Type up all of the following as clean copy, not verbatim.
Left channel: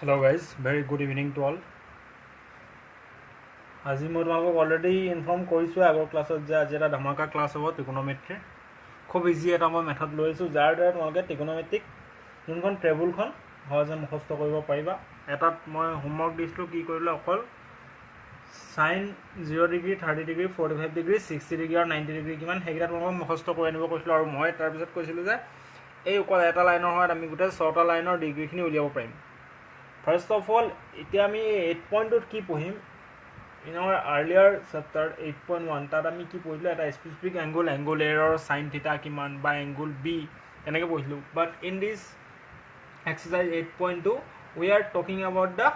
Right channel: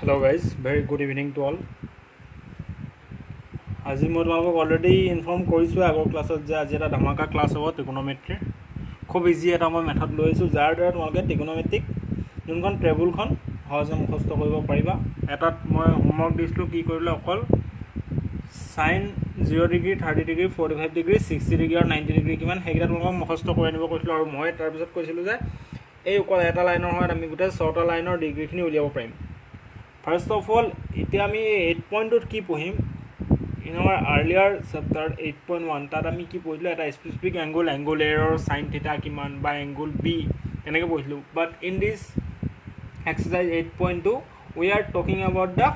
Hello guys, very good evening to all. আজি মই তোমালোকক অলৰেডি ইনফৰ্ম কৰিছোঁ আগৰ ক্লাছত যে আজি এটা ধামাকা ক্লাছ হ'ব ত্ৰিকোণমিতিৰ খুব ইজি এটা মই মেথড লৈ আহিছোঁ যাৰ দ্বাৰা তোমালোকে ত্ৰিকোণমিতিক যোনখন ট্ৰেবুলখন সহজে মুখস্থ কৰিব পাৰিবা এটাত মই হোমৱৰ্ক দিছিলোঁ কি কৰিলে অকল sine 0 degree 30 degree 45 degree 60 degree আৰু 90 ডিগ্ৰী কিমান সেইকেইটা তোমালোকক মুখস্থ কৰি আনিব কৈছিলোঁ আৰু মই তাৰপিছত কৈছিলোঁ যে এই অকল এটা লাইনৰ হয় আমি গোটেই 6টা লাইনৰ ডিগ্ৰীখিনি উলিয়াব পাৰিম। First of all, এতিয়া আমি 8.2 কি পঢ়িম in our earlier chapter 8.1 তাত আমি কি পঢ়িলো এটা স্পেসিফিক অ্যাঙ্গল A ৰ sin থিটা কিমান বা অ্যাঙ্গল B এনেকৈ পঢ়িলো but in this exercise 8.2 we are talking about the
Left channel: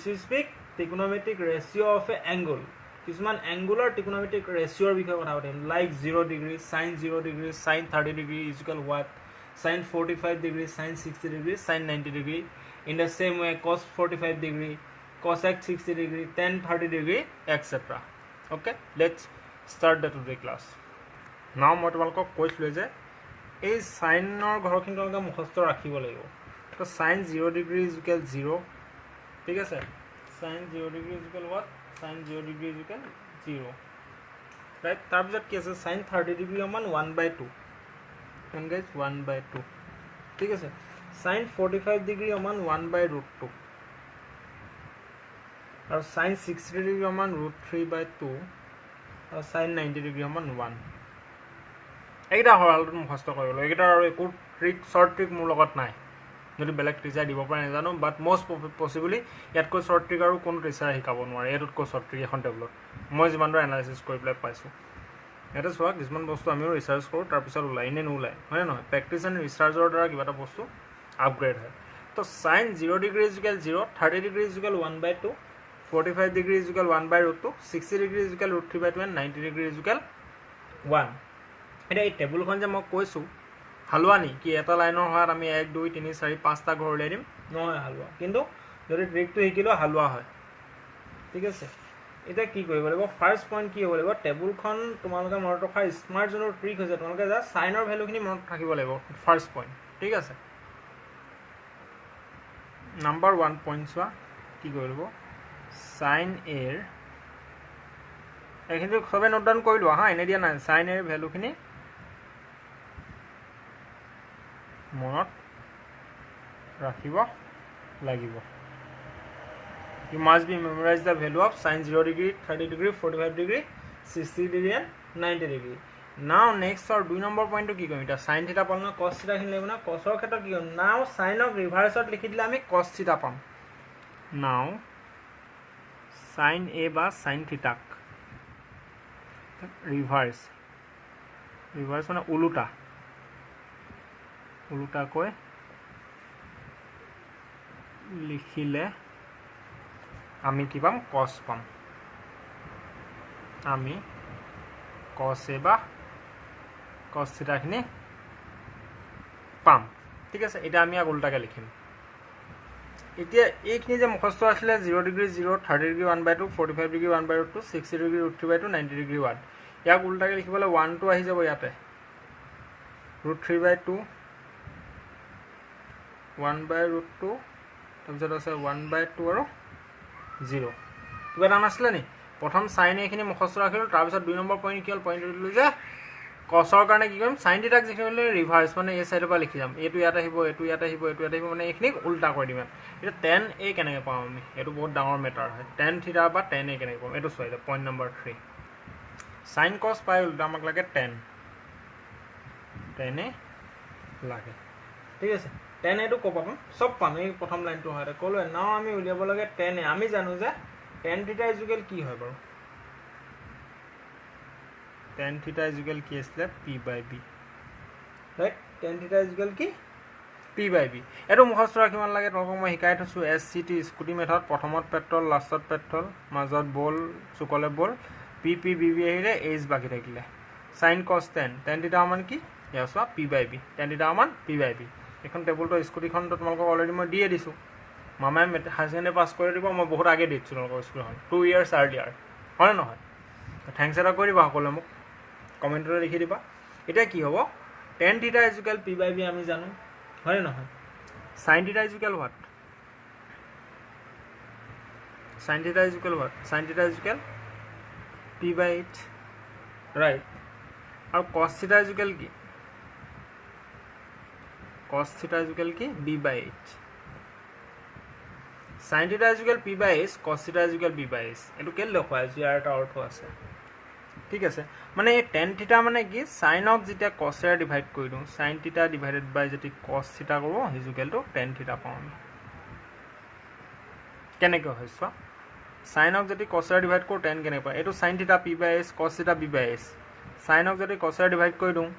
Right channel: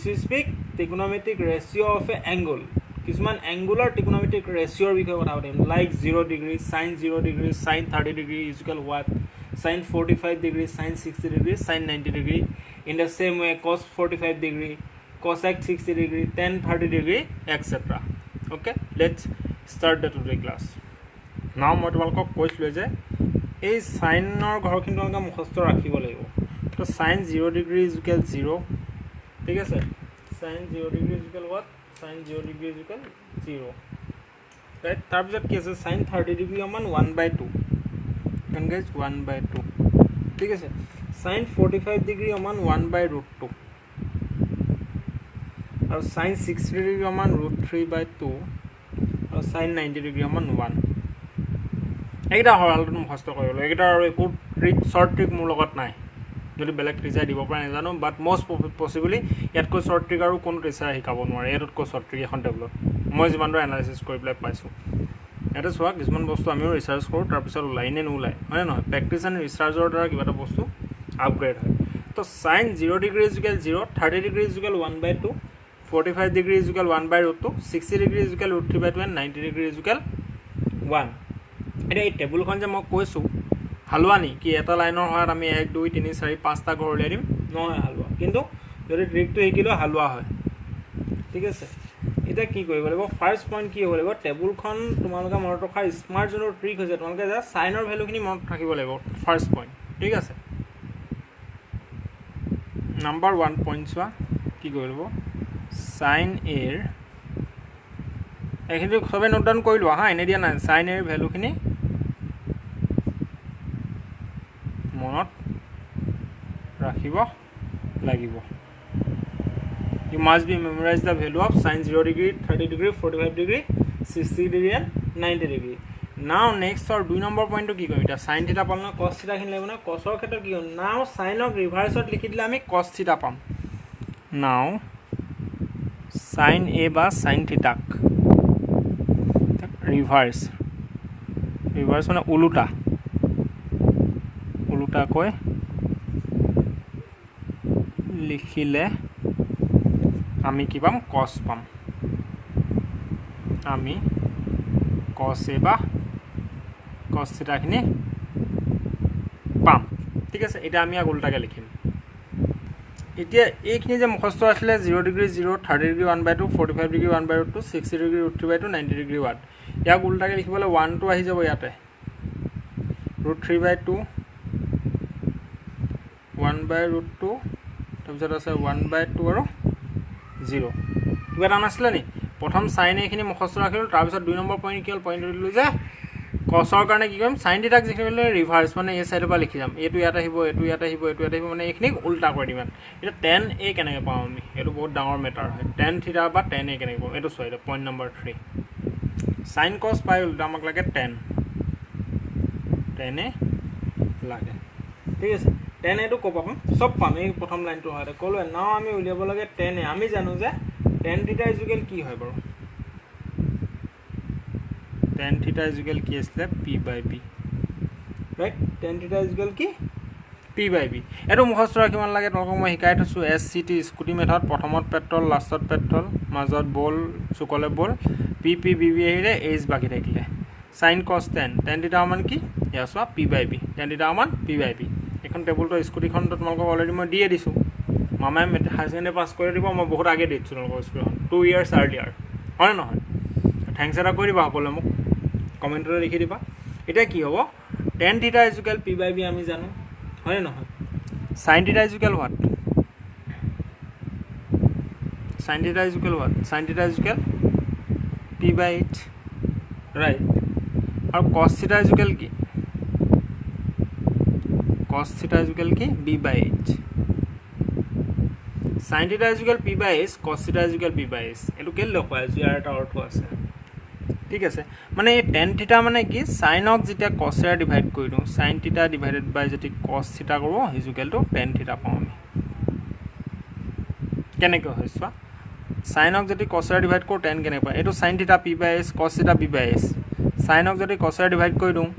specific trigonometric ratio of a angle কিছুমান angular trigonometric ratio বিষয়ে কথা পাতিম like 0 degree sin 0 degree sin 30 degree is equal what sin 45 degree sin 60 degree sin 90 degree in the same way cos 45 degree cosec 60 degree tan 30 degree etc. Okay, let's start the today class. Now মই তোমালোকক কৈছিলোঁ যে এই সাইনৰ ঘৰখিনি তোমালোকে মুখস্থ ৰাখিব লাগিব তো sin 0 degree is equal 0 ঠিক আছে sin 0 degree is equal what sin 0 degree is equal 0 right তাৰপিছত কি আছে sin 30 degree সমান 1/2 and guys 1/2 ঠিক আছে sin 45 degree সমান 1/√2 আৰু sin 60 degree সমান √3/2 আৰু sin 90 degree সমান 1 এইটা হৰালটো মুখস্থ কৰিব এইটা আৰু একো ট্ৰিক শৰ্ট ট্ৰিক মোৰ লগত নাই যদি বেলেগ টিচাৰ দিব পাৰে নাজানো বাট মোষ্ট পসিবলি ইয়াতকৈ শৰ্ট ট্ৰিক আৰু কোন টিচাৰ শিকাব নোৱাৰে এতকৈ শৰ্ট ট্ৰিক এখন টেবলত মই যিমানটো এনালাইসিস কৰি পেলাই পাইছোঁ এটা চোৱা কিছুমান বস্তু আমিও ৰিসাৰ্চ কৰোঁ তাৰপিছত ওলাই নে নোলাই হয় নহয় প্ৰেক্টিছ এণ্ড ৰিসাৰ্চৰ দ্বাৰা কিবা এটা বস্তু আপগ্ৰেড হয় তো sin 0 degree is equal 0 30 degree is equal 1/2 45 degree is equal 1/√2 60 degree is equal √3/2 and 90 degree is equal 1 এটা এই টেবুলখন যে মই কৈছোঁ হালুৱা নি কি এটা লাইনৰ হয় আমি 1 2 3 4 5টা ঘৰ উলিয়াই দিম নহয় হালুৱা কিন্তু যদি ট্ৰিকটো শিকিলো হালুৱা হয় ঠিক আছে এতিয়া কি কৰিব লাগিব ফাৰ্স্ট পইণ্ট কি হ'ব লাগিব টেবুলখন তোমালোকে মনত ৰখা স্মাৰ্ট জোনৰ ট্ৰিক হৈছে তোমালোকে যা সাইনৰ ভ্যালুখিনি মনত ৰাখিব লাগিব ফাৰ্স্ট পইণ্ট ঠিক আছে নাম্বাৰ 1 পইণ্ট চোৱা কি কৰিব sin a এখিনি সবে নোট ডাউন কৰি লোৱা হা এনে দিয়া নাই sin a ৰ ভ্যালুখিনি মনত ৰাখিব লাগিব you must be memorize the value of sin 0 degree 30 degree 45 degree 60 degree and 90 degree now next or 2 number point কি কৰিম এটা sin থিটা পাম না cos থিটা খিনি লাগিব না cos ৰ ক্ষেত্ৰত কি হ'ল now sin ক ৰিভাৰ্সত লিখি দিলে আমি cos থিটা পাম now sin a বা sin থিটাক ৰিভাৰ্স মানে উলুটা কৈ লিখিলে আমি কি পাম cos পাম আমি cos a বা cos থিটা খিনি পাম ঠিক আছে এটা আমি উলটাকে লিখিম এতিয়া এইখিনি যে মুখস্থ আসলে 0 degree 0 30 degree 1/2 45 degree 1/2 60 degree √3/2 90 degree 1 ইয়াক উলটাকে লিখিবলৈ 1 টো আহি যাব ইয়াতে √3/2 1/√2 তাৰপিছত আছে 1/2 আৰু 0 কিবা নাম আছিল নি প্ৰথম sin এখিনি মুখস্থ ৰাখিলো তাৰপিছত 2 নম্বৰ পইণ্ট কি হ'ল পইণ্ট দিলো যে cos ৰ কাৰণে কি কৰিম sin থিটাক যিখিনি ৰিভাৰ্স মানে এই সাইডৰ পৰা লিখি যাম এটো ইয়াত আহিব এটো ইয়াত আহিব এটো ইয়াত আহিব মানে এইখিনি উল্টা কৰি দিম এটা tan a কেনেকৈ পাম আমি এটো বহুত ডাঙৰ মেটাৰ হয় tan থিটা বা tan a কেনেকৈ পাম এটো চোৱা পইণ্ট নম্বৰ 3 sin cos পাই উল্টা আমাক লাগে tan a লাগে ঠিক আছে tan a টো ক পাম সব পাম এই প্ৰথম লাইনটো হয় ক'লো নাও আমি উলিয়াব লাগে tan a আমি জানো যে tan থিটা ইজ ইকুৱেল কি হয় বাৰু tan theta is equal কি আছে p/b right tan theta is equal কি p/b এটো মুখস্থ ৰাখিব লাগে তোমাক মই শিকাই থৈছো SCT স্কুটি মেথড প্ৰথমত পেট্ৰল লাষ্টত পেট্ৰল মাজত বল চুকলে বল p/b আহিলে h বাকি থাকিলে sin cos tan theta সমান কি ইয়াছ p/b tan theta সমান p/b এখন টেবুলটো স্কুটিখন তোমাক অলৰেডি মই দিয়ে দিছো মামাই হাই সেকেন্ডাৰী পাস কৰি দিব মই বহুত আগে দিছো তোমাক স্কুলখন 2 years earlier হয় নহয় থ্যাঙ্কস এটা কৰি দিবা সকলে মোক কমেন্টৰে লিখি দিবা এটা কি হ'ব tan theta is equal p/b আমি জানো হয় নহয় sin theta is equal what sin theta is equal what? Sin theta is equal p by h, right? और cos theta is equal key cos theta is equal key b by h, sin theta is equal p by h, cos theta is equal p by h. এটো কেলে লখা আছে ইয়াৰ এটা অৰ্থ আছে, ঠিক আছে? মানে এই tan theta মানে কি sinক যেতিয়া cos এ ডিভাইড কৰি দিওঁ, sin theta ডিভাইডেড বাই যদি cos theta কৰোঁ is equal to tan theta পাওঁ আমি। কেনেকৈ হয় চোৱা, sinক যদি cos এ ডিভাইড কৰোঁ tan কেনেকৈ পায়? এইটো sin theta p by h, cos theta p by h। sinক যদি cos এ ডিভাইড কৰি দিওঁ,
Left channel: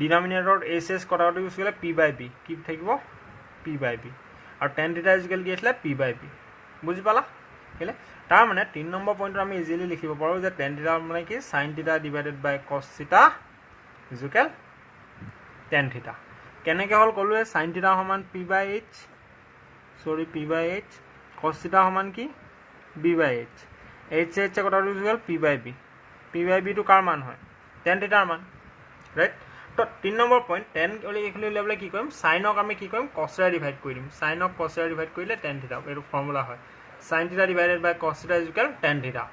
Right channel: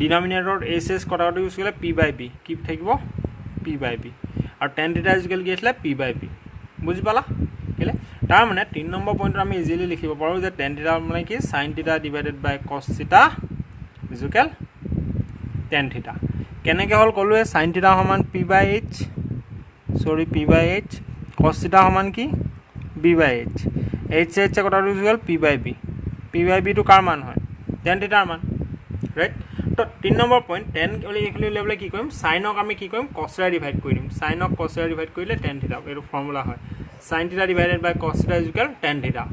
ডিনমিনেটৰত h h কটাকটি ইউজ কৰিলে p by b কি থাকিব? p by b। আৰু tan theta ইজ ইকুৱেল কি আছিলে? p by b। বুজি পালা? কেলে তাৰ মানে 3 নম্বৰ পইণ্টত আমি ইজিলি লিখিব পাৰোঁ যে tan theta মানে কি sin theta divided by cos theta is equal tan theta। কেনেকৈ হ'ল ক'লোৱে sin theta সমান p by h, সৰি p by h, cos theta সমান কি b by h, h h কটাকটি ইউজ হ'ল p by b। p by b টো কাৰ মান হয়? tan theta ৰ মান, ৰাইট? তো 3 নম্বৰ পইণ্ট tan এইখিনি উলিয়াবলৈ কি কৰিম? sinক আমি কি কৰিম? cos এ ডিভাইড কৰি দিম। sinক cos এ ডিভাইড কৰিলে tan theta, এইটো ফৰ্মুলা হয়। sin theta divided by cos theta is equal tan theta।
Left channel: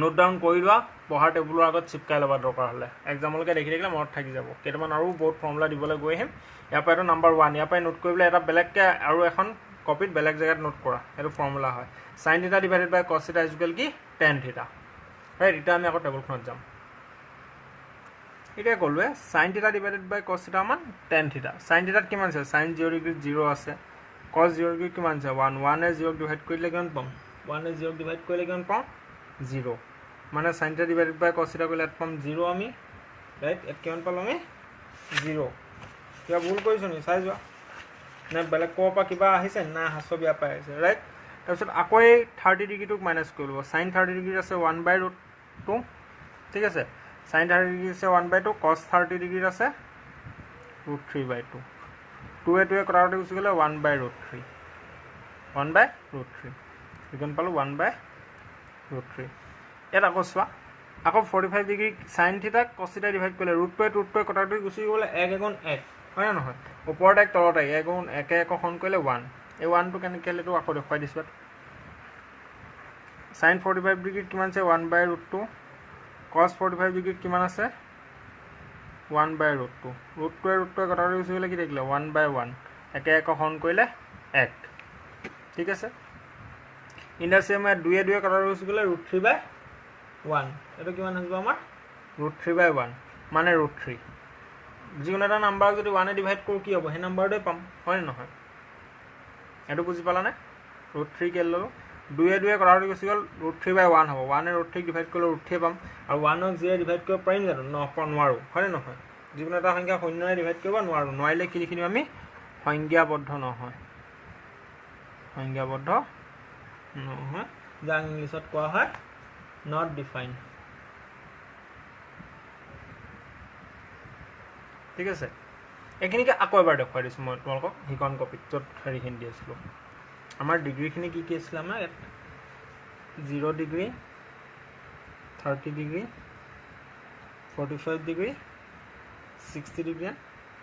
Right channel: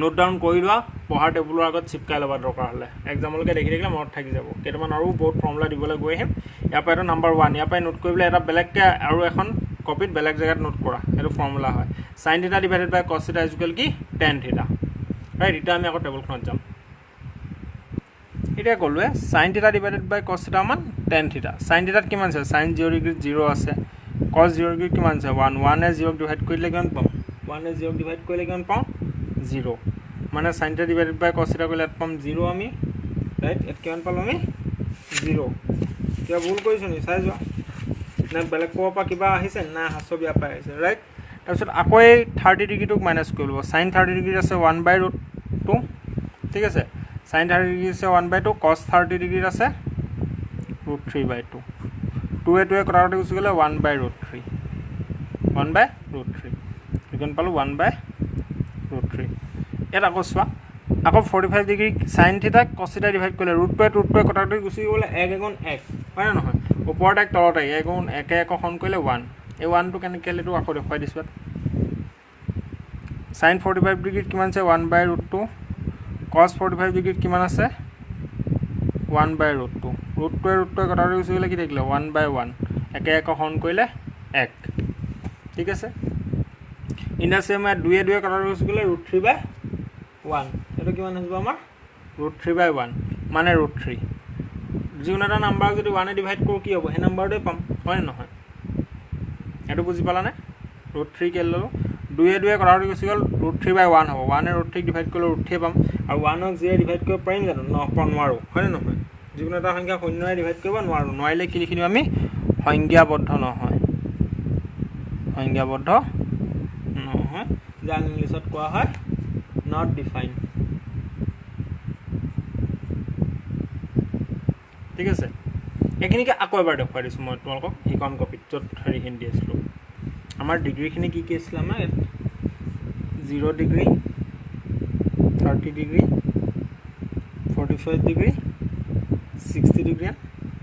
Note down কৰি লোৱা, পঢ়াৰ টেবুলৰ আগত চিপকাই ল'বা দৰকাৰ হ'লে, এক্সামলৈকে দেখি থাকিলে মনত থাকি যাব। কেইটামান আৰু বহুত ফৰ্মুলা দিবলৈ গৈ আহিম। ইয়াৰ পৰা এইটো নম্বৰ 1, ইয়াৰ পৰাই নোট কৰিবলৈ এটা বেলেগকৈ আৰু এখন কপিত বেলেগ জেগাত নোট কৰা, এইটো ফৰ্মুলা হয়। sin theta divided by cos theta is equal কি? tan theta, right? এতিয়া আমি আকৌ টেবুলখনত যাম। এতিয়া ক'লোৱে sin theta divided by cos theta মান tan theta। sin theta কিমান আছে? sin 0 ডিগ্ৰী 0 আছে, cos 0 ডিগ্ৰী কিমান আছে? 1। 1 এ 0 ডিভাইড কৰিলে কিমান পাম? 1 এ 0 ডিভাইড কৰিলে কিমান পাওঁ? 0। মানে sin theta divided by cos theta কৰিলে ইয়াত পাম 0 আমি, ৰাইট? ইয়াত কিমান পালোঁ আমি? 0। কিবা ভুল কৰিছোঁ নি? চাই যোৱা, নে বেলেগ ক'ৰ পৰা কিবা আহিছে? নাই, হাছৰ বিয়া পাই আহিছে, ৰাইট? তাৰপিছত আকৌ এই 30 ডিগ্ৰীটোক মাইনাছ কৰি ল'ব। sin 30 ডিগ্ৰী আছে 1/√2, ঠিক আছে? sin 30 ডিগ্ৰী আছে 1/2, cos 30 ডিগ্ৰীত আছে √3/2। 2 এ কটাকটি গুচি গ'লে 1/√3, 1/√3 কিমান পালোঁ? 1/√3। ইয়াত আকৌ চোৱা, আকৌ 45 degree sin theta cos theta divide কৰিলে √2 কটাকটি গুচি গ'লে 1 × 1, হয় নে নহয়? ওপৰত 1 তলত 1, 1 × 1 খন কৰিলে 1। এই 1টো কেনেকৈ এইটো আকৌ দেখুৱাই দিছোঁ। sin 45 ডিগ্ৰীত কিমান আছে? 1/√2। cos 45 ডিগ্ৰীত কিমান আছে? 1/√2। √2 কটাকটি গুচি গ'লে কি থাকিলে? 1/1। 1 1 খন কৰিলে 1, ঠিক আছে? ইণ্ডাষ্ট্ৰিয়েল 2 কটাকটি গুচি গ'লে √3/1। এইটো কিমান হ'ব আমাৰ? √3/1 মানে √3। যিকোনো এটা নাম্বাৰক যদি 1 এ ডিভাইড কৰোঁ কি হ'ব? সেই নাম্বাৰটোৱে পাম, হয় নে নহয়? এইটো বুজি পালানে? √3 কেলৈ ল'লোঁ? 2 কটাকটি গুচি গ'ল, √3/1 হ'ব। 1 এ √3 ডিভাইড কৰিলে √3 পাম। আৰু 1ক 0 ডিভাইড কৰিব পাৰিম জানো? নোৱাৰোঁ, হয় নে নহয়? যিকোনো এটা সংখ্যা 0 ডিভাইড কৰিব নোৱাৰোঁ। নোৱাৰিলে কি লিখি দিম আমি? সংজ্ঞাবদ্ধ নহয়, সংজ্ঞাবদ্ধ নহয়, যাক ইংলিছত কোৱা হয় নট ডিফাইন, ঠিক আছে? এইখিনিকে আকৌ এবাৰ দেখুৱাই দিছোঁ মই তোমালোকক সেইখন কপিত য'ত হেৰিখিনি দি আছিলোঁ। আমাৰ ডিগ্ৰীখিনি কি কি আছিলে? আমাৰ 0 degree, 30 degree, 45 degree, 60 degree,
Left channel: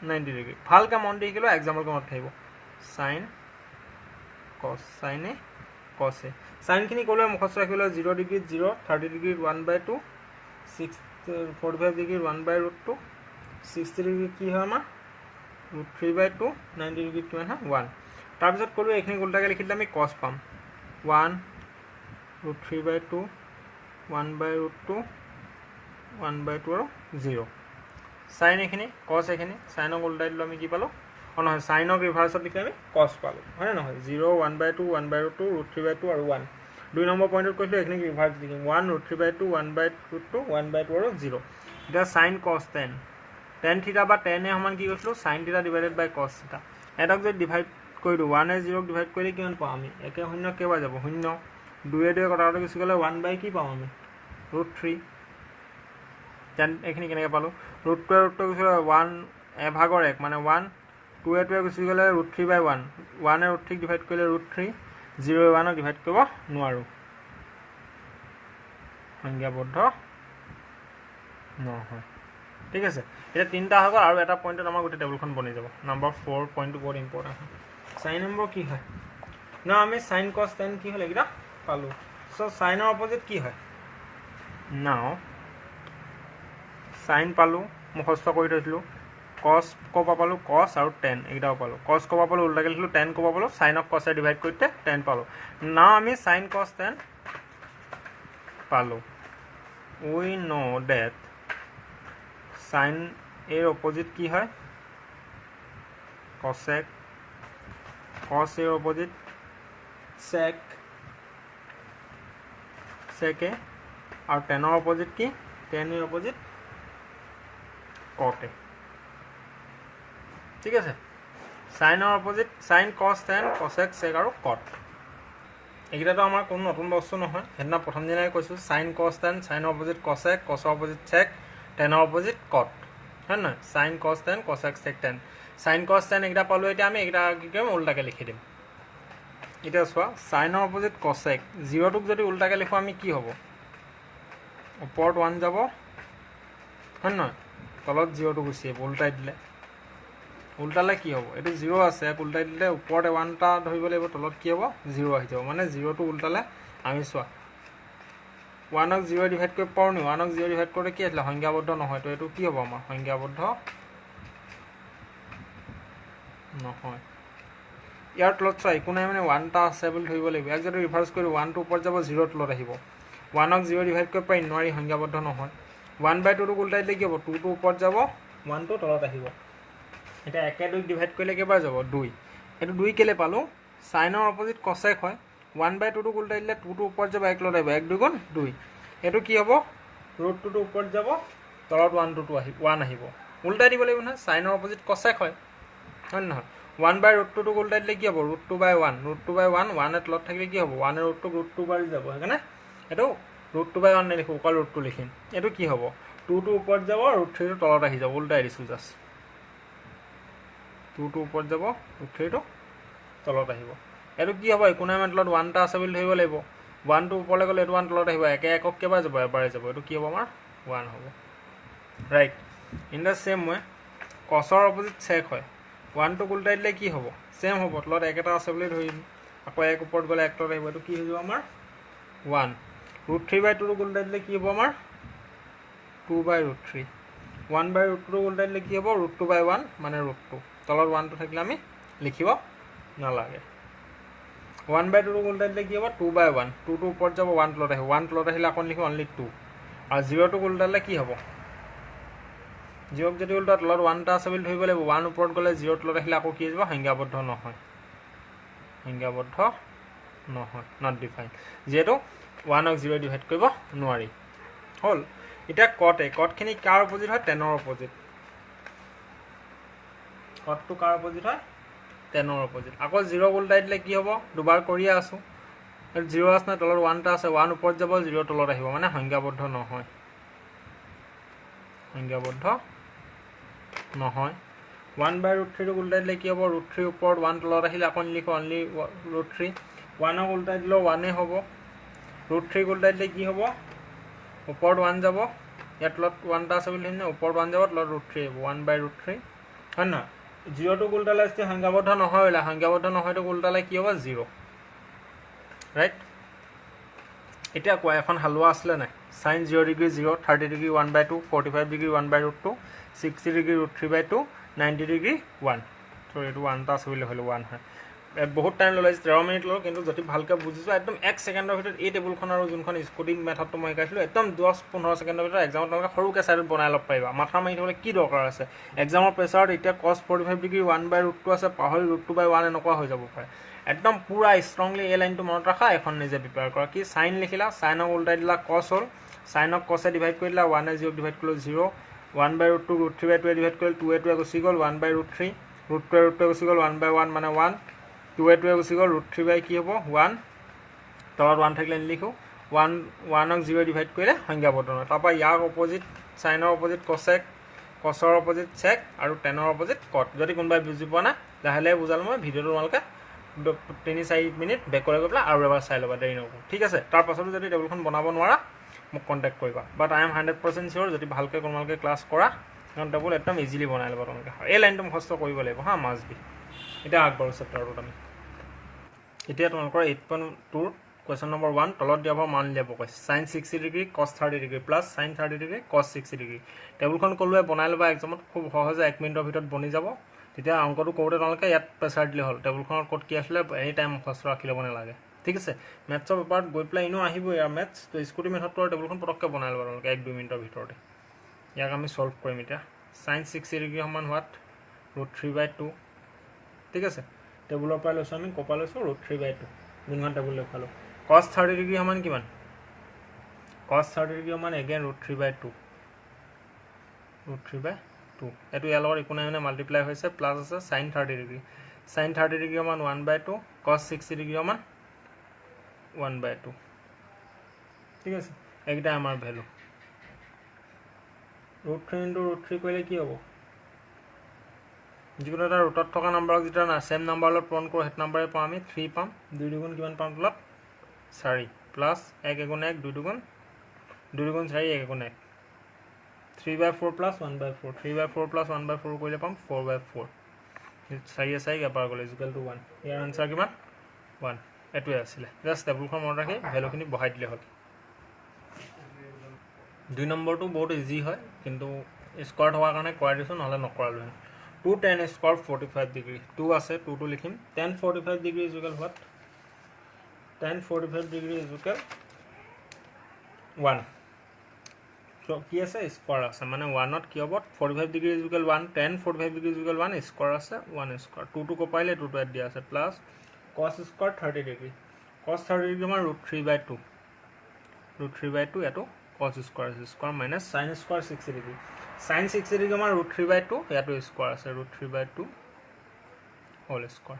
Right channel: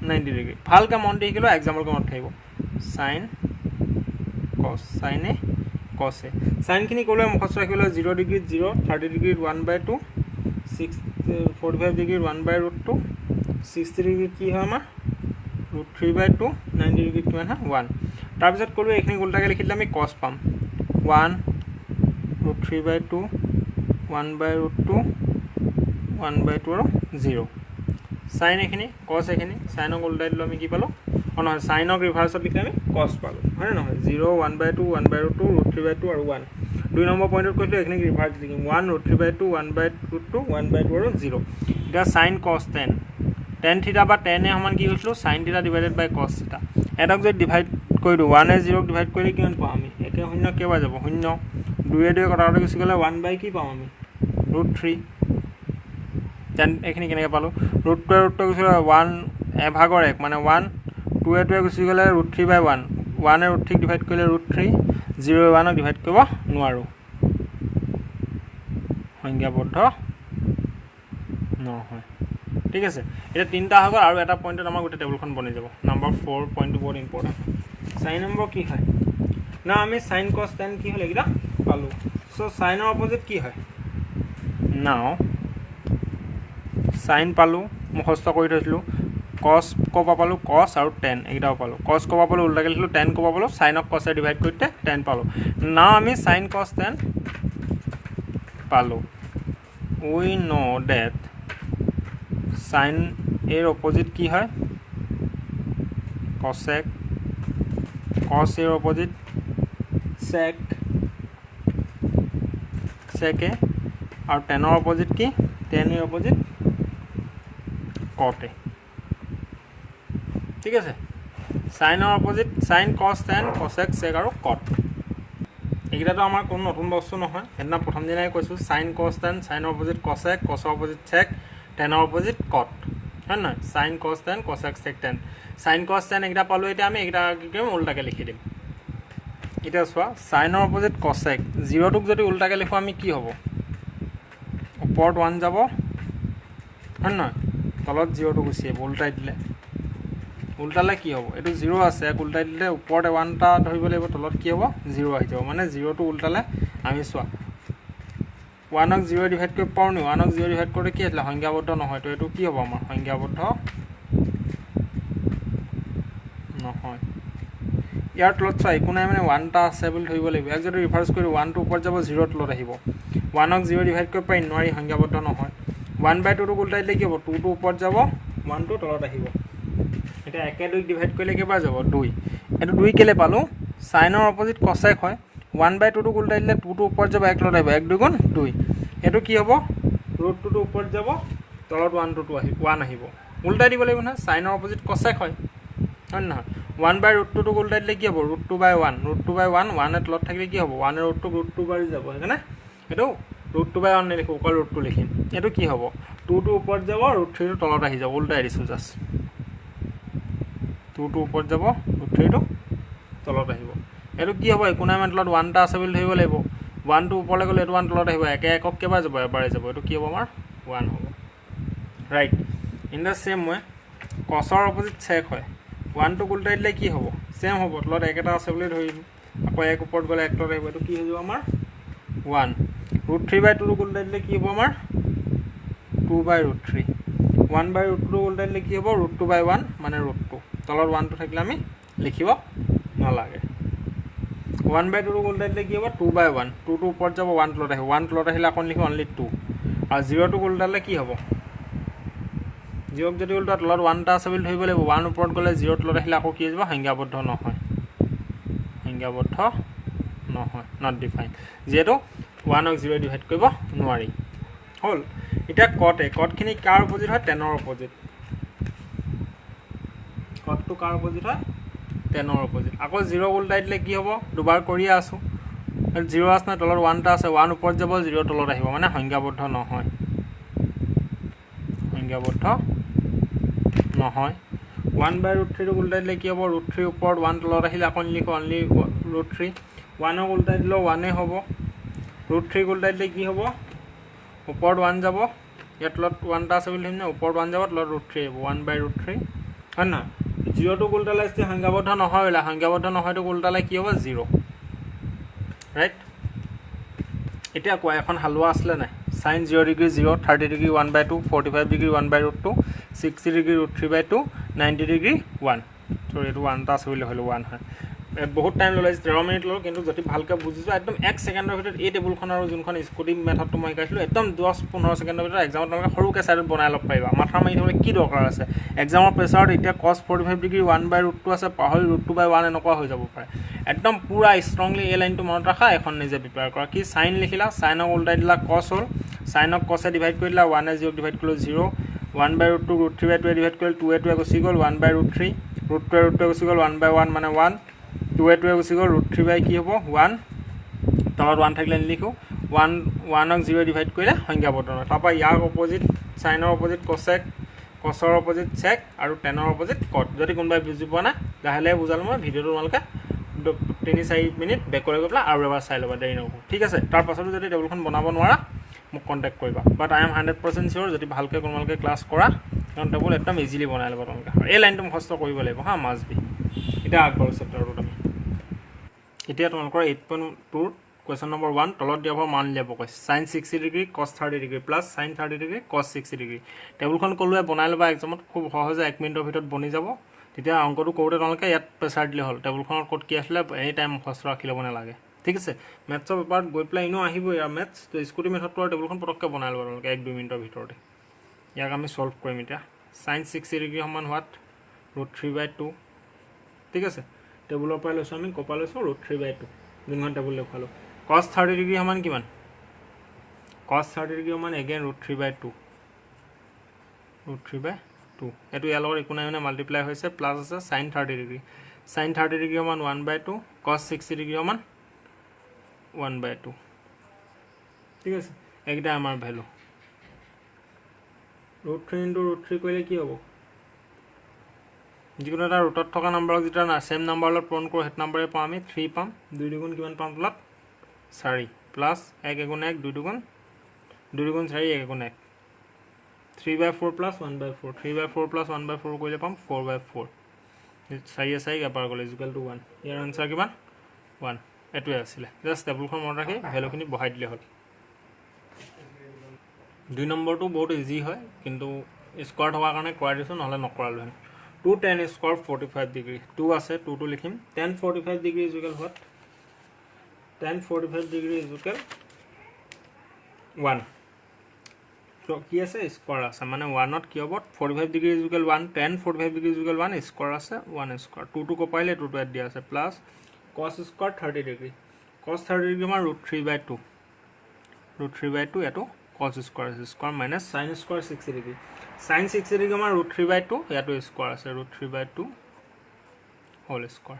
90 degree. ভালকৈ মন দি শিকিলোঁ, এক্সাম্পলকৈ মনত থাকিব। sin cos, sin এ cos এ। চাইনখিনি ক'লোৱে মুখস্থ ৰাখিবলৈ 0 ডিগ্ৰীত 0, 30 ডিগ্ৰীত 1/2, 45 ডিগ্ৰীত 1/√2, 60 ডিগ্ৰীত কি হয় আমাৰ? √3/2, 90 ডিগ্ৰীত কিমান হয়? 1। তাৰপিছত ক'লোঁ এইখিনি উল্টাকৈ লিখি দিলে আমি cos পাম। 1 √3/2, 1/√2, 1/2 আৰু 0। চাইন এইখিনি, cos এইখিনি, চাইনক উল্টাই দিলোঁ আমি কি পালোঁ? নহয়, চাইনক ৰিভাৰ্চত লিখিলে আমি cos পালোঁ, হয় নে নহয়? 0, 1/2, 1/√2, √3/2 আৰু 1। 2 নম্বৰ পইণ্টত কৈছিলোঁ এইখিনিক ৰিভাৰ্চ লিখিম। 1 √3/2, 1/√2, 1/2 আৰু 0। এতিয়া চাইন cos tan theta বা tan এ সমান কি কৈছিলোঁ? sin theta divided by cos theta। এটাক যদি ডিভাইড কৰি দিওঁ, 1 এ 0ক ডিভাইড কৰিলে কিমান পাওঁ আমি? 1 0 কেইবাৰ যাব? 0। 2 কটাকটি গুচি গ'লে 1/ কি পাওঁ আমি? √3। tan এইখিনি কেনেকৈ পালোঁ? √2 গুচি গ'লে 1 এভাগৰ 1 মানে 1, 2 গুচি গ'লে √3/1, 1 এ √3 ডিভাইড কৰিলে √3, 0 এ 1ক ডিভাইড কৰিব নোৱাৰোঁ, সংজ্ঞাবদ্ধ নহয়, ঠিক আছে? এতিয়া 3টা হৈ গ'ল, আৰু এটা পইণ্টত আমাৰ গোটেই টেবুলখন বনি যাব। নম্বৰ 4 পইণ্টটো বহুত ইম্পৰ্টেণ্ট। 4 নম্বৰ কি হয়? না আমি সাইন কস টেন কি হ'ল এইকেইটা পালোঁ চ' চাইনৰ অপজিট কি হয় নাও সাইন পালোঁ মুখস্থ কৰি থৈছিলোঁ কস ক'ব পালোঁ কস আৰু টেন এইকেইটাও পালোঁ কস ক'ব পালোঁ উল্টাকৈ লিখিলোঁ টেন ক'ব পালোঁ সাইনক কছে ডিভাইড কৰিতে টেন পালোঁ নাও আমি সাইন কস টেন পালোঁ উই ন' ডেট সাইন এৰ অপজিট কি হয় কসেক কস এৰ অপজিট সেক সেকে আৰু টেনৰ অপজিট কি টেন এৰ অপজিট কটে ঠিক আছে সাইনৰ opposite sine cos tan cosec sec আৰু কট এইকেইটাতো আমাৰ কোনো নতুন বস্তু নহয় সেইদিনা প্ৰথম দিনাই কৈছোঁ সাইন কস টেন সাইনৰ অপজিট কসেক কছৰ অপজিট সেক টেনৰ অপজিট কট হয় নহয় sine cos tan cosec sec tan sine cos tan এইকেইটা পালোঁ এতিয়া আমি এইকেইটা কি কৰিম উল্টাকৈ লিখি দিম এতিয়া চোৱা সাইনৰ অপজিট কসেক জিৰ'টোক যদি উল্টাকৈ লিখোঁ আমি কি হ'ব ওপৰত 1 যাব হয় নহয় তলত জিৰ'টো গুচি আহিব উল্টাই দিলে উল্টালে কি হ'ব এইটো জিৰ' আছে এক উল্টাই দিলে ওপৰতে 1 এটা ধৰিব লাগিব তলত কি হ'ব জিৰ' আহি যাব মানে জিৰ'টো উল্টালে আমি চোৱা 1ক 0 ডিভাইড কৰিব পাৰোঁ নি 1ক 0 ডিভাইড কৰোঁতে কি আছিলে সংখ্যাবদ্ধ নহয় তো এইটো কি হ'ব আমাৰ সংখ্যাবদ্ধ নহয় ইয়াৰ তলত চোৱা একো নাই মানে 1 এটা আছে বুলি ধৰিব লাগিব ইয়াক যদি ৰিভাৰ্চ কৰি 1টো ওপৰত যাব 0 তলত আহিব 1ক 0 ডিভাইড কৰিব পাৰি নোৱাৰি সংখ্যাবদ্ধ নহয় 1/2টো উল্টাই দিলে কি হ'ব 2টো ওপৰত যাব 1টো তলত আহিব এটা 1 ডিভাইড কৰিলে কেইবাৰ যাব 2 এইটো 2 কেলে পালোঁ সাইনৰ অপজিট কসেক হয় 1/2টো উল্টাই দিলে 2টো ওপৰত যাব 1 তলত আহিব 1 2 গুণ 2 এইটো কি হ'ব √2টো ওপৰত যাব তলত 1 আহিব উল্টাই দিব লাগিব নহয় সাইনৰ অপজিট কসেক হয় হয় নহয় 1/√2টো উল্টাই দিলে কি হ'ব √2/1 √2/1 1 তলত থাকিলে কি হ'ব 1 √2 √2 বাঢ়ি যাব সেইকাৰণে এইটো √2/1 নিলিখোঁ অকল √2 লিখিম এইটো কি হ'ব 2টো ওপৰত যাব √3টো তলত আহি যাব উল্টাই দিছোঁ জাষ্ট 2টো ওপৰত যাব √3টো তলত আহিব এইটো কি হ'ব একো নাই মানে তলত 1 এটা আছে বুলি ধৰিব লাগিব 1টো ওপৰলৈ গ'লে এইটো 1 তলত আহিব একক কেইবাৰ যাব এবাৰে যাব এইটো কি হ'ব আমাৰ 1 হ'ব right in the same way কছৰ অপজিট চেক হয় 1টোক উল্টাই দিলে কি হ'ব চেম হ'ব তলত 1 এটা আছে বুলি ধৰিম আকৌ 1 ওপৰত গ'লে 1 তলত আহিব এইটো কি হৈ যাব আমাৰ 1 √3/2টোক উল্টাই দিলে কি হ'ব আমাৰ 2/√3 1/√2টো উল্টাই দিলে কি হ'ব √2/1 মানে √2 তলত 1টো থাকিলে আমি লিখিব নালাগে 1/2টোক উল্টাই দিলে কি হ'ব 2/1 2টো ওপৰত যাব 1 তলত আহিব 1 তলত আহিলে আকৌ লিখিম অনলি 2 আৰু 0টোক উল্টালে কি হ'ব 0ক যদি উল্টা তলত 1 এটা আছে বুলি ধৰিব লাগিব 1 ওপৰত গ'লে 0 তলত আহিলে আকৌ কি আহিব সংখ্যাবদ্ধ নহয় নট ডিফাইন যিহেতু 1ক 0 ডিভাইড কৰিব নোৱাৰি হ'ল এতিয়া কটখিনি কাৰ অপজিট হয় 10ৰ অপজিট কটটো কাৰ অপজিট হয় 10ৰ অপজিট আকৌ 0 উল্টাই দিলে কি হ'ব দুবাৰ কৰিয়ে আছোঁ 0 আছে নাই তলত 1 এটা আছে 1 ওপৰত যাব 0 তলত আহিব মানে সংখ্যাবদ্ধ নহয় 1/√3টোক উল্টাই দিলে কি হ'ব √3 ওপৰত 1 তলত আহিলে আকৌ লিখোঁ অনলি √3 1ক উল্টাই দিলেও 1 হ'ব √3ক উল্টাই দিলে কি হ'ব ওপৰত 1 যাব ইয়াত তলত 1 এটা আছে বুলি ধৰিম ওপৰত 1 যাব তলত √3 আহিব 1/√3 হয় নহয় 0টোক উল্টালে সংখ্যাবদ্ধ নহয় সংখ্যাবদ্ধ নহয়টোক উল্টালে কি হ'ব 0 ৰাইট এতিয়া কোৱা এখন হালোৱা আছিলে নাই sin 0 degree 0 30 degree 1/2 45 degree 1/√2 60 degree √3/2 90 degree 1 চ' এইটো 1 এটা আছে বুলি হ'লে 1 হয় বহুত টাইম ল'লে 13 মিনিট ল'লোঁ কিন্তু যদি ভালকৈ বুজিছোঁ একদম 1 ছেকেণ্ডৰ ভিতৰত এই টেবুলখন আৰু যোনখন স্কুটি মেথডটো মই শিকাইছিলোঁ একদম 10-15 ছেকেণ্ডৰ ভিতৰত এক্সামত তোমালোকে সৰুকৈ চাইডত বনাই ল'ব পাৰিবা মাথা মাৰি থাকিবলৈ কি দৰকাৰ আছে এক্সামৰ প্ৰেছাৰত এতিয়া cos 45 ডিগ্ৰী 1/√2 আছে পাহৰি √2/1 এনেকুৱা হৈ যাব পাৰে একদম পূৰা ষ্ট্ৰংলি এই লাইনটো মনত ৰাখা এখন নিজে প্ৰিপেয়াৰ কৰা কি চাইন লিখিলা চাইনক উল্টাই দিলা কছ হ'ল চাইনক কছে ডিভাইড কৰি দিলা 1 0 ডিভাইড কৰিলোঁ 0 1/√2 √3/2 ডিভাইড কৰিলোঁ 2 গুচি গ'ল 1/√3 √2 গুচি গ'ল 1/1 মানে 1 2 গুচি গ'ল √3 কি হ'ব 1 তলত 1 থাকিলে নিলিখোঁ 1ক 0 ডিভাইড কৰিলে সংখ্যাবদ্ধ নহয় তাৰপৰা ইয়াৰ অপজিট চাইনৰ অপজিট কছেক কছৰ অপজিট চেক আৰু 10ৰ অপজিট কট যদি কোনোবাই বুজি পোৱা নাই লাহে বুজালোঁ মই ভিডিঅ'টো তোমালোকে 3-4 মিনিট বেকলৈ গৈ পেলাই আৰু এবাৰ চাই ল'বা দেৰি নকৰোঁ ঠিক আছে তাৰ পাছতো যদি টেবুলখন বনাব নোৱাৰা মোক কণ্টেক্ট কৰিবা বাট আই এম 100% চিয়'ৰ যদি ভালকৈ তোমালোকে ক্লাছ কৰা কাৰণ টেবুল একদম ইজিলি বনাই ল'বা তোমালোকে এই লাইনটো মুখস্থ কৰিব লাগিব হা মাষ্ট বি এতিয়া আগবাঢ়ো চেপ্টাৰটোত আমি এতিয়া তোমালোকৰ 8.2 কুৱেশ্যন নম্বৰ 1 তলত দিয়া মান উলিয়াব কৈছে sin 60 degree cos 30 degree plus sin 30 degree cos 60 degree টেবুলখন ক'লোৱে বনাই ল'বা এক্সামত খুব সহজে 1 মিনিটৰ ভিতৰত বনি যাব তেতিয়া অংকটো কৰোঁতে তোমালোকে ইয়াত প্ৰেছাৰ দিলে হ'ল টেবুলখনৰ ক'ত কি আছিলে এনি টাইম মুখস্থ ৰাখি ল'ব নালাগে ঠিক আছে মেথছৰ পেপাৰত গৈ পেলাই এনেও আহিবই আৰু মেথছ তো স্কুটি মেথডটো আৰু টেবুলখন পটককৈ বনাই ল'ব তোমালোকে 1-2 মিনিটৰ ভিতৰতে ইয়াক আমি সলভ কৰিম এতিয়া sin 60 ডিগ্ৰী সমান হোৱাত √3/2 ঠিক আছে টেবুলৰ পৰা লৈছোঁ আমি কপা লৈছোঁ √3/2 যোনখন টেবুল দেখুৱালোঁ cos 30 ডিগ্ৰী সমান কিমান cos 30 ডিগ্ৰী সমান এগেইন √3/2 এইটো ইয়াৰ লগত একো নাই মানে মাল্টিপ্লাই হৈছে প্লাছ আছে sin 30 ডিগ্ৰী sin 30 ডিগ্ৰী সমান 1/2 cos 60 ডিগ্ৰী সমান 1/2 ঠিক আছে এইকেইটা আমাৰ ভ্যালু √3 * √3 কৰিলে কি হ'ব যিকোনো এটা ৰুটত থকা নাম্বাৰক যেতিয়া সেম নাম্বাৰৰ লগত পূৰণ কৰোঁ সেইটো নাম্বাৰে পাওঁ আমি 3 পাম 2 দুগুণ কিমান পাম তলত 4 প্লাছ 1 * 1 2 দুগুণ 4 1 * 1 3/4 প্লাছ 1/4 3/4 প্লাছ 1/4 কৰিলে পাম 4/4 4 4 এবাৰ গ'লে ইকুৱেল টু 1 ইয়াৰ আনসাৰ কিমান 1 এটোৱে আছিলে জাষ্ট টেবুলখন মনত ৰাখি ভ্যালুখিনি বহাই দিলে হ'ল 2 নম্বৰটো বহুত ইজি হয় কিন্তু স্কোয়াৰ হোৱাৰ কাৰণে কৰাই দিছোঁ নহ'লে নকৰালোঁ 2 tan square 45 ডিগ্ৰী 2 আছে 2 টো লিখিম tan 45 degree is equal what tan 45 degree is equal 1 তো কি আছে স্কোয়াৰ আছে মানে 1ত কি হ'ব 45 degree is equal 1 tan 45 degree is equal 1 square আছে 1 স্কোয়াৰ 2 টো কপাইলে 2 টো এড দিয়া আছে plus cos square 30 degree cos 30 degree আমাৰ √3/2 √3/2 এটো cos square minus sin square 60 degree sin 60 degree আমাৰ √3/2 ইয়াতো স্কোয়াৰ আছে √3/2 হোল স্কোয়াৰ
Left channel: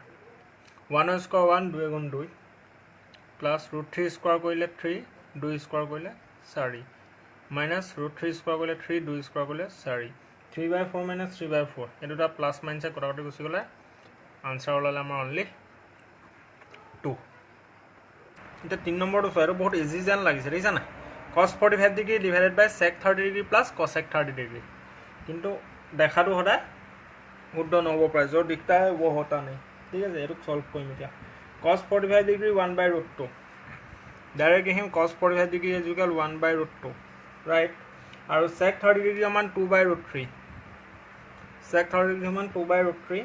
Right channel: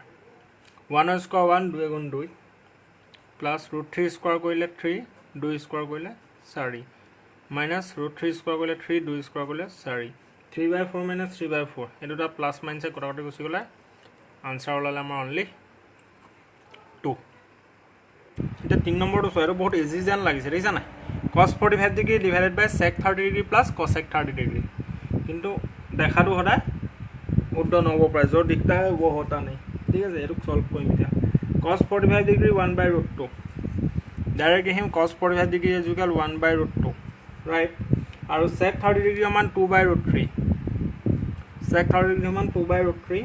1 স্কোয়াৰ 1 2 গুণ 2 প্লাছ √3 স্কোয়াৰ কৰিলে 3 2 স্কোয়াৰ কৰিলে 4 মাইনাস √3 স্কোয়াৰ কৰিলে 3 2 স্কোয়াৰ কৰিলে 4 3/4 মাইনাস 3/4 এই দুটা প্লাছ মাইনাসে কটাকটি গুচি গ'লে আনসাৰ ওলালে আমাৰ অনলি 2 এতিয়া 3 নম্বৰটো চোৱা বহুত ইজি যেন লাগিছে দেখিছা না cos 45 ডিগ্ৰী ডিভাইডেড বাই sec 30 degree plus cosec 30 degree কিন্তু দেখাটো সদায় উদ্ধ নহ'ব পাৰে য'ৰ দিকটা হ'ব হতা নাই ঠিক আছে এইটো সলভ কৰিম এতিয়া cos 45 ডিগ্ৰী 1/√2 ডাইৰেক্ট আহিম cos 45 degree is equal 1/√2 right আৰু sec 30 ডিগ্ৰী সমান 2/√3 sec 30 ডিগ্ৰী সমান 2/√3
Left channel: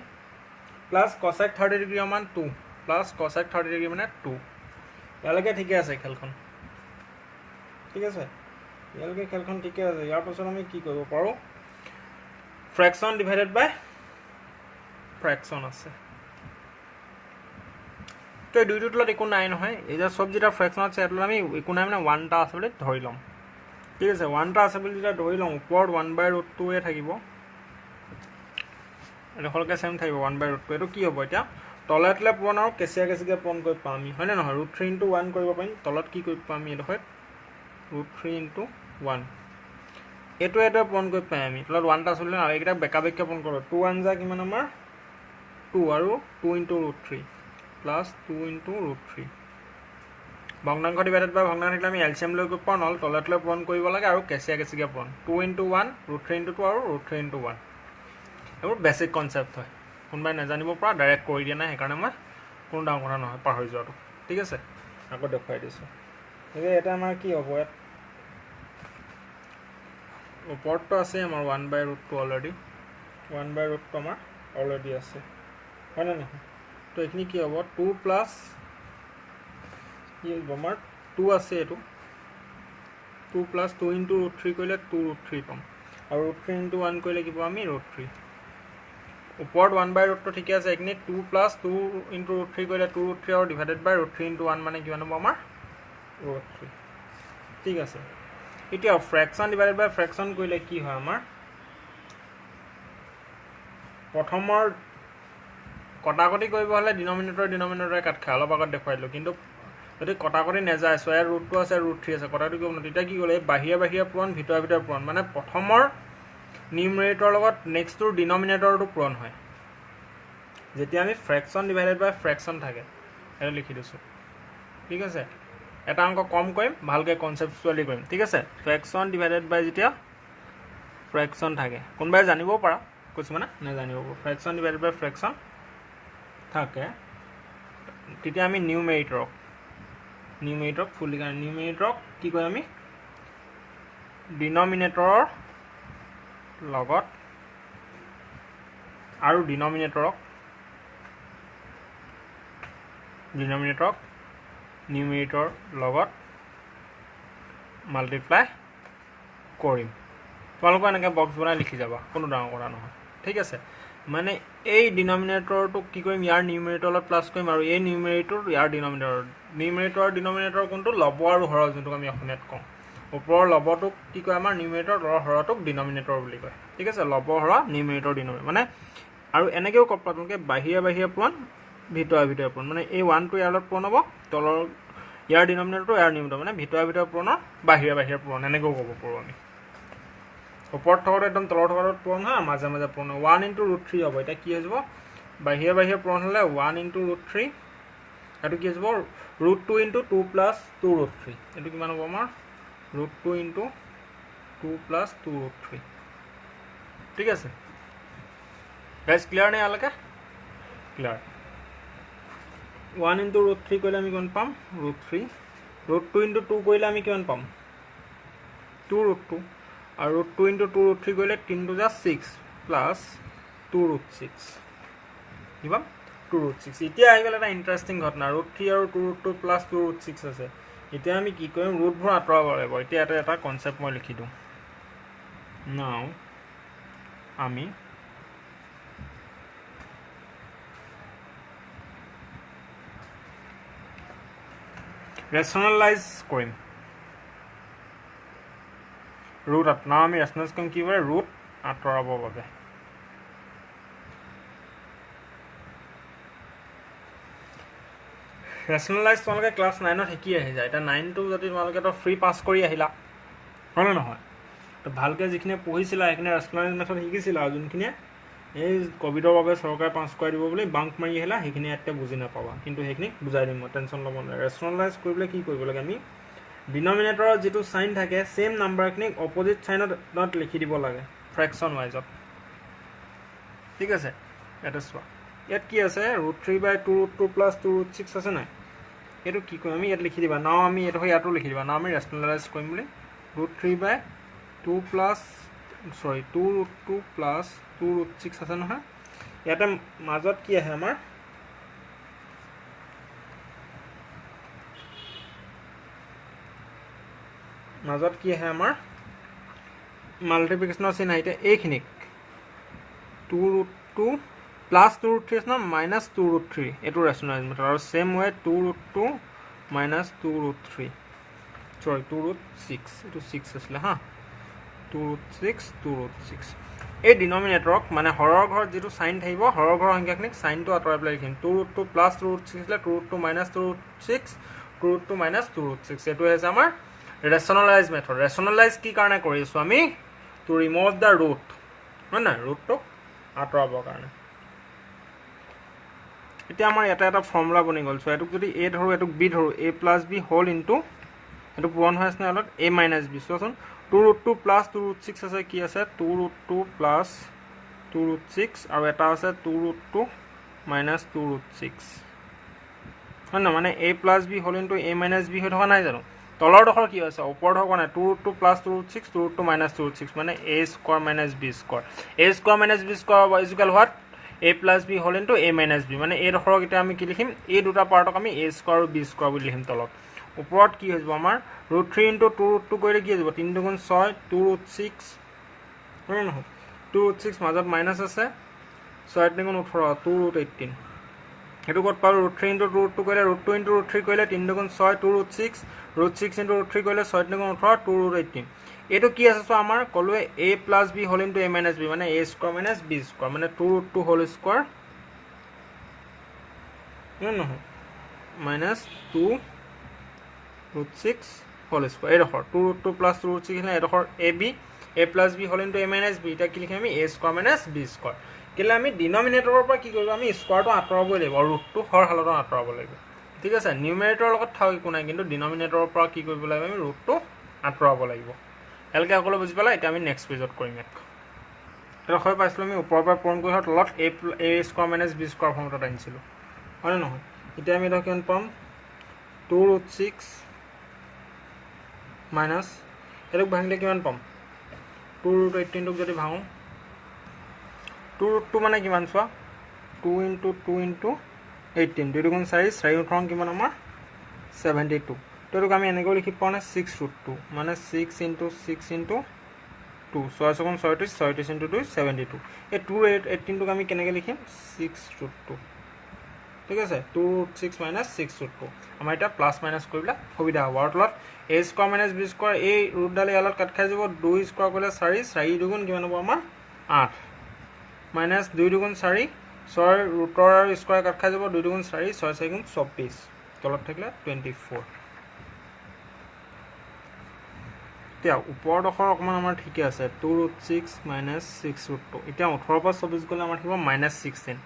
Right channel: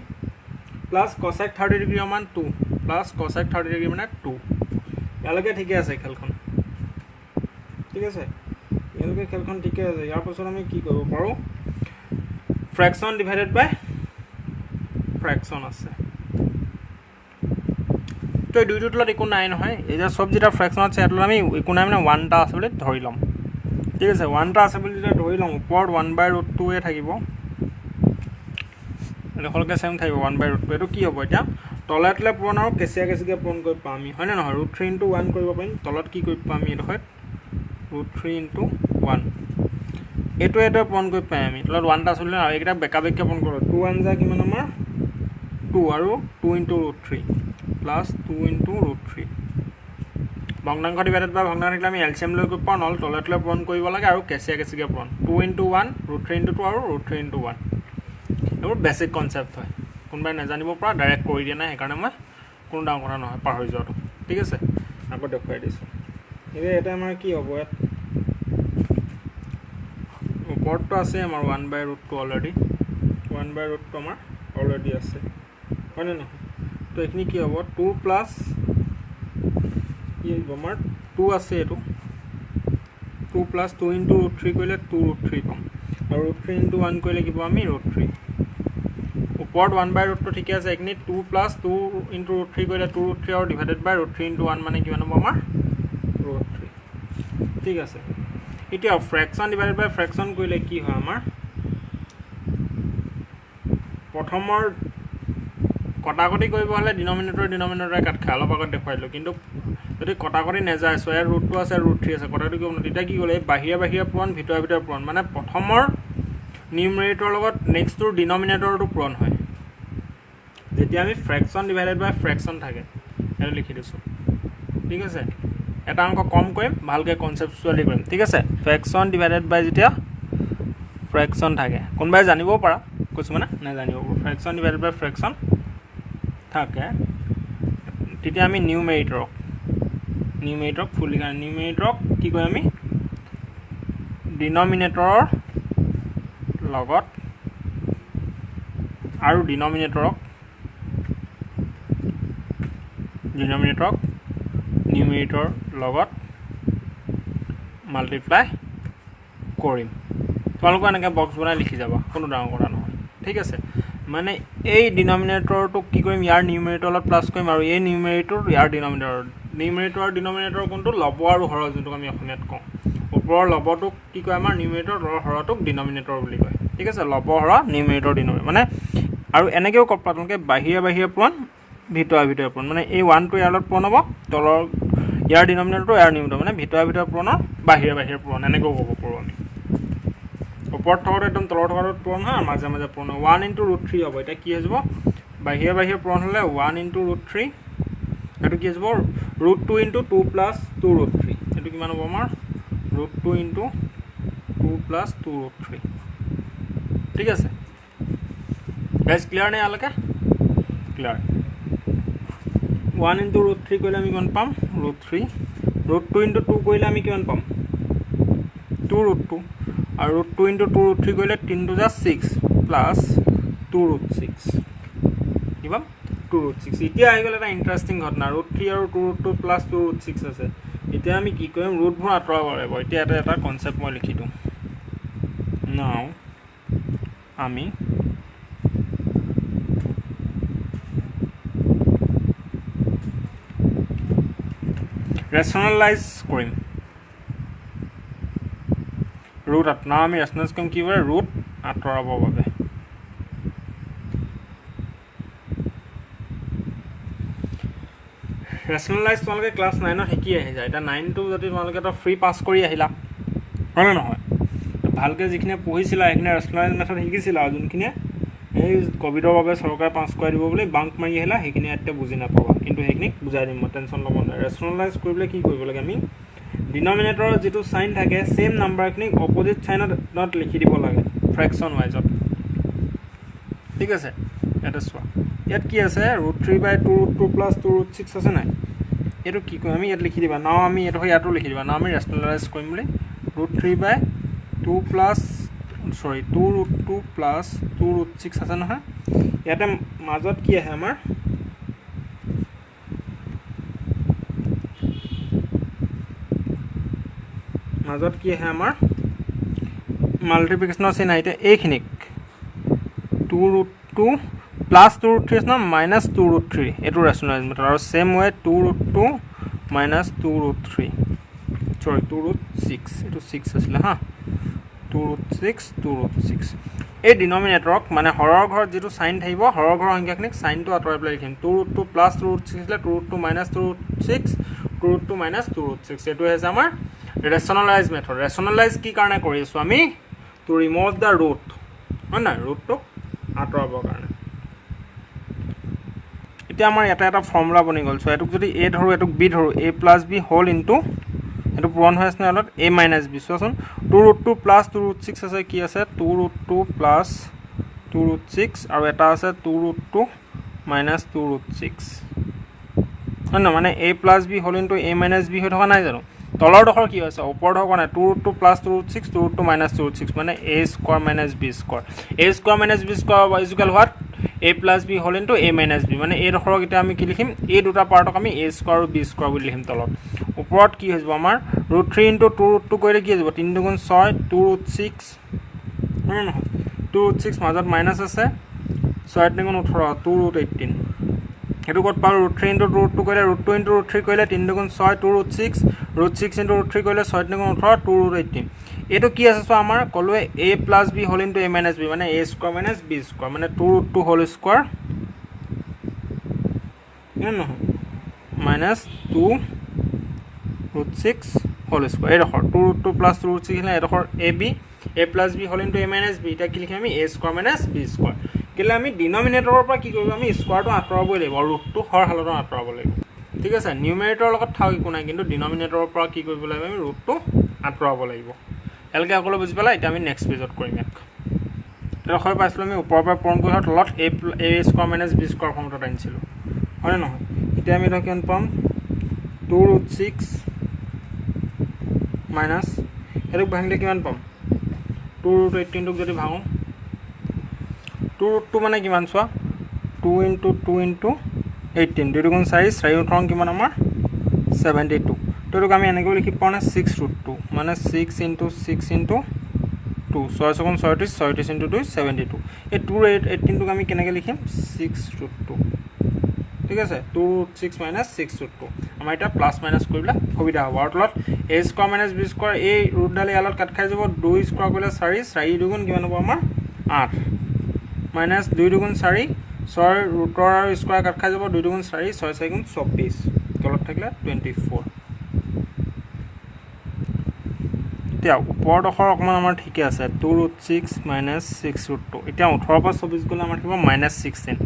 প্লাছ cosec 30 ডিগ্ৰী সমান 2 প্লাছ cosec 30 ডিগ্ৰী মানে 2 ইয়ালৈকে ঠিকে আছে খেলখন ঠিক আছে ইয়ালৈকে খেলখন ঠিকে আছে ইয়াৰ পাছত আমি কি কৰিব পাৰো ফ্ৰেকশন ডিভাইডেড বাই ফ্ৰেকশন আছে তো দুইটো তলত একো নাই নহয় এই যে সব যেটা ফ্ৰেকশন আছে এটো আমি একো নাই মানে 1 টা আছে বুলি ধৰি লম ঠিক আছে 1 টা আছে বুলি যেটা ধৰি লম ওপৰত 1/√2 এ থাকিব লখলকে সেম থাকিব 1/√2 এটো কি হ'ব এটা তলতলে পূৰণ আৰু কেচিয়া কেচিকে পূৰণ কৰি পাম আমি হয় না নহয় √3 * 1 কৰিব পাৰিম তলত কি কৰি পাম আমি এডখত √3 * 1 এটো পূৰণ কৰি পাম আমি তলত 1 টা চলিলে আৰু এটা বেকা বেকা পূৰণ কৰোঁ 2 1 যা কিমান আমাৰ 2 আৰু 2 * √3 প্লাস 2 * √3 ভগ্নাংশ ডিভাইডেড বাই ভগ্নাংশ থাকিলে আমি এলসিএম লৈ কৰিব পাওঁ নহ'লে তলতলে পূৰণ কৰিব লাগে আৰু কেচিয়া কেচিকে পূৰণ 2 * 1 √3 * 2 আৰু √3 * 1 এইবোৰ বেসিক কনসেপ্ট হয় কোনবাই নাজানিব পৰা ডাইৰেক্ট কৰি দিয়া নাই সেইকাৰণে মই কোনো ডাঙৰ কথা নহয় পাহৰি যোৱাটো ঠিক আছে আকৌ দেখুৱাই দিছোঁ এটা আমাৰ কি হ'ব ইয়াত ওপৰটো আছে আমাৰ 1/√2 অলৰেডি 1/√2 আমাৰ অলৰেডি আছে হয় না নহয় তো এখিনি কি হ'ব 2 প্লাস এই আমাৰ 2 আছে এটো 2 প্লাস 2 * √3 কৰিলে 2√3 পাম আৰু √3 * 1 কৰিলে কি পাম আমি √3 ওপৰত 1/√2 ঠিকে আছে এখিনি 2 প্লাস 2 * √3 কৰিলে 2√3 আৰু ডিভাইডেড বাই √3 * 1 মানে কিমান হ'ব আমাৰ √3 ঠিক আছে এতিয়া ফ্ৰেকশন ডিভাইডেড বাই ফ্ৰেকশন কৰিলে কি হয় আমাৰ প্ৰথমৰ কটাকটি কৰিব হলে ডিনোমিনেটৰ কাট খাই অলপ আগত দেখুৱাই দিলোঁ কিন্তু যদি কটাকটি নেযায় স্কয়াৰ √2 আছে √3 আছে কটাকটি কৰিব তেতিয়া কি গ'লে বাহিৰা পূৰণ ভিতৰৰ পূৰণ মানে প্ৰথমৰ নিউমাৰেটৰ লগত নেক্সটৰ ডিনোমিনেটৰটো পূৰণ হয় যেতিয়া আমি ফ্ৰেকশন ডিভাইডেড বাই ফ্ৰেকশন থাকে এটা লিখি দিছোঁ ঠিক আছে এটা অংক কম কৰিম ভালকৈ কনসেপচুয়ালি কৰিম ঠিক আছে ফ্ৰেকশন ডিভাইডেড বাই যেতিয়া ফ্ৰেকশন থাকে কোনবাই জানিবও পাৰা কিছুমানে নাজানিব ফ্ৰেকশন ডিভাইডেড বাই ফ্ৰেকশন থাকে তেতিয়া আমি নিউমেৰিটৰক ফুল লিখা নিউমেৰিটৰক কি কৰিম আমি ডিনমিনেটৰৰ লগত আৰু ডিনমিনেটৰক নিউমেৰিটৰ লগত মাল্টিপ্লাই কৰিম তোমালোকে এনেকৈ বক্স বনাই লিখি যাবা কোনো ডাঙৰ কথা নহয় ঠিক আছে মানে এই ডিনমিনেটৰটোক কি কৰিম ইয়াৰ নিউমেৰিটৰ লগত প্লাছ কৰিম আৰু এই নিউমেৰিটৰ ইয়াৰ ডিনমিনেটৰ কোনটো লব আৰু হৰ যোনটোক আমি অসমীয়াত কওঁ ওপৰৰ লবটোক কি কয় আমাৰ নিউমেৰিটৰ হৰটোক ডিনমিনেটৰ বুলি কয় ঠিক আছে লব হৰ নিউমেৰিটৰ ডিনমিনেটৰ মানে আৰু এনেকৈও ক'ব পাৰা তোমালোকে বাহিৰে পূৰণ ভিতৰে পূৰণ মানে এই 1টো ইয়াৰ লগত পূৰণ হ'ব তলৰ ইয়াৰ ডিনমিনেটৰটো ইয়াৰ নিউমেৰিটৰ মানে ভিতৰে পূৰণৰ বাহিৰে পূৰণ এনেকৈও ক'ব পাৰোঁ আমি ওপৰত থকাটো একদম তলৰ থকাটোত পূৰণ হয় আৰু মাজে পূৰণ হয় 1 × √3 হ'ব এতিয়া কি হৈ যাব বাহিৰে পূৰণ হ'লে 1 × √3 এইটো কি হৈ যাব √2 × 2 + 2√3 এইটো কিমান হ'ব আমাৰ √2 × 2 + 2√3 ঠিক আছে গাইজ ক্লিয়াৰ নে ইয়ালৈকে ক্লিয়াৰ 1 × √3 কৰিলে আমি কিমান পাম √3 √2 × 2 কৰিলে আমি কিমান পাম 2√2 আৰু √2 × 2√3 কৰিলে 3 × 6 প্লাছ 2√6 কি পাম 2√6 এতিয়া আহি গ'ল এটা ইণ্টাৰেষ্টিং ঘটনা √3 আৰু 2√2 প্লাছ 2√6 আছে এতিয়া আমি কি কৰিম ৰুটবোৰ আঁতৰাব লাগিব এতিয়া এটা কনচেপ্ট মই লিখি দিওঁ নাও আমি ৰেচনেলাইজ কৰিম ৰুট নাও আমি ৰেচনেলাইজ কৰিম কি কৰে ৰুট আঁতৰাবৰ বাবে ৰেচনেলাইজ তোমালোকে ক্লাছ 9ত শিকি আহি যায় এতিয়া 9টো যদি তোমালোকে তো ফ্ৰী পাছ কৰি আহিলা হয় নে নহয় ভালকৈ যিখিনি পঢ়িছিলা সেইখিনি ৰেচনেলাইজ মেথড শিকিছিলা আৰু যোনখিনিয়ে এই ক'ভিডৰ বাবে চৰকাৰে পাছ কৰাই দিব বুলি বাংক মাৰি আহিলা সেইখিনি এতিয়া বুজি নাপাবা কিন্তু সেইখিনি বুজাই দিম মই টেনশ্যন ল'ব নোৱাৰে ৰেচনেলাইজ কৰিবলৈ কি কৰিব লাগে আমি ডিনমিনেটৰৰ যিটো চাইন থাকে ছেইম নাম্বাৰখিনিক অপজিট চাইনত লিখি দিব লাগে ফ্ৰেকশ্যন ৱাইজত ঠিক আছে এটা চোৱা ইয়াত কি আছে √3/2√2 + 2√6 আছে নাই এইটো কি কৰিম আমি ইয়াত লিখি দিবা নাও আমি এইটো ইয়াতো লিখি দিবা নাও আমি ৰেচনেলাইজ কৰিম বুলি √3/2 + 2√6 আছে নহয় ইয়াতে মাজত কি আহে আমাৰ মাল্টিপ্লিকেশ্যনৰ চিন এতিয়া এইখিনিক 2√2 + 2√3 আছে ন -2√3 এইটো ৰেচনেলাইজ মেথড আৰু ছেম ৱে 2√2 - 2√3 চৰি 2√6 এইটো 6 আছিলে হা 2√6 এই ডিনমিনেটৰক মানে হৰৰ ঘৰত যিটো চাইন থাকিব হৰৰ ঘৰৰ সংখ্যাখিনিক চাইনটো আঁতৰাই পেলাই লিখিম 2√2 + 2√6 আছিলে 2√2 - 2√6 2√2 - 2√6 এইটো হৈছে আমাৰ ৰেচনেলাইজ মেথড ৰেচনেলাইজ কি কাৰণে কৰিছোঁ আমি টু ৰিমুভ দ্য ৰুট হয় নাই ৰুটটোক আঁতৰাবৰ কাৰণে এতিয়া আমাৰ এটা ফৰ্মুলা বনি গ'ল চ' এইটোক যদি এ ধৰোঁ এইটোক বি ধৰোঁ a + b হোল ইনটু এইটো পূৰণ হৈ আছে ন অলপ a - b চোৱাচোন 2√2 + 2√6 আছে কি আছে 2√2 + 2√6 আৰু এটা আছে 2√2 - 2√6 হয় ন মানে a + b whole into a - b হৈ থকা নাই জানো তলৰ ডোখৰ কি হৈছে ওপৰত হোৱা নাই 2√2 + 2√6 2√2 - 2√6 মানে a² - b² a² - b² equal what a + b whole into a - b মানে এই ডোখৰক এতিয়া আমি কি লিখিম এই দুটা পাৰ্টক আমি a² আৰু b² বুলি লিখিম তলত ওপৰত কি হৈ যাব আমাৰ √3 × 2√2 কৰিলে কি হৈ যাব 3 × 6 2√6 হয় নে নহয় 2√6 মাজত মাইনাছ আছে 6 × 18 2√18 সেইটো ক'ত পালোঁ √3 × 2√2 কৰিলে √2 × √3 কৰিলে 3 × 6 2√6 √6 × √3 কৰিলে 6 × 18 2√18 এইটো কি আছে চোৱা আমাৰ ক'লোৱে a + b whole into a - b মানে a² - b² মানে 2√2 হোল স্কোৱাৰ নহয় -2√6 হোল স্কোৱাৰ এইডোখৰ 2√2 + 2√6 হ'লে এইডোখৰ a + b whole into a - b এতিয়া কি লিখিম আমি a² - b² কেলৈ আমি ডিনমিনেটৰৰ পৰা কি কৰিব আমি স্কোৱাৰটো আঁতৰাবই লাগিব ৰুটটো হৰ হালতো আঁতৰাব লাগিব ঠিক আছে নিউমেৰিটৰৰ লগত থাক একো নাই কিন্তু ডিনমিনেটৰৰ পৰা কি কৰিব লাগিব আমি ৰুটটো আঁতৰাব লাগিব এলকে সকলো বুজি পালা এতিয়া আমি নেক্সট পেজত কৰিম এটা হয় পাইছিলোঁ আমি ওপৰৰ পৰা পূৰণ কৰি তলত a² - b² ফৰ্মত আনিছিলোঁ হয় নে নহয় এতিয়া আমি এটা কিমান পাম 2√6 মাইনাছ এটোক ভাঙিলে কিমান পাম 2√18 টোক যদি ভাঙো 2√2 মানে কিমান চোৱা 2 * 2 * 18 2 * 4 4 * কিমান আমাৰ 72 তো এটোক আমি এনেকৈ লিখি পাওঁ না 6√2 মানে 6 * 6 * 2 6 * 36 36 * 2 72 এই 2/18 টোক আমি কেনেকৈ লিখিম 6√2 ঠিক আছে 2√6 মাইনাছ 6√2 আমাৰ এটা প্লাছ মাইনাছ কৰিবলৈ সুবিধা হ'ব আৰু তলত a square minus b square এই ৰুটডাল ইয়ালত কাট খাই যাব 2 স্কোৱাৰ কৰিলে 4 4 দুগুণ কিমান হ'ব আমাৰ 8 মাইনাছ 2 দুগুণ 4 6 ৰুটৰ আৰু স্কোৱাৰ কাট খাই যাব 2 দুগুণ 4 6 4 গুণ 24 তলত থাকিলে 24 এতিয়া ওপৰত অখৰ অকণমান আমাৰ ঠিকে আছে 2√6 মাইনাছ 6√2 এতিয়া 18 পৰা 24 গ'লে আমাৰ থাকিব -16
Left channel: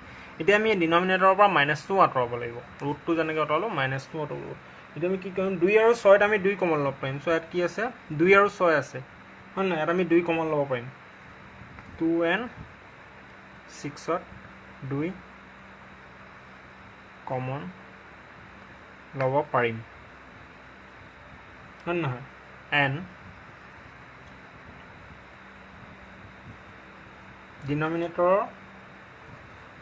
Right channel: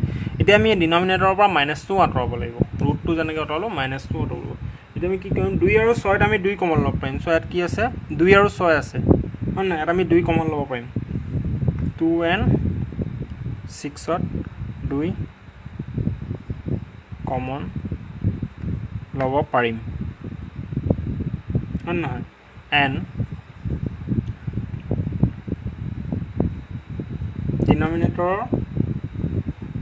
এতিয়া আমি ডিনমিনেটৰৰ পৰা -2 আঁতৰাব লাগিব ৰুটটো যেনেকৈ আঁতৰালোঁ -2 আঁতৰালোঁ এতিয়া আমি কি কৰিম 2 আৰু 6ত আমি 2 কমন ল'ব পাৰিম চ' ইয়াত কি আছে 2 আৰু 6 আছে হয় নাই ইয়াত আমি 2 কমন ল'ব পাৰিম 2n 6ত 2 কমন ল'ব পাৰিম হয় নহয় n ডিনমিনেটৰ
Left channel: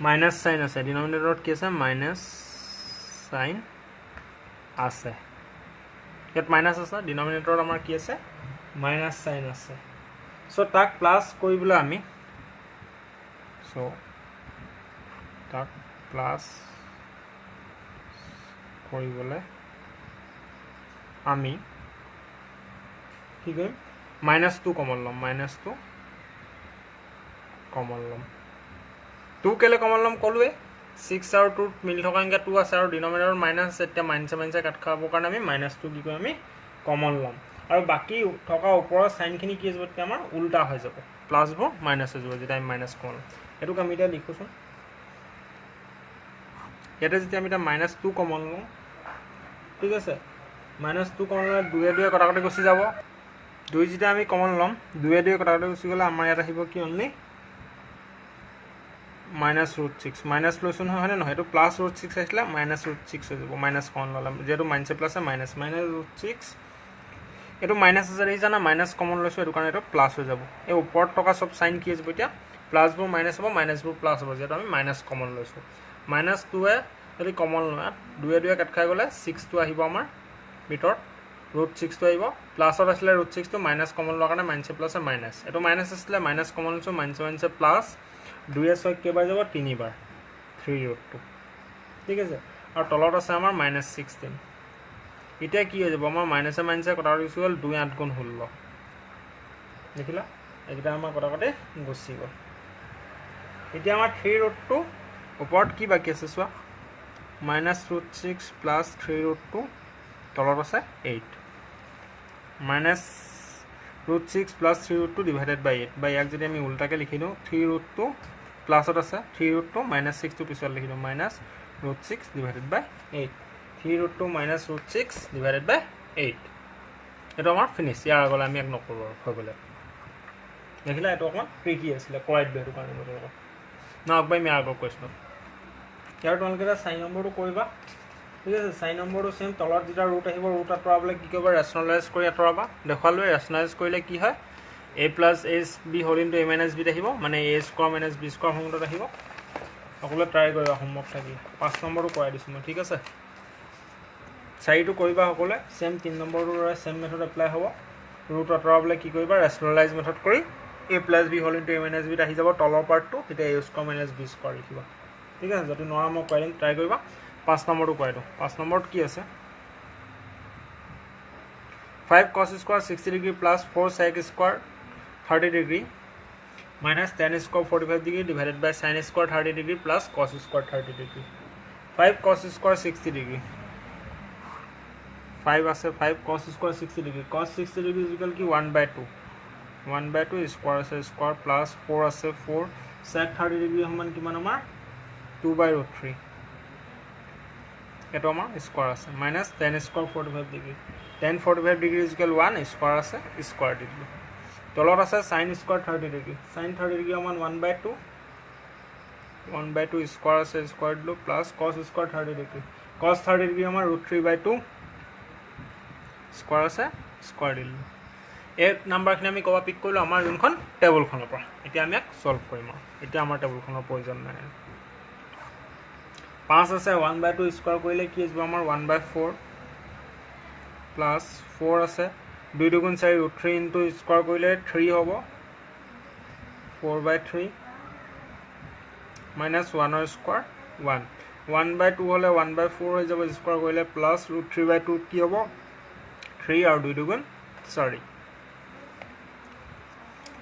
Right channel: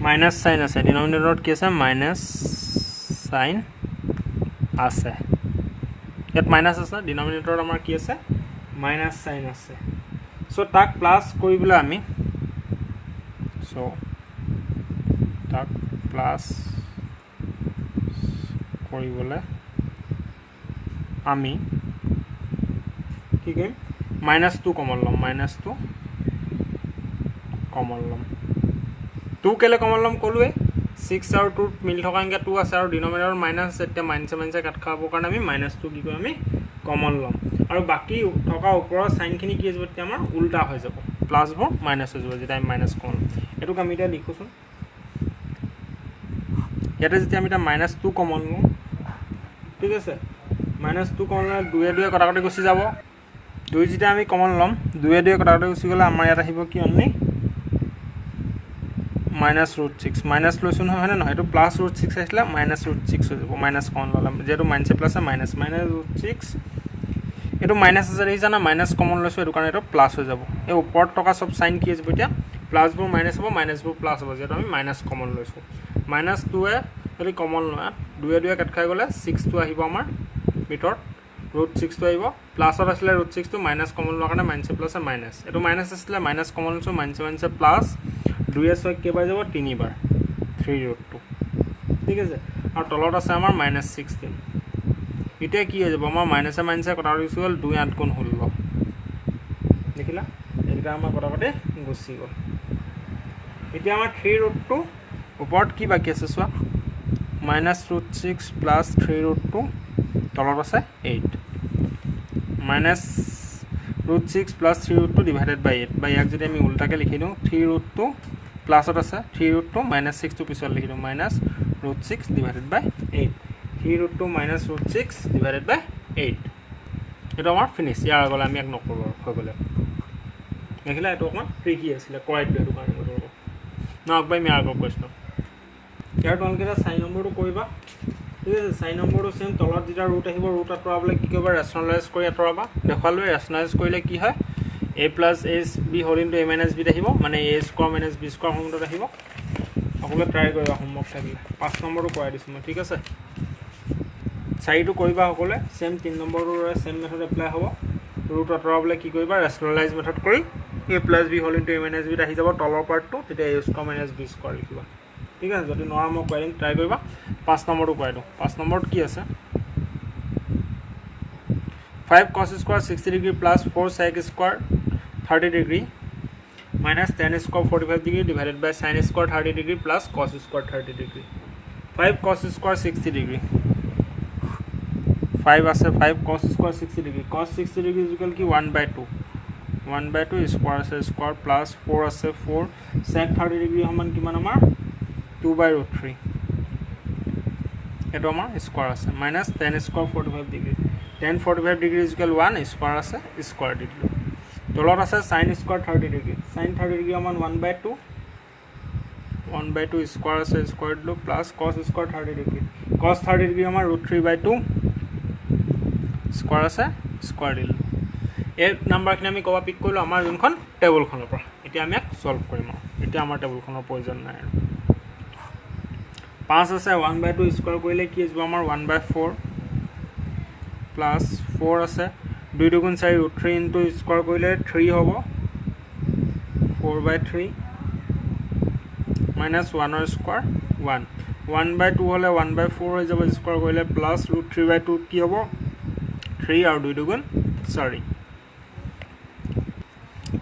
মাইনাছ সাইন আছে ডিনমিনেটৰত কি আছে মাইনাছ সাইন আছে ইয়াত মাইনাছ আছে ডিনমিনেটৰত আমাৰ কি আছে মাইনাছ সাইন আছে চ' তাক প্লাছ কৰিবলৈ আমি চ' তাক প্লাছ কৰিবলৈ আমি কি কৰিম -2 কমন ল'ম -2 কমন ল'ম 2 কেলে কমন ল'ম ক'লোৱে 6 আৰু 2 মিলি থকা এনেকৈ 2 আছে আৰু ডিনমিনেটৰ মাইনাছ আছে এতিয়া মাইনাছে কাট খাবৰ কাৰণে আমি -2 কি কৰিম আমি কমন ল'ম আৰু বাকী থকা ওপৰৰ চাইনখিনি কি হৈ যাব তেতিয়া আমাৰ উল্টা হৈ যাব প্লাছবোৰ মাইনাছ হৈ যাব যেতিয়া আমি মাইনাছ কমন ল'ম এইটোক আমি এতিয়া লিখোঁচোন ইয়াতে যেতিয়া আমি এতিয়া -2 কমন লওঁ ঠিক আছে -2 কমন ল'লে 2 2 কটাকটি গুচি যাব 2 যেতিয়া আমি কমন ল'ম 2 2 কটাকটি গুচি গ'লে আমাৰ ইয়াত আহিব কি অনলি -√6 মাইনাছ লৈছোঁ নহয় হয়নে নহয় এইটো +√6 আহিছিলে -√6 হৈ যাব মাইনাছ কমন ল'লাম যিহেতু মাইনাছে প্লাছে মাইনাছ -√6 এইটো মাইনাছ আছে দেখিছা না মাইনাছ কমন লৈছোঁ এইটো কাৰণে এইটো প্লাছ হৈ যাব এই ওপৰত থকা চব চাইন কি হৈ যাব এতিয়া প্লাছবোৰ মাইনাছ হ'ব মাইনাছবোৰ প্লাছ হ'ব যিহেতু আমি মাইনাছ কমন লৈছোঁ -2 যদি কমন লওঁ 2 2 কাট খাই গ'লে 6টো আহিব আমাৰ ভিতৰত √6টো আহিব প্লাছত আছিলে √6টো মাইনাছ কমন লোৱাৰ কাৰণে মাইনাছে প্লাছে মাইনাছ এইটো মাইনাছ আছিলে মাইনাছ কমন লৈছোঁ মাইনাছে প্লাছ 2 6 কেইবাৰ যাব 3 বাৰ 3√2 ঠিক আছে আৰু তলত আছে আমাৰ -16 এতিয়া কি হৈ যাব আমাৰ মাইনাছে কটা গুচি গ'ল 2 8 গুণ 16 দেখিলা এতিয়া আমাৰ কটাকটি গুচি গ'ল এতিয়া আমাৰ 3√2 ওপৰত কি বাকী আছে চোৱা -√6 প্লাছ 3√2 তলত আছে 8 -√6 প্লাছ 3√2 ডিভাইডেড বাই 8 বা ইয়াক যদি আমি উল্টাকৈ লিখি দিওঁ 3√2 প্লাছত আছে 3√2 -6টো পিছত লিখি দিওঁ -√6 ডিভাইডেড বাই 8 3√2 -√6 ডিভাইডেড বাই 8 এইটো আমাৰ ফিনিছ ইয়াৰ আগলৈ আমি এক নকৰোঁ হৈ গ'লে দেখিলা এইটো অকণমান ট্ৰিকি আছিলে কৰাই দিলোঁ সেইটো কাৰণে ন আগবাঢ়িম ইয়াৰ আগৰ প্ৰশ্ন ইয়াৰ তোমালোকে এটা 4 নম্বৰটো কৰিবা ঠিক আছে 4 নম্বৰটো চেম তলত যেতিয়া ৰুট আহিব ৰুট আঁতৰাবলৈ কি কৰিবা ৰেচনেলাইজ কৰি আঁতৰাবা দেখুৱালোঁ ৰেচনেলাইজ কৰিলে কি হয় a + ab whole into a - b আহিব মানে a² - b² সংখ্যাত আহিব সকলোৱে ট্ৰাই কৰিবা হোমৱৰ্ক থাকিলে 5 নম্বৰটো কৰাই দিছোঁ মই ঠিক আছে 4টো কৰিবা সকলোৱে চেম 3 নম্বৰটোৰ চেম মেথড এপ্লাই হ'ব ৰুট আঁতৰাবলৈ কি কৰিবা ৰেচনেলাইজ মেথড কৰি a + b whole into a - b আহি যাব তলৰ পাৰ্টটো তেতিয়া a² - b² লিখিবা ঠিক আছে যদি নোৱাৰা মই কৰাই দিম ট্ৰাই কৰিবা 5 নম্বৰটো কৰাই দিওঁ 5 নম্বৰত কি আছে 5 cos square 60 degree plus 4 sec square 30 degree minus tan square 45 degree divided by sin square 30 degree plus cos square 30 degree 5 cos square 60 degree 5 আছে 5 cos square 60 degree cos 60 degree is equal to 1/2 1/2 square আছে square plus 4 আছে 4 sec 30 degree সমান কিমান আমাৰ 2/√3 এটো আমাৰ square আছে minus tan square 45 degree tan 45 degree is equal 1 square আছে square দিলো তলত আছে sin square 30 degree sin 30 degree সমান 1/2 1/2 স্কোয়াৰ আছে স্কোয়াৰ দিলো plus cos square 30 degree cos 30 degree আমাৰ √3/2 স্কোয়াৰ আছে স্কোয়াৰ দিলো এই নাম্বাৰখিনি আমি কপা পিক কৰিলো আমাৰ যোনখন টেবুলখনৰ পৰা এতিয়া আমি সলভ কৰিম এতিয়া আমাৰ টেবুলখনৰ প্ৰয়োজন নাই 5 আছে 1/2 স্কোয়াৰ কৰিলে কি হ'ব আমাৰ 1/4 প্লাস 4 আছে 2 2 4 √3 ইনটু স্কোয়াৰ কৰিলে 3 হ'ব 4/3 minus 1 or square 1 1/2 হলে 1/4 হৈ যাব স্কয়ার কৰিলে প্লাস √3/2 কি হ'ব 3 আৰু 2 2 4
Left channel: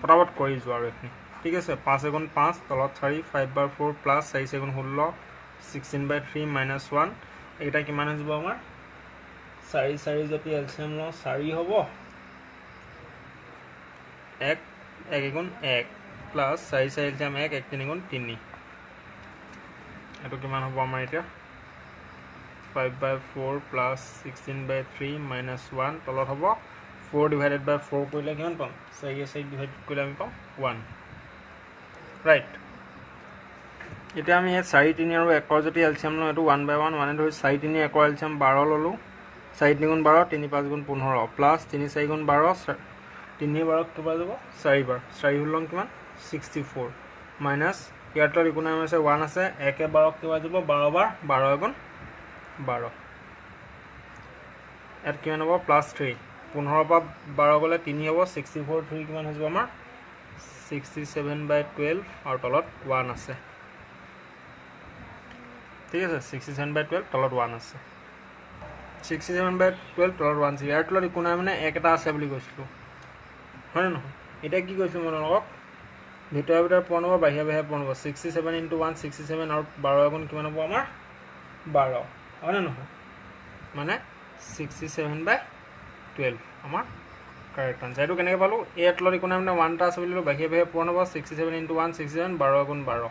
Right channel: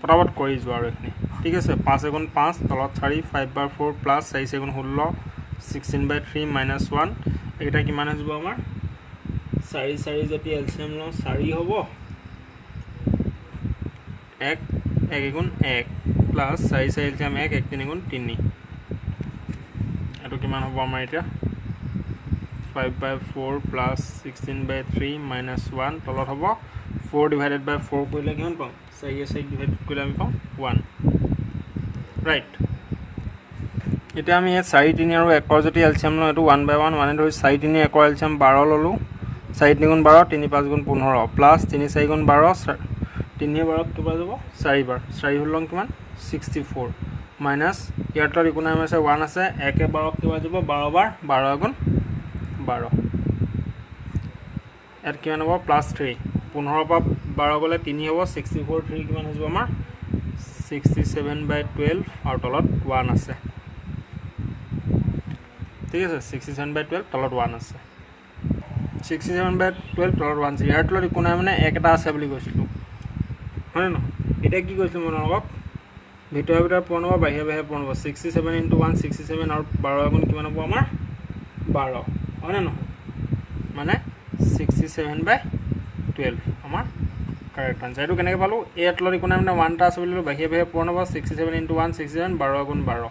পটাপট কৰি যোৱা আৰু এখিনি ঠিক আছে 5 * 5 তলত 4 5/4 প্লাস 4 * 16 16/3 minus 1 এটা কিমান হ'ব আমাৰ 4 4 যদি এলসিয়াম লওঁ 4 হ'ব 1 1 * 1 প্লাস 4 4 এলসিয়াম 1 1 3 * 3 এটো কিমান হ'ব আমাৰ এটা 5/4 plus 16/3 minus 1 তলত হ'ব 4 divided by 4 কৰিলে কিমান পাম 4 divided কৰিলে আমি পাম 1 ৰাইট এতিয়া আমি 4 3 আৰু 1 যদি এলসিয়াম লওঁ এটো 1/1 1 ধৰি 4 3 1 এলসিয়াম 12 ললো 4 3 * 12 3 5 * 15 প্লাস 3 4 * 12 3 12 কিবা যাব 4 বাৰ 4 হল কিমান 64 মাইনাস ইয়াৰ ইকোনমিক্স 1 আছে 1 এ 12 কিবা যাব 12 বাৰ 12 * 12 এট কিমান হ'ব প্লাস 3 15 পৰা 12 গলে 3 হ'ব 64 3 কিমান হ'ব আমাৰ 67/12 আৰু তলত 1 আছে ঠিক আছে 67/12 তলত 1 আছে 67/12 তলত 1 আছে ইয়াৰ তলত ইকোনমি মানে এক এটা আছে বুলি কৈছিলো হয় না এটা কি কৈছিলো মই অলপ ভিতৰৰ পূৰণ হ'ব বাহিৰে বাহিৰে পূৰণ হ'ব 67 * 1 67 আৰু 12 গুণ কিমান হ'ব আমাৰ 12 হয় না নহয় মানে 67/12 আমাৰ কারেক্ট আনসার এটো কেনেকৈ পালো এ তলত ইকোনমি মানে 1 টা আছে বুলি বাহিৰে বাহিৰে পূৰণ হ'ব 67 * 1 67 12 গুণ 12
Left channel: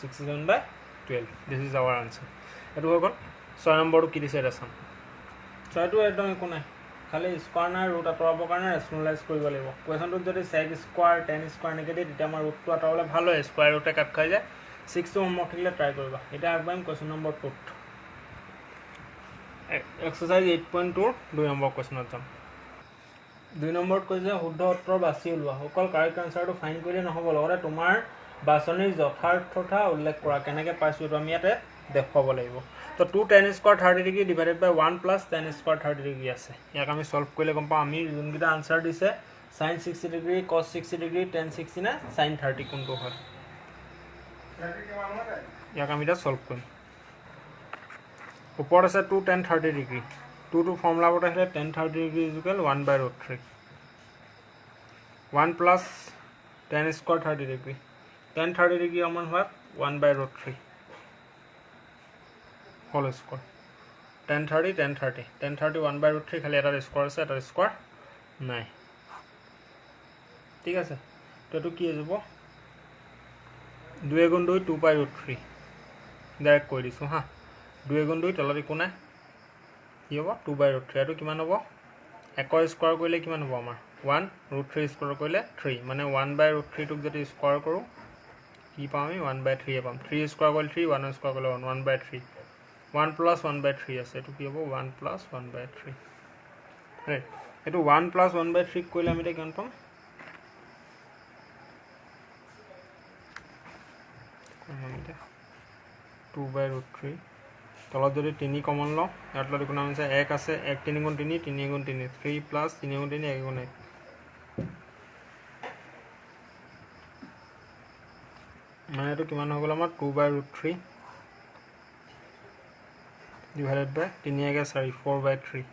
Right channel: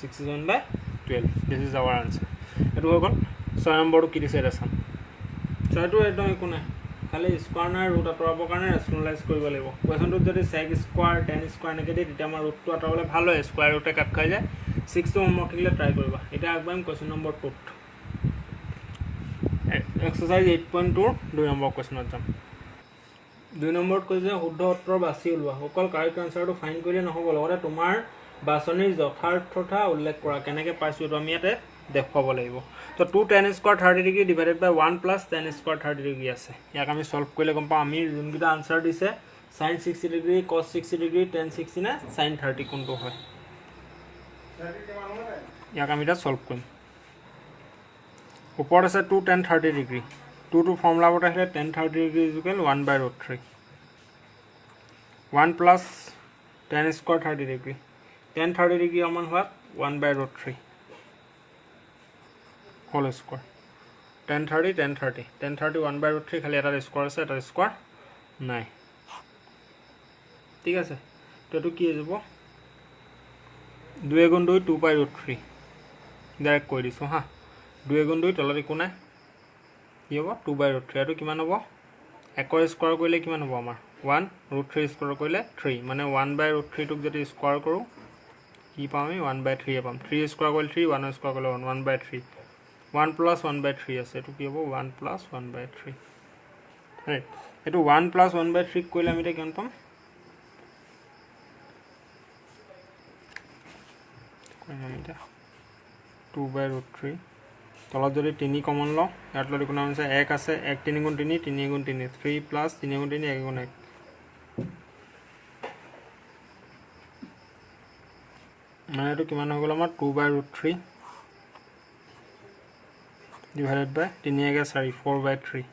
67/12 দিস ইজ आवर आंसर এটো হৈ গ'ল 6 নম্বৰটো কি দিছে এটা চাম ছয়টো একদম একো নাই খালি স্কয়াৰ নাই ৰুট আঁতৰাবৰ কাৰণে ৰেশনালাইজ কৰিব লাগিব কোৱেশ্যনটোত যদি sec স্কয়াৰ tan স্কয়াৰ নেকি দিয়ে তেতিয়া আমাৰ ৰুটটো আঁতৰালে ভাল হয় স্কয়াৰ ৰুটে কাট খাই যায় 6 টো হোমৱৰ্ক থাকিলে ট্ৰাই কৰিবা এটা আগবাইম কোৱেশ্যন নম্বৰ 2 এক্সাৰসাইজ 8.2 2 নম্বৰ কোৱেশ্যনত যাম 2 নম্বৰত কৈছে শুদ্ধ উত্তৰ বাছি উলিওৱা অকল কাৰেক্ট আনসাৰটো ফাইন কৰিলে নহব লগতে তোমাৰ বাছনিৰ যথাৰ্থতা উল্লেখ কৰা কেনেকৈ পাইছো তো আমি ইয়াতে দেখাব লাগিব তো 2 tan স্কয়াৰ 30 ডিগ্ৰী ডিভাইডেড বাই 1 প্লাস tan স্কয়াৰ 30 ডিগ্ৰী আছে ইয়াক আমি সলভ কৰিলে গম পাম আমি যোনকেইটা আনসাৰ দিছে sin 60 degree cos 60 degree tan 60 না sin 30 কোনটো হয় ইয়াক আমি এটা সলভ কৰিম ওপৰত আছে 2 tan 30 ডিগ্ৰী 2 টো ফৰ্মুলা কোটা আছে tan 30 degree equal 1/√3 1 plus tan square 30 degree tan 30 degree अमन हुआ 1/√3 whole square tan 30 tan 30 tan 30 1/√3 खाली এটা স্কয়ার আছে এটা স্কয়ার নাই ঠিক আছে তো এটো কি যাব 2 * 2 2/√3 ডাইরেক্ট কৈ দিছো হা 2 * 2 তলত একো নাই কি হ'ব 2/√3 এটো কিমান হ'ব 1 স্কয়ার কৰিলে কিমান হ'ব আমাৰ 1 √3 স্কয়াৰ কৰিলে 3 মানে 1/√3 টুক যদি স্কয়াৰ কৰো কি পাম আমি 1/3 পাম 3 স্কয়াৰ কৰিলে 3 1 স্কয়াৰ কৰিলে 1 1/3 1 plus 1/3 আছে এটো কি হ'ব 1 plus 1/3 রাইট এটো 1 plus 1/3 কৰিলে আমি এটা কিমান পাম এটা 2/√3 তলত যদি 3 কমন ল ইয়াত লৰি কোন আছে 1 আছে 1 3 * 3 3 * 3 3 plus 3 * 3 1 1 মানে এটো কিমান হৈ গল আমাৰ 2/√3 divided by 3 * 4 4/3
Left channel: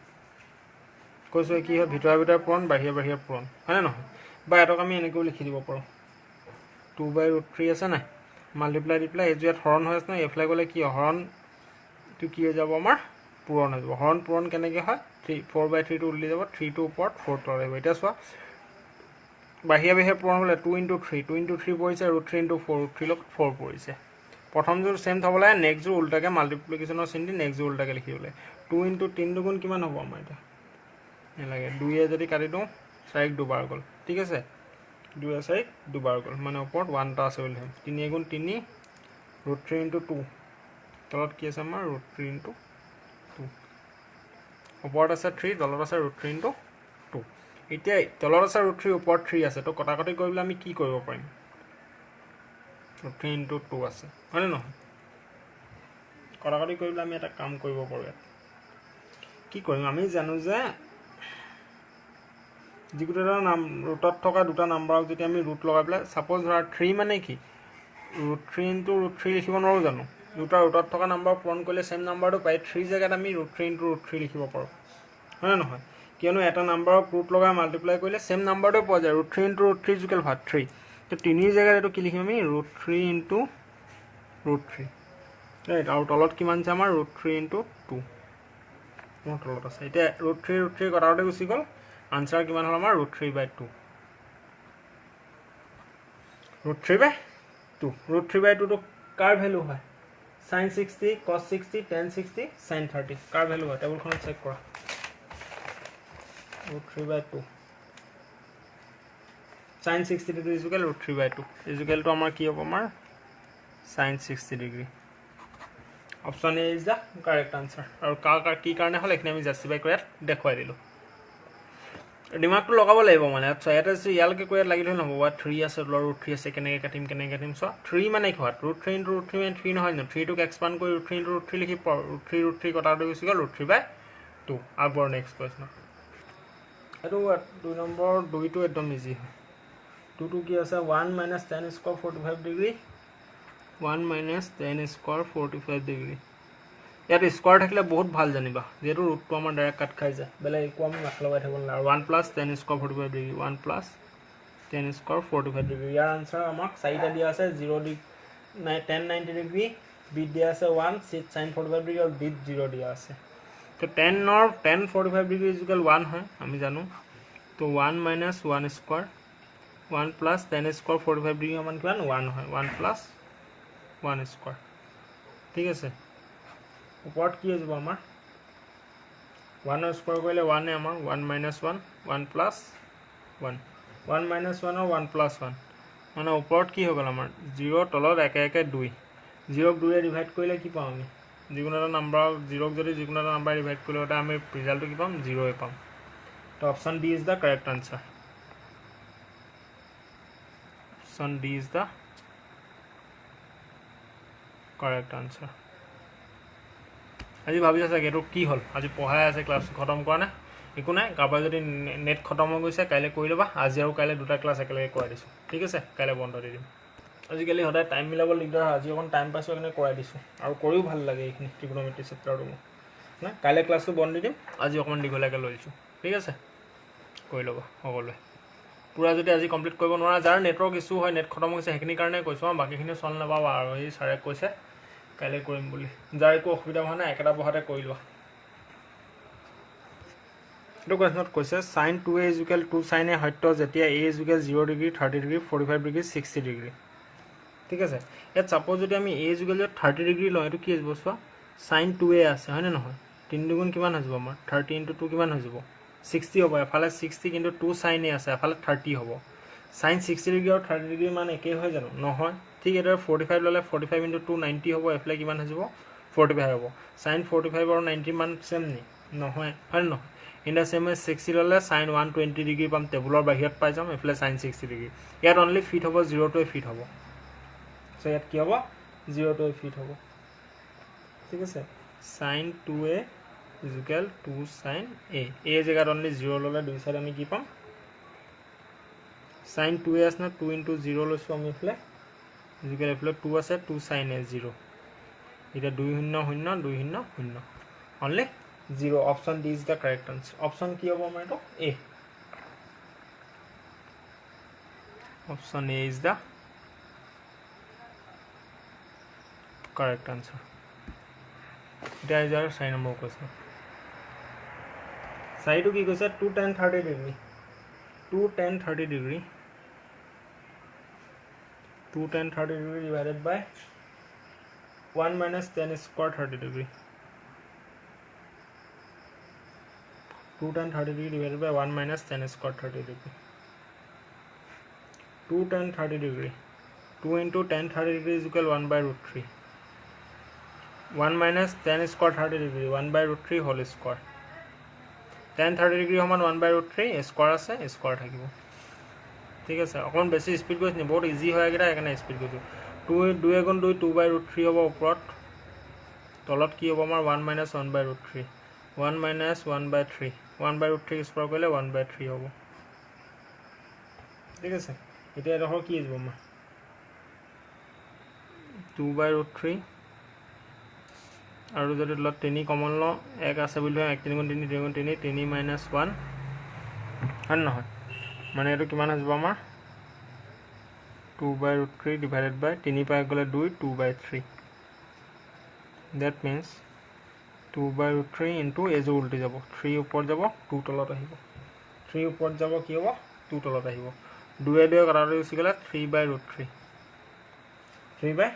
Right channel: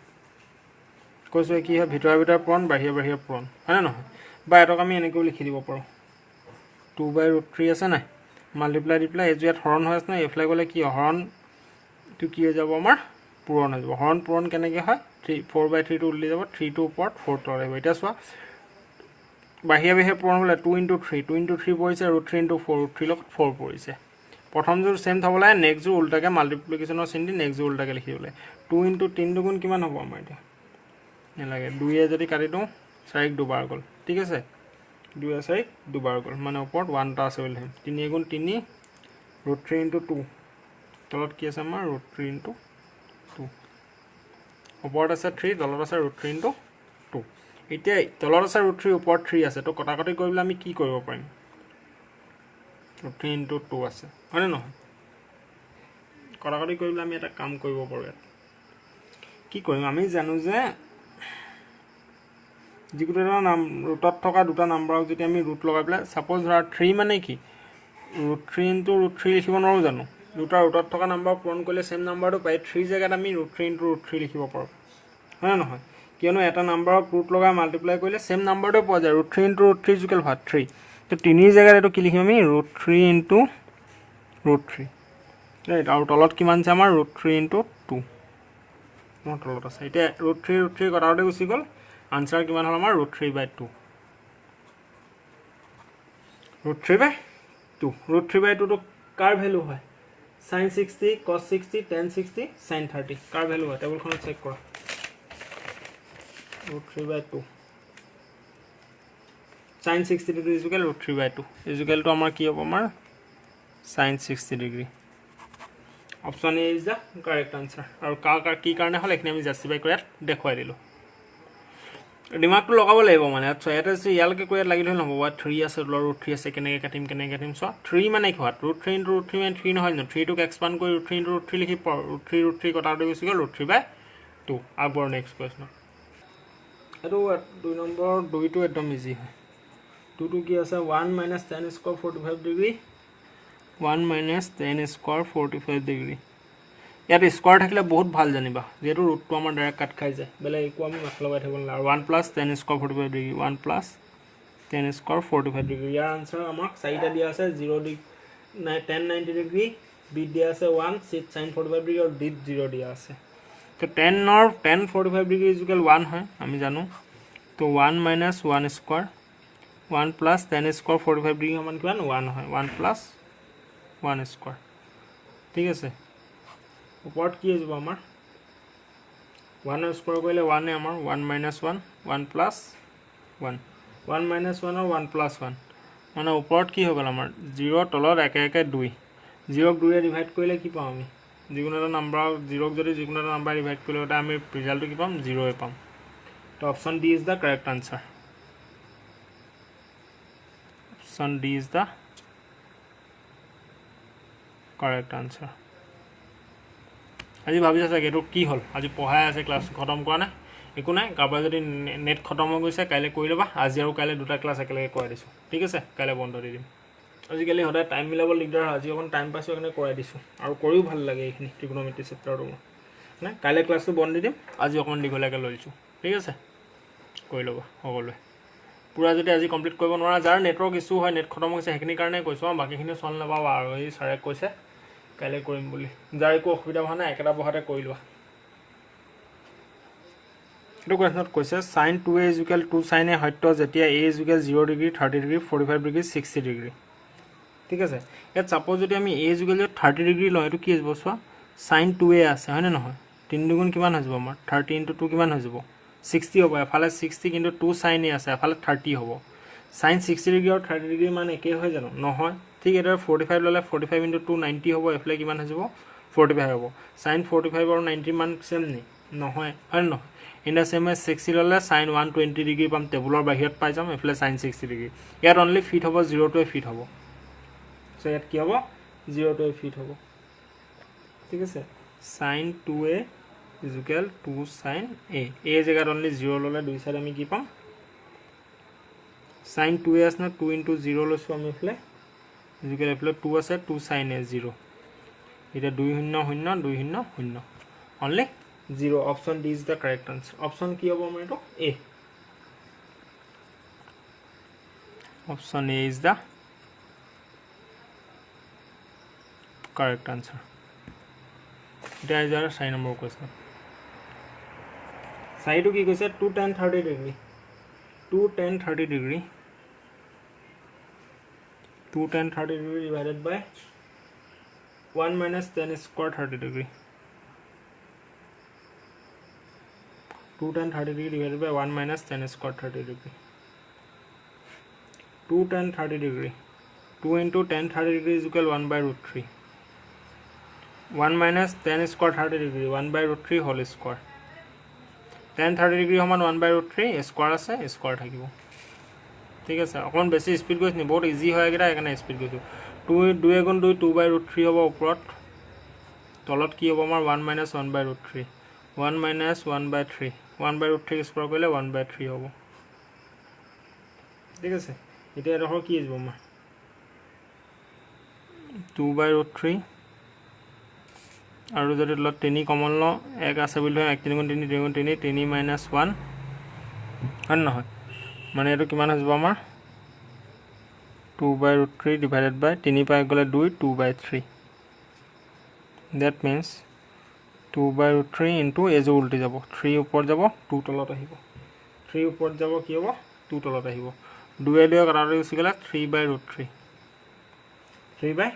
কৈছো কি হয় ভিতৰৰ পূৰণ বাহিৰে পূৰণ হয় না নহয় বা এটক আমি এনেকৈ লিখি দিব পাৰো 2/√3 আছে না মাল্টিপ্লাই এজ ইয়াত হৰণ হৈ আছে না এপ্লাই কৰিলে কি হৰণ তো কি হৈ যাব আমাৰ পূৰণ হৈ যাব হৰণ পূৰণ কেনেকৈ হয় 4/3 টো উলি যাব 3 টো ওপৰত 4 তলে হ'ব এটা চোৱা বাহিৰে পূৰণ হলে 2 * 3 2 * 3 পৰিছে আৰু 3 * 4 3 লক 4 পৰিছে প্ৰথম জোৰ সেম থবলে নেক্সট জোৰ উল্টাকে মাল্টিপ্লিকেশনৰ চিন দি নেক্সট জোৰ উল্টাকে লিখিবলে 2 * 3 দুগুণ কিমান হ'ব আমাৰ এটা নালাগে 2 এ যদি কাটি দিও 4 দুবাৰ গল ঠিক আছে 2 4 দুবাৰ গল মানে ওপৰত 1 টা আছে বুলি 3 * 3 √3 × 2 তলত কি আছে আমাৰ √3 × 2 ওপৰত আছে 3 তলত আছে √3 × 2 এতিয়া তলত আছে √3 ওপৰত 3 আছে তো কটাকটি কৰিবলৈ আমি কি কৰিব পাৰিম √3 × 2 আছে হয়নে নহয় কটাকটি কৰিবলৈ আমি এটা কাম কৰিব পাৰোঁ ইয়াত কি কৰিম আমি জানো যে যিকোনো এটা ৰুটত থকা দুটা নাম্বাৰক যদি আমি ৰুট লগাই পেলাই ছাপ'জ ধৰা 3 মানে কি √3 × √3 লিখিব নোৱাৰোঁ জানো দুটা ৰুটত থকা নাম্বাৰ পূৰণ কৰিলে চেম নাম্বাৰটো পাই 3 জেগাত আমি √3 × √3 লিখিব পাৰোঁ হয়নে নহয় কিয়নো এটা নাম্বাৰক ৰুট লগাই মাল্টিপ্লাই কৰিলে চেম নাম্বাৰটো পোৱা যায় √3 × √3 = 3 তো 3 জেগাত এইটো কি লিখিম আমি √3 × √3 ৰাইট আৰু তলত কিমান আছে আমাৰ √3 × 2 তলত আছে এতিয়া √3 √3 কটাওঁতে গুচি গ'ল আনসাৰ কিমান হ'ল আমাৰ √3/2 √3/2 √3/2 তো কাৰ ভ্যালু হয় sin 60 cos 60 tan 60 sin 30 কাৰ ভ্যালু হয় টেবুলখন চেক কৰা √3/2 sin 60 degree equal √3/2 equal to আমাৰ কি হ'ব আমাৰ sin 60 degree option A is the correct answer আৰু কি কাৰণে হ'ল এইখিনি আমি জাষ্টিফাই কৰি দেখুৱাই দিলোঁ দিমাগটো লগাব লাগিব মানে আচ্ছা ইয়াতে ইয়ালৈকে কৈ ইয়াত লাগি ধৰি নহ'ব 3 আছে √3 আছে কেনেকৈ কাটিম চোৱা 3 মানে কি হোৱা √3 × √3 মানে 3 নহয় জানো 3টোক এক্সপাণ্ড কৰি √3 × √3 লিখি পাওঁ √3 কটাওঁতে গুচি গ'ল √3/2 আগৰ নেক্সট কুৱেশ্যন এইটো 2 নম্বৰ 2টো একদম ইজি হয় 2টো কি আছে 1 - tan ² 45 ডিগ্ৰী 1 - tan ² 45 ডিগ্ৰী ইয়াত স্কোৱাৰ থাকিলে বহুত ভাল জানিবা যেহেতু ৰুটটো আমাৰ ডাইৰেক্ট কাট খাই যায় বেলেগ একো আমি মাথা লগাই থাকিব নালাগে আৰু 1 + tan ² 45 ডিগ্ৰী 1 + tan ² 45 ডিগ্ৰী ইয়াৰ আনসাৰ আমাক চাৰিটা দিয়া আছে 0 ডিগ্ৰী tan 90 ডিগ্ৰী বিত দিয়া আছে 1 চিত sin 45 ডিগ্ৰী আৰু ডিত 0 দিয়া আছে তো tan 45 ডিগ্ৰী ইকুৱেল 1 হয় আমি জানো তো 1 - 1 স্কোৱাৰ 1 + tan ² 45 ডিগ্ৰী আমাৰ কিমান 1 হয় 1 + 1 স্কোৱাৰ ঠিক আছে ওপৰত কি হৈ যাব আমাৰ 1 স্কোৱাৰ কৰিলে 1 আমাৰ 1 - 1 1 + 1 1 - 1 আৰু 1 + 1 মানে ওপৰত কি হৈ গ'ল আমাৰ 0 তলত একে 2 0ক 2ৰে ডিভাইড কৰিলে কি পাম আমি যিকোনো এটা নাম্বাৰ 0ক যদি যিকোনো এটা নাম্বাৰ ডিভাইড কৰিলে ওটা আমি ৰিজাল্টটো কি পাম 0 পাম তো option D is the correct answer option D is the correct answer আজি ভাবি আছে এইটো কি হ'ল আজি পঢ়াই আছে ক্লাছ খতম কৰা নাই একো নাই কাৰোবাৰ যদি নেট খতম হৈ গৈছে কাইলৈ কৰি ল'বা আজি আৰু কাইলৈ দুটা ক্লাছ একেলগে কৰাই দিছোঁ ঠিক আছে কাইলৈ বন্ধ দি দিম আজিকালি সদায় টাইম মিলাব দিগদাৰ হয় আজি অকণ টাইম পাইছোঁ সেইকাৰণে কৰাই দিছোঁ আৰু কৰিও ভাল লাগে এইখিনি ট্ৰিগন'মেট্ৰি চেপ্টাৰটো মোৰ নাই কাইলৈ ক্লাছটো বন্ধ দি দিম আজি অকণমান দীঘলীয়াকৈ লৈ দিছোঁ ঠিক আছে কৰি ল'বা সকলোৱে পূৰা যদি আজি কমপ্লিট কৰিব নোৱাৰা যাৰ নেটৱৰ্ক ইছ্যু হয় নেট খতম হৈছে সেইখিনিৰ কাৰণে কৈছোঁ আৰু বাকীখিনি চল নাপাবা আৰু এই ছাৰে কৈছে কাইলৈ কৰিম বুলি যাৰ একো অসুবিধা হোৱা নাই একেটা বহাতে কৰি লোৱা এইটো কুৱেশ্যনত কৈছে sin 2a = 2 sin a সত্য যেতিয়া a = 0 degree 30 degree 45 degree 60 degree ঠিক আছে ইয়াত ছাপ'জ যদি আমি a = 30 ডিগ্ৰী লওঁ এইটো কি হ'ব চোৱা sin 2a আছে হয়নে নহয় 3 দুগুণ কিমান হৈ যাব আমাৰ 30 × 2 কিমান হৈ যাব 60 হ'ব এফালে 60 কিন্তু 2 sin a আছে এফালে 30 হ'ব sin 60 ডিগ্ৰী আৰু 30 ডিগ্ৰী মান একেই হয় জানো নহয় ঠিক এইদৰে 45 ল'লে 45 × 2 90 হ'ব এফালে কিমান হৈ যাব 45 হ'ব sin 45 আৰু 90 মান চেম নে নহয় হয় নহয় ইন দ্য চেম 60 ল'লে sin 120 ডিগ্ৰী পাম টেবুলৰ বাহিৰত পাই যাম এফালে sin 60 ডিগ্ৰী ইয়াত অনলি ফিট হ'ব 0 ফিট হ'ব সো ইয়াত কি হ'ব 0 ফিট হ'ব ঠিক আছে sin 2a = 2 sin a জেগাত অনলি 0 ল'লে দুই চাইড আমি কি পাম sin 2a আছে না 2 × 0 লৈছোঁ আমি এফালে এফালে 2 আছে 2 sin a 0 এটা 2 0 0 2 0 0 only 0 option D is the correct answer option কি হ'ব আমাৰ এইটো A option A is the correct answer এতিয়া যাৰ 4 নম্বৰ কুৱেশ্যন চাইটো কি কৈছে 2 tan 30 degree 2 tan 30 degree 2 tan 30 degree divided by 1 - tan ² 30 degree 2 tan 30 degree divided by 1 - tan ² 30 degree 2 tan 30 degree 2 into tan 30 degree is equal 1 by root 3. 1 minus tan square 30 degree 1 by root 3 whole square. tan 30 degree সমান 1 by root 3 square আছে square থাকিব ঠিক আছে অকণ বেছি speed গৈছে নি বহুত ইজি হয় গেটা এখানে স্পিড গৈছো 2 গুণ 2 2 by root 3 হ'ব ওপৰত তলত কি হ'ব আমাৰ 1 minus 1 by root 3 1 minus 1 by 3 1 by root 3 square কৰিলে 1 by 3 হ'ব ঠিক আছে এটা এডখৰ কি আহিব আমাৰ 2 by root 3 আৰু যদি ল 3 কমন ল 1 আছে বুলি 1 3 গুণ 3 3 গুণ 3 3 minus 1 হয় নহয় মানে এটো কিমান হ'ব আমাৰ 2 by root 3 divided by 3 পাই গলে 2 2 by 3 that means 2 by root 3 into a যে উল্টি যাব 3 ওপৰ যাব 2 তলত আহিব 3 ওপৰ যাব কি হ'ব 2 তলত আহিব 2 এ 2 কাটাটো গুচি গলে 3 by root 3 3 by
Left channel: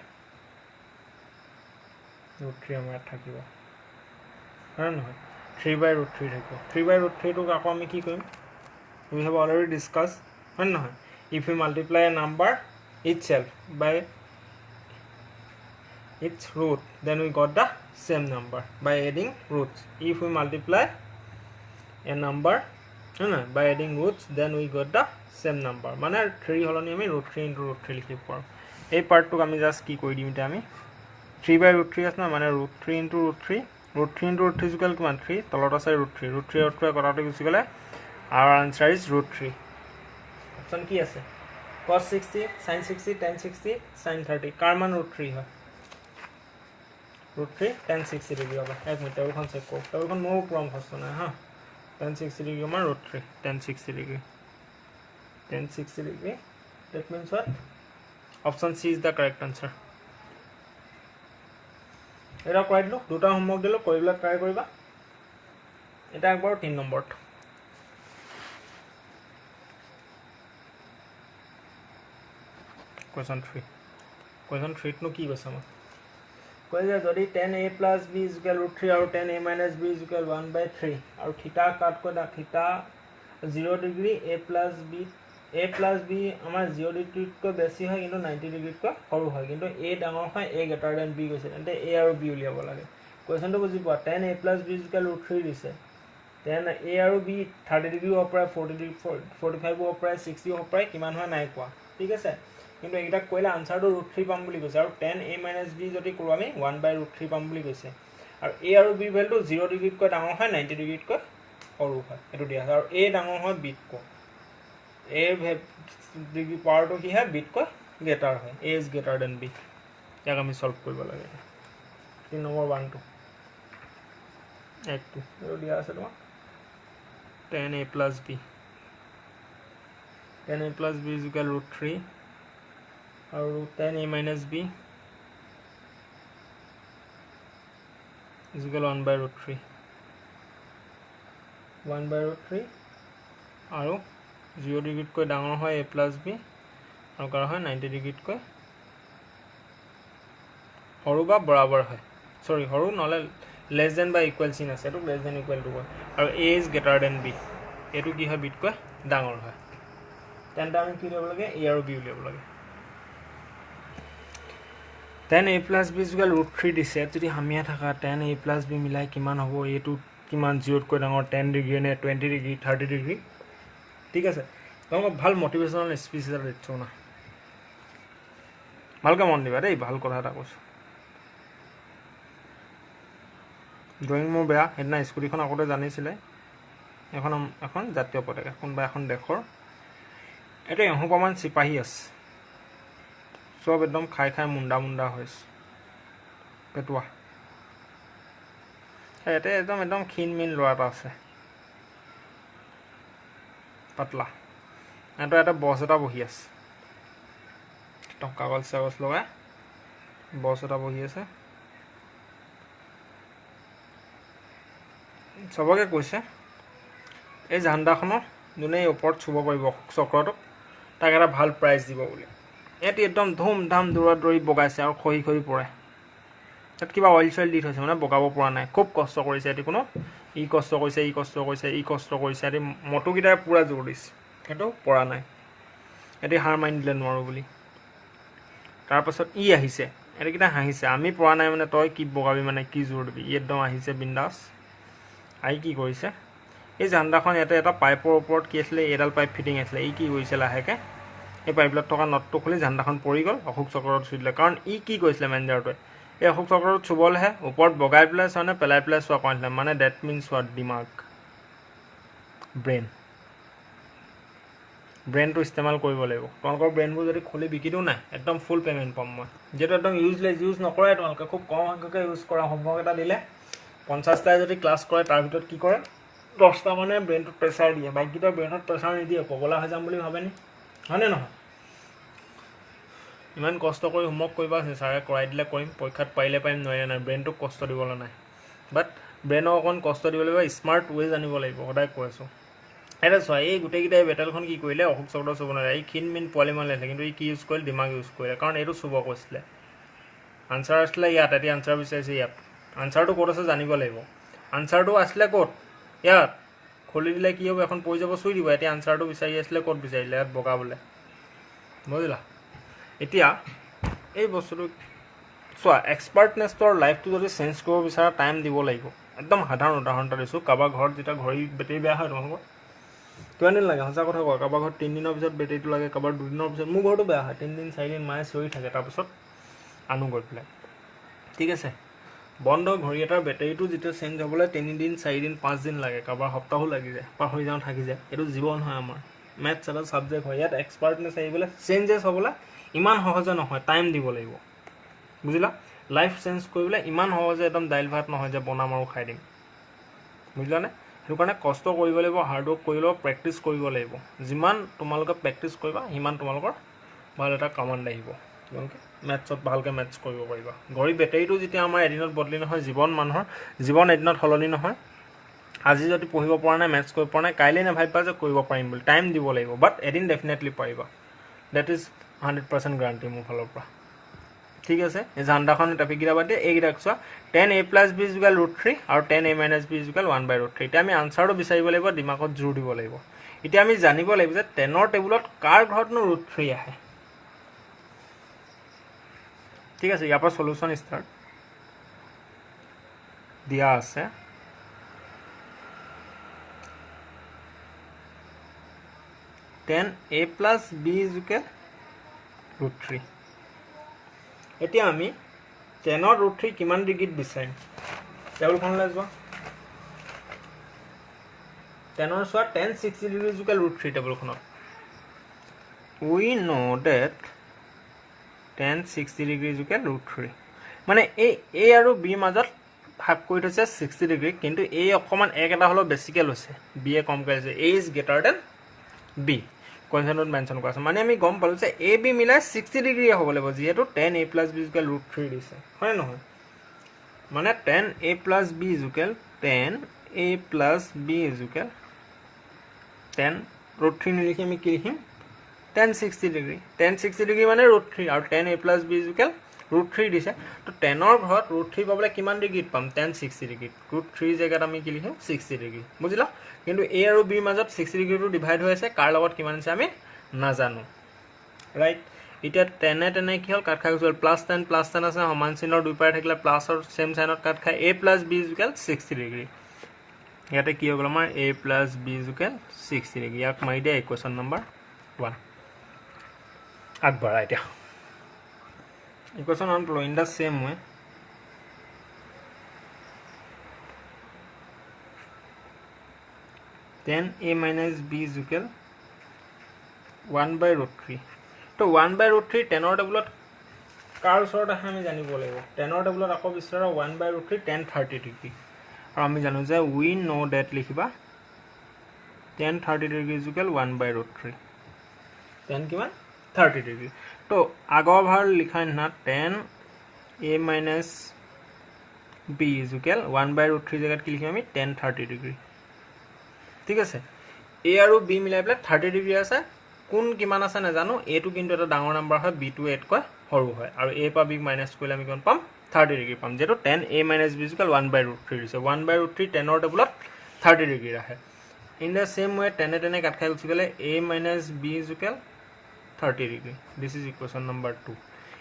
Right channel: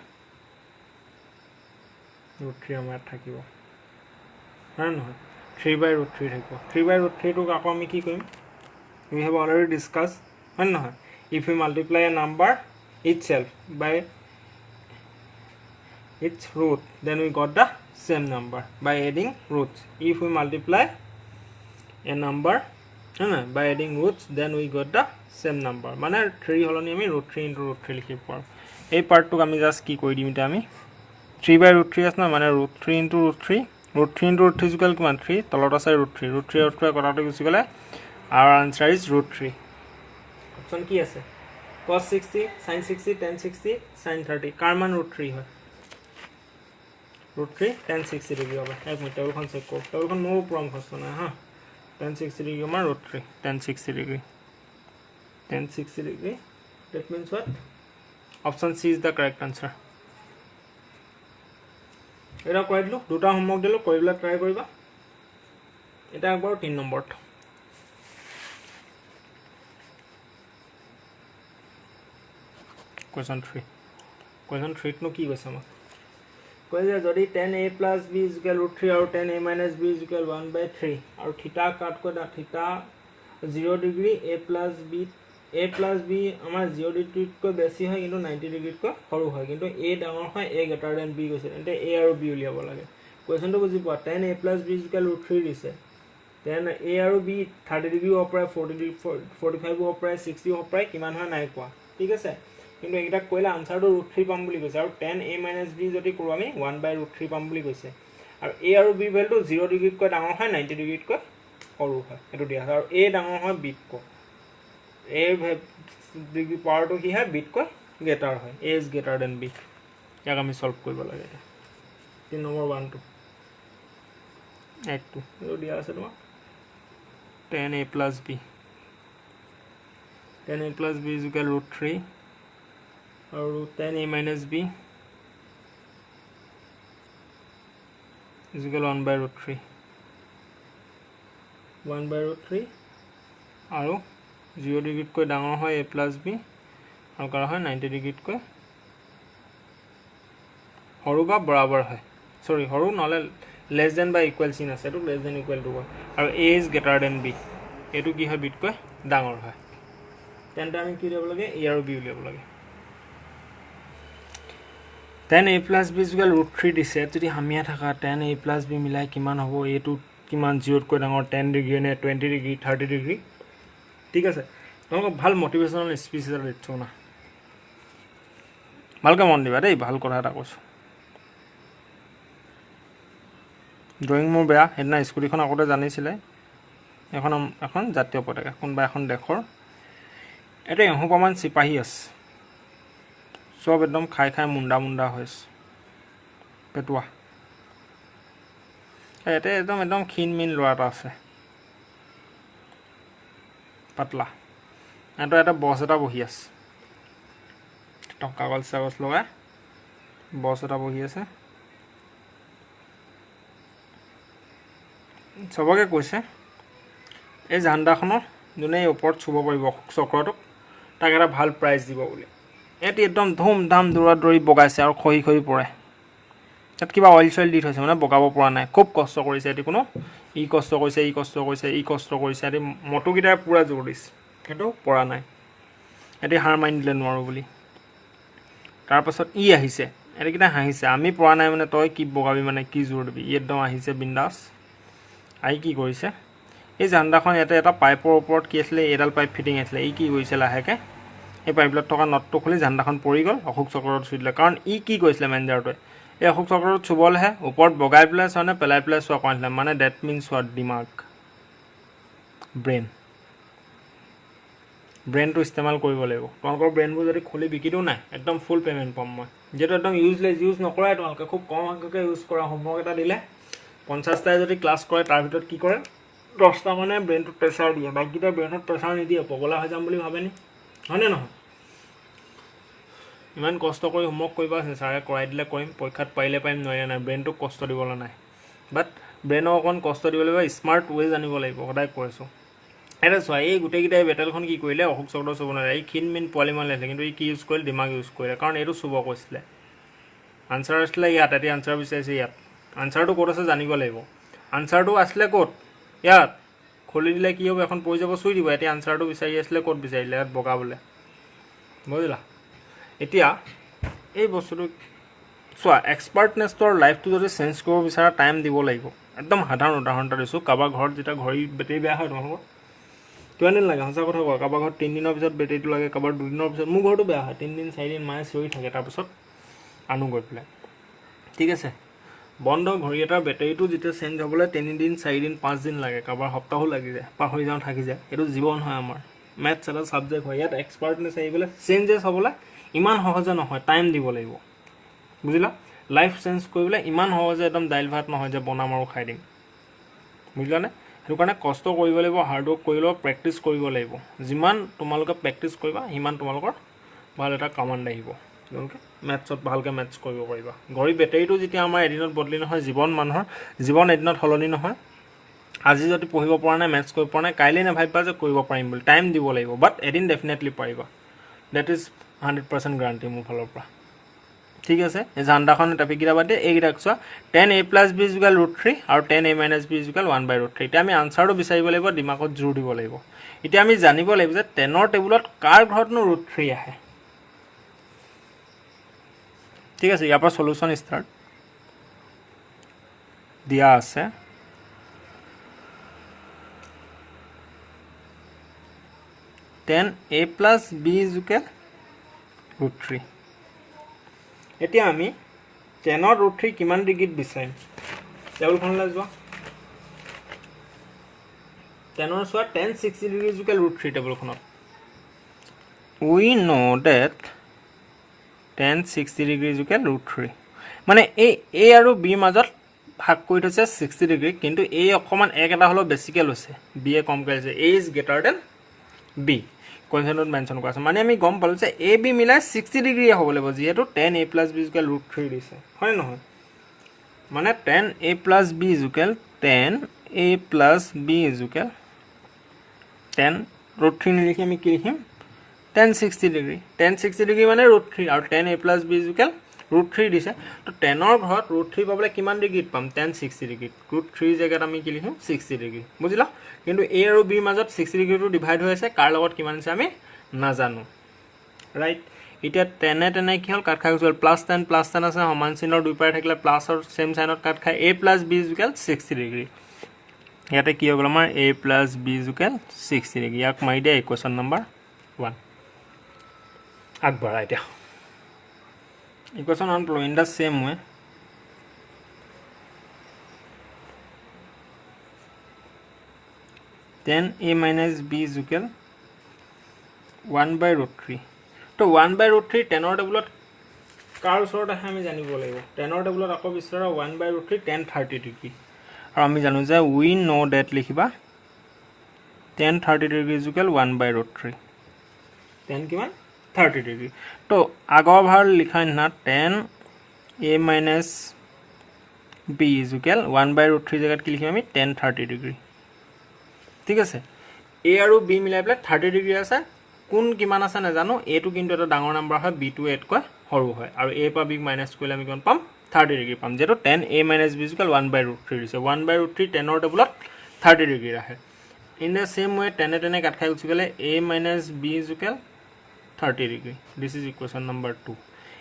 root 3 আমাৰ থাকিব হয় নহয় 3 by root 3 থাকিব 3 by root 3 টো আকৌ আমি কি কৰিম we have already discussed হয় নহয় if we multiply a number itself by its root then we got the same number by adding roots if we multiply a number by adding roots then we got the same number মানে 3 হলনি আমি root 3 into root 3 লিখিব পাৰো এই পাৰ্টটো আমি just কি কৰি দিম এটা আমি 3 by root 3 আছে না মানে root 3 into root 3 root 3 into root 3 is equal কিমান 3 তলত আছে root 3 root 3 root 3 কথাটো গুচি গলে our answer is root 3 option কি আছে cos 60 sin 60 tan 60 sin 30 কার মান root 3 হয় root 3 tan 60 ডিগ্রি হবে এক মিনিট টেবলখন চেক করো টেবলখন নো প্রবলেম হচ্ছে না হ্যাঁ tan 60 ডিগ্রি মান root 3 tan 60 degree tan 60 degree that means what option C is the correct answer এটা কই দিলো দুটা হোমৱৰ্ক দিলো কৰিবলা ট্ৰাই কৰিবা এটা একবাৰ 3 নম্বৰত question 3 নো কি কৈছে মই কৈ যে যদি tan a plus b is equal root 3 আৰু tan a minus b is equal 1 by 3 আৰু থিটা কাট কৈ দা থিটা 0 ডিগ্ৰী a plus b আমাৰ 0 ডিগ্ৰী কৈ বেছি হয় কিন্তু 90 ডিগ্ৰী কৈ সৰু হয় কিন্তু a ডাঙৰ হয় a greater than b কৈছে তেন্তে a আৰু b উলিয়াব লাগে কোৱেশ্চনটো বুজি পোৱা tan a plus b is equal root 3 দিছে then a আৰু b 30 ডিগ্ৰী অপৰাই 40 ডিগ্ৰী 45 অপৰাই 60 অপৰাই কিমান হয় নাই কোৱা ঠিক আছে কিন্তু এটা কইলা আনসাৰটো root 3 পাম বুলি কৈছে আৰু tan a minus b যদি কৰো আমি 1 by root 3 পাম বুলি কৈছে আৰু a আৰু b ভ্যালু 0 ডিগ্ৰীত কৈ ডাঙৰ হয় 90 ডিগ্ৰীত কৈ সৰু হয় এটো দিয়া আৰু a ডাঙৰ হয় b কৈ a ডিগ্ৰী পাৱাৰটো কি হয় b কৈ গ্ৰেটাৰ হয় a is greater than b ইয়াক আমি সলভ কৰিব লাগে 3 নম্বৰ 1 2 1 2 এটো দিয়া আছে তো tan a plus b tan a plus b is equal root 3 और tan a minus b is equal 1 by root 3 1 by root 3 और 0 डिग्री को डांगर है a plus b और करा है 90 डिग्री को हरु बा बराबर है सॉरी हरु नले लेस देन बा इक्वल चिन আছে তো लेस देन इक्वल टू और a is greater than b এটো কি হয় বিট को ডাঙৰ হয় তেন্তে আমি কি লিখব লাগে a আৰু b লিখব লাগে tan a plus b is equal root 3 দিছে যদি হামিয়া থাকা tan a plus b মিলাই কিমান হ'ব এটো কিমান 0 কৈ ডাঙৰ 10 ডিগ্ৰী নে 20 ডিগ্ৰী 30 ডিগ্ৰী ঠিক আছে তোমাক ভাল মোটিভেশনাল স্পিচ এটা দিছো না ভালকে মন দিবা দেই ভাল কথা এটা কৈছো ড্ৰয়িং মোৰ বেয়া হেডনা স্কুটিখন আগতে জানিছিলে এখন জাতীয় পতাকা কোনবা এখন দেশৰ এটা এহোপামান সিপাহী আছে সব একদম খাই খাই মুন্ডা হৈছে পেটুৱা এতে একদম ক্ষীণ মিন লোৱাটা আছে পাতলা এটা বস এটা বহি আছে কাগজ লগা বস এটা বহি আছে সবকে কৈছে এই ঝাণ্ডাখনৰ যোনে ওপৰত ছুব পাৰিব চক্ৰটোক তাক এটা ভাল প্ৰাইজ দিব বুলি এটি একদম ধুম ধাম দৌৰা বগাইছে আৰু খহি পৰে তাত কিবা অইল চইল দি থৈছে মানে বগাব পৰা নাই খুব কষ্ট কৰিছে এটি কোনো ই কষ্ট কৰিছে এটি মটুকিটা পুৰা জোৰ দিছে কিন্তু পৰা নাই এটি হাৰ মাৰি দিলে নোৱাৰো বুলি তাৰপাছত ই আহিছে এইকেইটা হাঁহিছে আমি পৰা নাই মানে তই কি বগাবি মানে কি জোৰ দিবি ই একদম আহিছে বিন্দাছ আহি কি কৰিছে এই জান্দাখন ইয়াতে এটা পাইপৰ ওপৰত কি আছিলে এডাল পাইপ ফিটিং আছিলে ই কি কৰিছে লাহেকৈ এই পাইপডালত থকা নটটো খুলি জান্দাখন পৰি গ'ল অশোক চক্ৰত চুই দিলে কাৰণ ই কি কৰিছিলে মেনেজাৰটোৱে এই অশোক চক্ৰত চুবলৈহে ওপৰত বগাই পেলাই চোৱা নে পেলাই পেলাই চোৱা কৰিছিলে মানে ডেট মিনছ হোৱাট দিমাগ ব্ৰেইনটো ইস্তেমাল কৰিব লাগিব তোমালোকৰ ব্ৰেইনবোৰ যদি খুলি বিকি দিওঁ নাই একদম ফুল পে'মেণ্ট পাম মই যিহেতু একদম ইউজলেছ ইউজ নকৰাই তোমালোকে খুব কম সংখ্যকে ইউজ কৰা হোমৱৰ্ক এটা দিলে 50টাই যদি ক্লাছ কৰে তাৰ ভিতৰত কি কৰে 10টা মানে ব্ৰেইনটোত প্ৰেছাৰ দিয়ে বাকীকেইটা ব্ৰেইনত প্ৰেছাৰ নিদিয়ে পগলা হৈ যাম বুলি ভাবেনি হয়নে নহয় ইমান কষ্ট কৰি হোমৱৰ্ক কৰিবা ছাৰে কৰাই দিলে কৰিম পৰীক্ষাত পাৰিলে পাৰিম নোৱাৰিলে নাই ব্ৰেইনটোক কষ্ট দিবলৈ নাই বাট ব্ৰেইনক অকণ কষ্ট দিব লাগিব স্মাৰ্ট ৱে জানিব লাগিব সদায় কৈ আছোঁ এটা চোৱা এই গোটেইকেইটাই বেটেলখন কি কৰিলে অশোক চক্ৰ চুব নোৱাৰে এই ক্ষীণ মিন পোৱালি মান লাগিলে কিন্তু ই কি ইউজ কৰিলে দিমাগ ইউজ কৰিলে কাৰণ এইটো চুব কৈছিলে আনচাৰ আছিলে ইয়াত এতিয়া আনচাৰ বিচাৰিছে ইয়াত আনচাৰটো ক'ত আছে জানিব লাগিব আনচাৰটো আছিলে ক'ত ইয়াত খুলি দিলে কি হ'ব এখন পৰি যাব চুই দিব এতিয়া আনচাৰটো বিচাৰি আছিলে ক'ত বিচাৰিলে ইয়াত বগাবলৈ বুজিলা এতিয়া এই বস্তুটো চোৱা এক্সপাৰ্টনেছটোৰ লাইফটো যদি চেঞ্জ কৰিব বিচাৰা টাইম দিব লাগিব একদম সাধাৰণ উদাহৰণ এটা দিছোঁ কাৰোবাৰ ঘৰত যেতিয়া ঘড়ী বেটেৰী বেয়া হয় তোমালোকৰ কিমান দিন লাগে সঁচা কথা কয় কাৰোবাৰ ঘৰত 3 দিনৰ পিছত বেটেৰীটো লাগে কাৰোবাৰ 2 দিনৰ পিছত মোৰ ঘৰটো বেয়া হয় 3 দিন 4 দিন মায়ে চিঞৰি থাকে তাৰপিছত আনো গৈ পেলাই ঠিক আছে বন্ধ ঘড়ী এটাৰ বেটেৰীটো যেতিয়া চেঞ্জ হ'বলৈ 3 দিন 4 দিন 5 দিন লাগে কাৰোবাৰ সপ্তাহো লাগি যায় পাহৰি যাওঁ থাকি যায় এইটো জীৱন হয় আমাৰ মেথছ এটা ছাবজেক্ট হয় ইয়াত এক্সপাৰ্টনেছ আহিবলৈ চেঞ্জেছ হ'বলৈ ইমান সহজে নহয় টাইম দিব লাগিব বুজিলা লাইফ চেঞ্জ কৰিবলৈ ইমান সহজে একদম দাইল ভাত নহয় যে বনাম আৰু খাই দিম বুজিলানে সেইটো কাৰণে কষ্ট কৰিব লাগিব হাৰ্ডৱৰ্ক কৰিব লাগিব প্ৰেক্টিছ কৰিব লাগিব যিমান তোমালোকে প্ৰেক্টিছ কৰিবা সিমান তোমালোকৰ ভাল এটা কামাণ্ড আহিব তোমালোকে মেথছত ভালকৈ মেথছ কৰিব পাৰিবা ঘড়ী বেটেৰীটো যেতিয়া আমাৰ এদিনত বদলি নহয় মানুহৰ জীৱন এদিনত সলনি নহয় আজি যদি পঢ়িব পৰা নাই মেথছ কৰিব পৰা নাই কাইলৈ নাভাবিবা যে কৰিব পাৰিম বুলি টাইম দিব লাগিব বাট এদিন ডেফিনেটলি পাৰিবা ডেট ইজ 100% গ্যাৰাণ্টি মোৰ ফালৰ পৰা ঠিক আছে এই জান্দাখন টপিককেইটা বাদ দিয়ে এইকেইটা চোৱা 10a + b = √3 আৰু 10a - b = 1/√3 এতিয়া আমি আনচাৰটো বিচাৰিব লাগিব দিমাগত জোৰ দিব লাগিব এতিয়া আমি জানিব লাগিব যে 10ৰ টেবুলত কাৰ ঘৰতনো √3 আহে ঠিক আছে ইয়াৰ পৰা সলিউশন ষ্টাৰ্ট দিয়া আছে 10a + b = √3 এতিয়া আমি 10ৰ √3 কিমান ডিগ্ৰীত বিচাৰিম টেবুলখনলৈ যোৱা 10ৰ চোৱা 10 60 ডিগ্ৰী √3 টেবুলখনত উই নো ডেট 10 60 ডিগ্ৰী √3 মানে এই আৰু বিৰ মাজত ভাগ কৰি থৈছে 60 ডিগ্ৰী কিন্তু এই অকণমান এটা হ'লেও বেছিকৈ লৈছে বি এ কমকৈ লৈছে A is greater than B কনচেপ্টত মেনশ্যন কৰা আছে মানে আমি গম পালোঁ যে এ বি মিলাই 60 ডিগ্ৰী হ'ব লাগিব যিহেতু 10a + b = √3 দিছে হয় নহয় মানে 10a + b = 10a + b = 10 √3 নিলিখি আমি কি লিখিম 10 60 ডিগ্ৰী 10 60 ডিগ্ৰী মানে √3 আৰু 10a + b = √3 দিছে তো 10ৰ ঘৰত √3 পাবলৈ কিমান ডিগ্ৰীত পাম 10 60 ডিগ্ৰীত √3 জেগাত আমি কি লিখিম 60 ডিগ্ৰী বুজিলা কিন্তু এ আৰু বিৰ মাজত 60 ডিগ্ৰীটো ডিভাইড হৈ আছে কাৰ লগত কিমান আছে আমি নাজানো ৰাইট এতিয়া 10 কি হ'ল কাট খাই গৈছিল +10 +10 আছে সমান চিনৰ দুই পাৰে থাকিলে প্লাছৰ সেম সাইনত কাট খাই a + b = 60 ডিগ্ৰী ইয়াতে কি হৈ গ'ল আমাৰ a + b = 60 ডিগ্ৰী ইয়াক মাৰি দিয়া ইকুৱেশ্যন নম্বৰ 1 আগবঢ়া এতিয়া equation 1 in the same way then a - b = 1/√3 তো 1/√3 10ৰ টেবুলত কাৰ ওচৰত আহে আমি জানিব লাগিব 10ৰ টেবুলত আকৌ বিচাৰা 1/√3 10 30 ডিগ্ৰী আৰু আমি জানো যে উই নো ডেট লিখিবা 10 30 ডিগ্ৰী = 1/√3 10 কিমান 30 ডিগ্ৰী তো আগৰ ভাৰ লিখা নিচিনা 10a - b = 1/√3 জেগাত কি লিখিম আমি 10 30 ডিগ্ৰী ঠিক আছে এ আৰু বি মিলাই পেলাই 30 ডিগ্ৰী আছে কোন কিমান আছে নাজানো এটো কিন্তু এটা ডাঙৰ নাম্বাৰ হয় বি টো এতকৈ সৰু হয় আৰু এ পৰা বি মাইনাছ কৰিলে আমি কিমান পাম 30 ডিগ্ৰী পাম যেটো 10a - b = 1/√3 দিছে 1/√3 10ৰ টেবুলত 30 ডিগ্ৰী আহে ইন দ্য সেম ৱে 10 কাট খাই গুচি গ'লে a - b = 30 degree this is equation number 2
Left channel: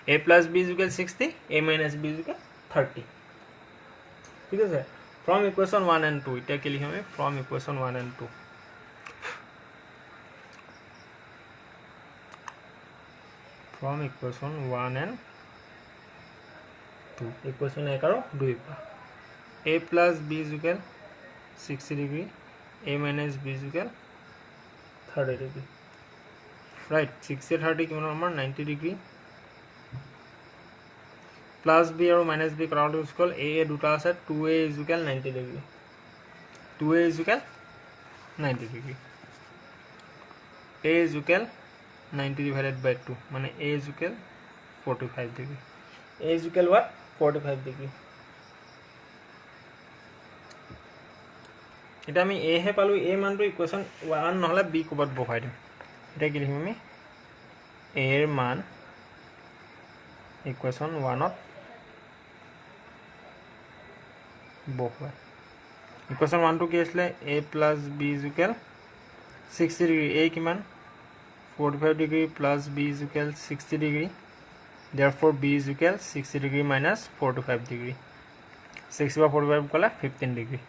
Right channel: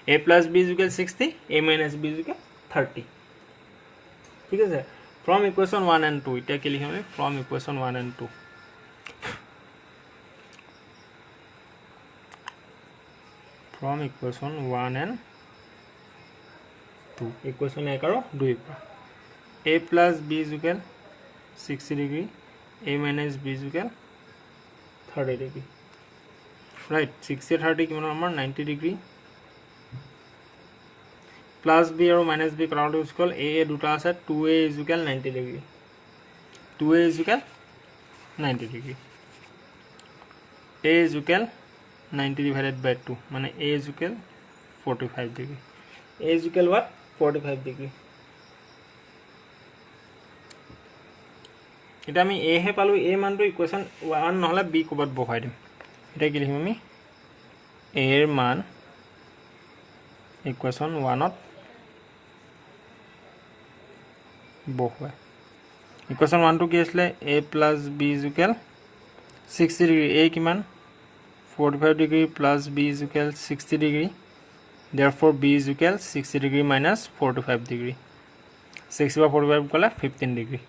a plus b is equal 60, a minus b is equal 30. ঠিক আছে, from equation 1 and 2 এটা কি লিখিম আমি from equation 1 and 2 from equation 1 and 2 equation 1 আৰু 2 a plus b is equal 60 degree, a minus b is equal 30 degree, right? 60 30 কিমান আমাৰ 90 degree plus b আৰু minus b কৰাটো is equal a দুটা আছে 2a is equal 90 degree, 2a is equal 90 degree, a is equal 90 divided by 2 মানে a is equal 45 degree, a is equal what 45 degree. এটা আমি a হে পালো, a মানটো ইকুৱেশ্যন 1 নহলে b কোবত বহাই দিম। এটা কি লিখিম আমি a এর মান ইকুৱেশ্যন 1 ত বহাই। ইকুৱেশ্যন 1 টো কি আছিল a plus b is equal 60 degree, a কিমান 45 degree plus b is equal 60 degree, therefore b is equal 60 degree minus 45 degree, 60 by 45 কলে 15 degree,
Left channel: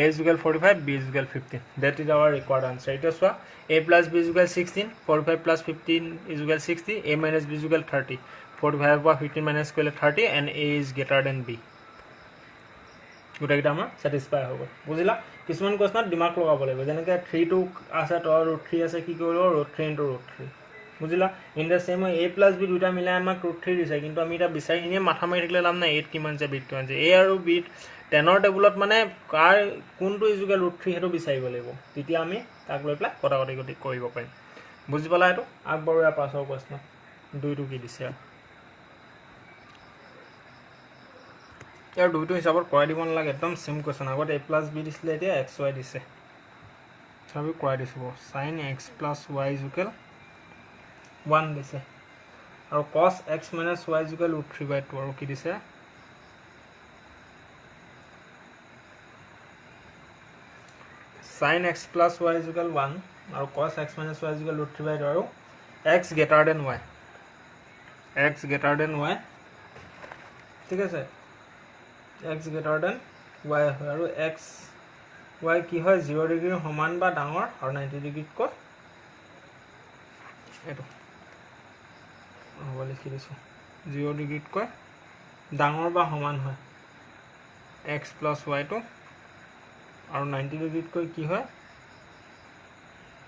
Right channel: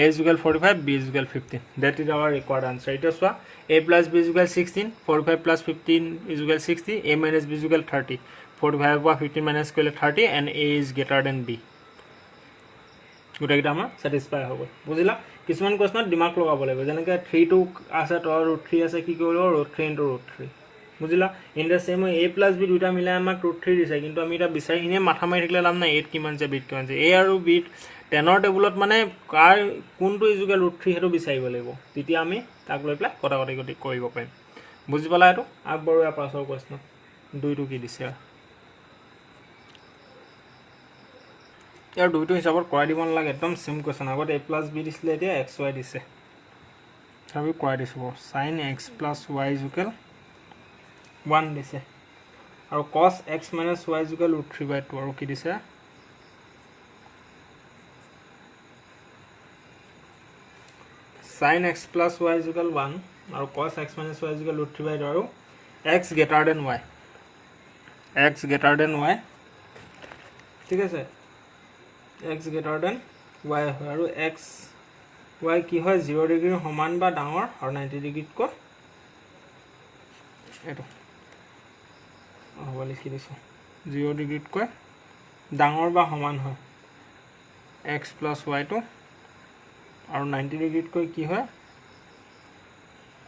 a is equal 45, b is equal 15. That is our required answer. It is what a plus b is equal 16, 45 plus 15 is equal 60, a minus b is equal 30, 45 by 15 minus equal 30, and a is greater than b. গোটেইটা আমাৰ satisfy হ'ব। বুজিলা? কিছুমান কোৱেশ্যনত দিমাগ লগাব লাগিব, যেনেকৈ 3 টো আছে তো √3 আছে, কি কৰিব √3 into √3। বুজিলা? In the same a plus b দুটা মিলাই আমাক √3 দিছে, কিন্তু আমি এটা বিচাৰি এনে মাথা মাৰি থাকিলে লাভ নাই। 8 কিমান আছে, b কিমান আছে, a আৰু b 10ৰ টেবুলত মানে কাৰ কোনটো ইজুকেল √3 হেতু বিচাৰিব লাগিব, তেতিয়া আমি তাক লৈ পেলাই কটাকটি কৰিব পাৰিম। বুজি পালা? এইটো আগবঢ়োৱা ইয়াৰ পাছৰ প্ৰশ্ন দুইটো কি দিছে, ইয়াৰ দুইটো হিচাপত কৰাই দিব নালাগে, একদম সেম কোৱেশ্যন। আগত a plus b দিছিলে, এতিয়া x y দিছে, আমি কৰাই দিছোঁ। sin x plus y is equal 1 দিছে, আৰু cos x minus y is equal √3/2, আৰু কি দিছে sin x plus y is equal 1 আৰু cos x minus y is equal √3/2, আৰু x greater than y, x greater than y, ঠিক আছে, x greater than y হয়, আৰু x y কি হয় 0 ডিগ্ৰী সমান বা ডাঙৰ আৰু 90 ডিগ্ৰীতকৈ এইটো হ'ব লিখি দিছোঁ 0 ডিগ্ৰীতকৈ ডাঙৰ বা সমান হয় x plus y টো, আৰু 90 ডিগ্ৰীতকৈ কি হয়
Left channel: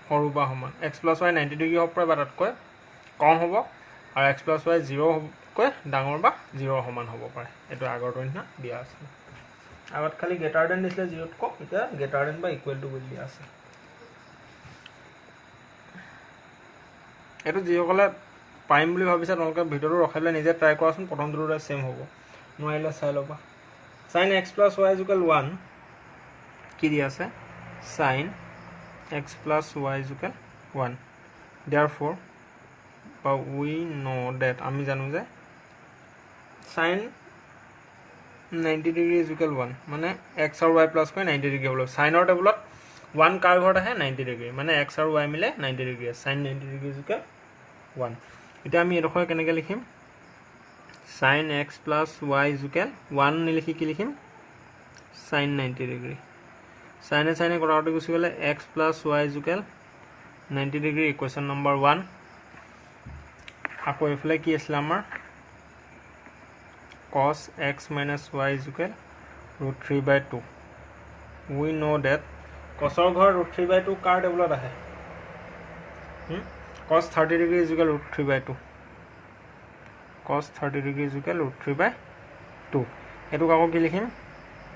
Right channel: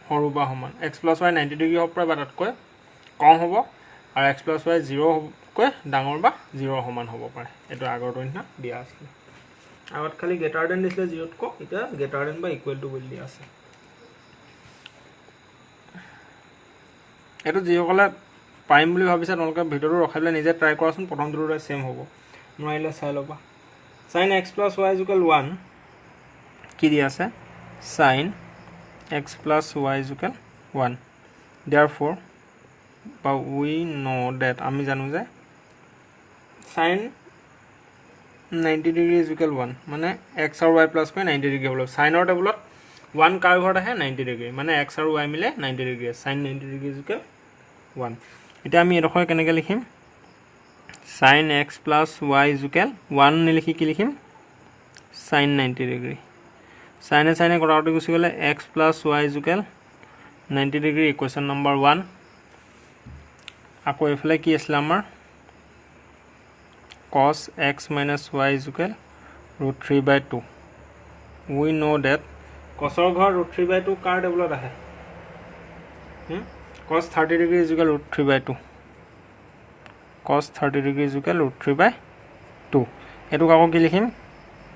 সৰু বা সমান। x plus y 90 ডিগ্ৰী হ'ব পাৰে বা তাতকৈ কম হ'ব, আৰু x plus y 0 কৈ ডাঙৰ বা 0 সমান হ'ব পাৰে। এইটো আগৰটো নিচিনা দিয়া আছিল, আগত খালি গ্ৰেটাৰ দেন দিছিলে 0তকৈ, এতিয়া গ্ৰেটাৰ দেন বা ইকুৱেল টু বুলি দিয়া আছে। এইটো যিসকলে পাৰিম বুলি ভাবিছে তেওঁলোকে ভিডিঅ'টো ৰখাই পেলাই নিজে ট্ৰাই কৰাচোন, প্ৰথম দুটা সেম হ'ব, নোৱাৰিলে চাই ল'বা। sin x plus y is equal 1 কি দিয়া আছে, sin x plus y is equal 1, therefore বা we know that আমি জানো যে sin 90 degree is equal 1 মানে x আৰু y plus কৈ 90 degree হ'ব। সাইনৰ টেবুলত 1 কাৰ ঘৰত আহে 90 degree, মানে x আৰু y মিলে 90 degree আছে, sin 90 degree is equal 1। এতিয়া আমি এডোখৰ কেনেকৈ লিখিম, sin x plus y is equal 1 নিলিখি কি লিখিম sin 90 degree, সাইনে সাইনে কৰাটো গুচি গ'লে x plus y is equal 90 degree, equation number 1। আকৌ এইফালে কি আছিলে আমাৰ cos x minus y is equal √3/2, we know that cosৰ ঘৰ √3/2 কাৰ টেবুলত আহে, cos 30 degree is equal √3/2, cos 30 degree is equal √3/2। এইটোক আকৌ কি লিখিম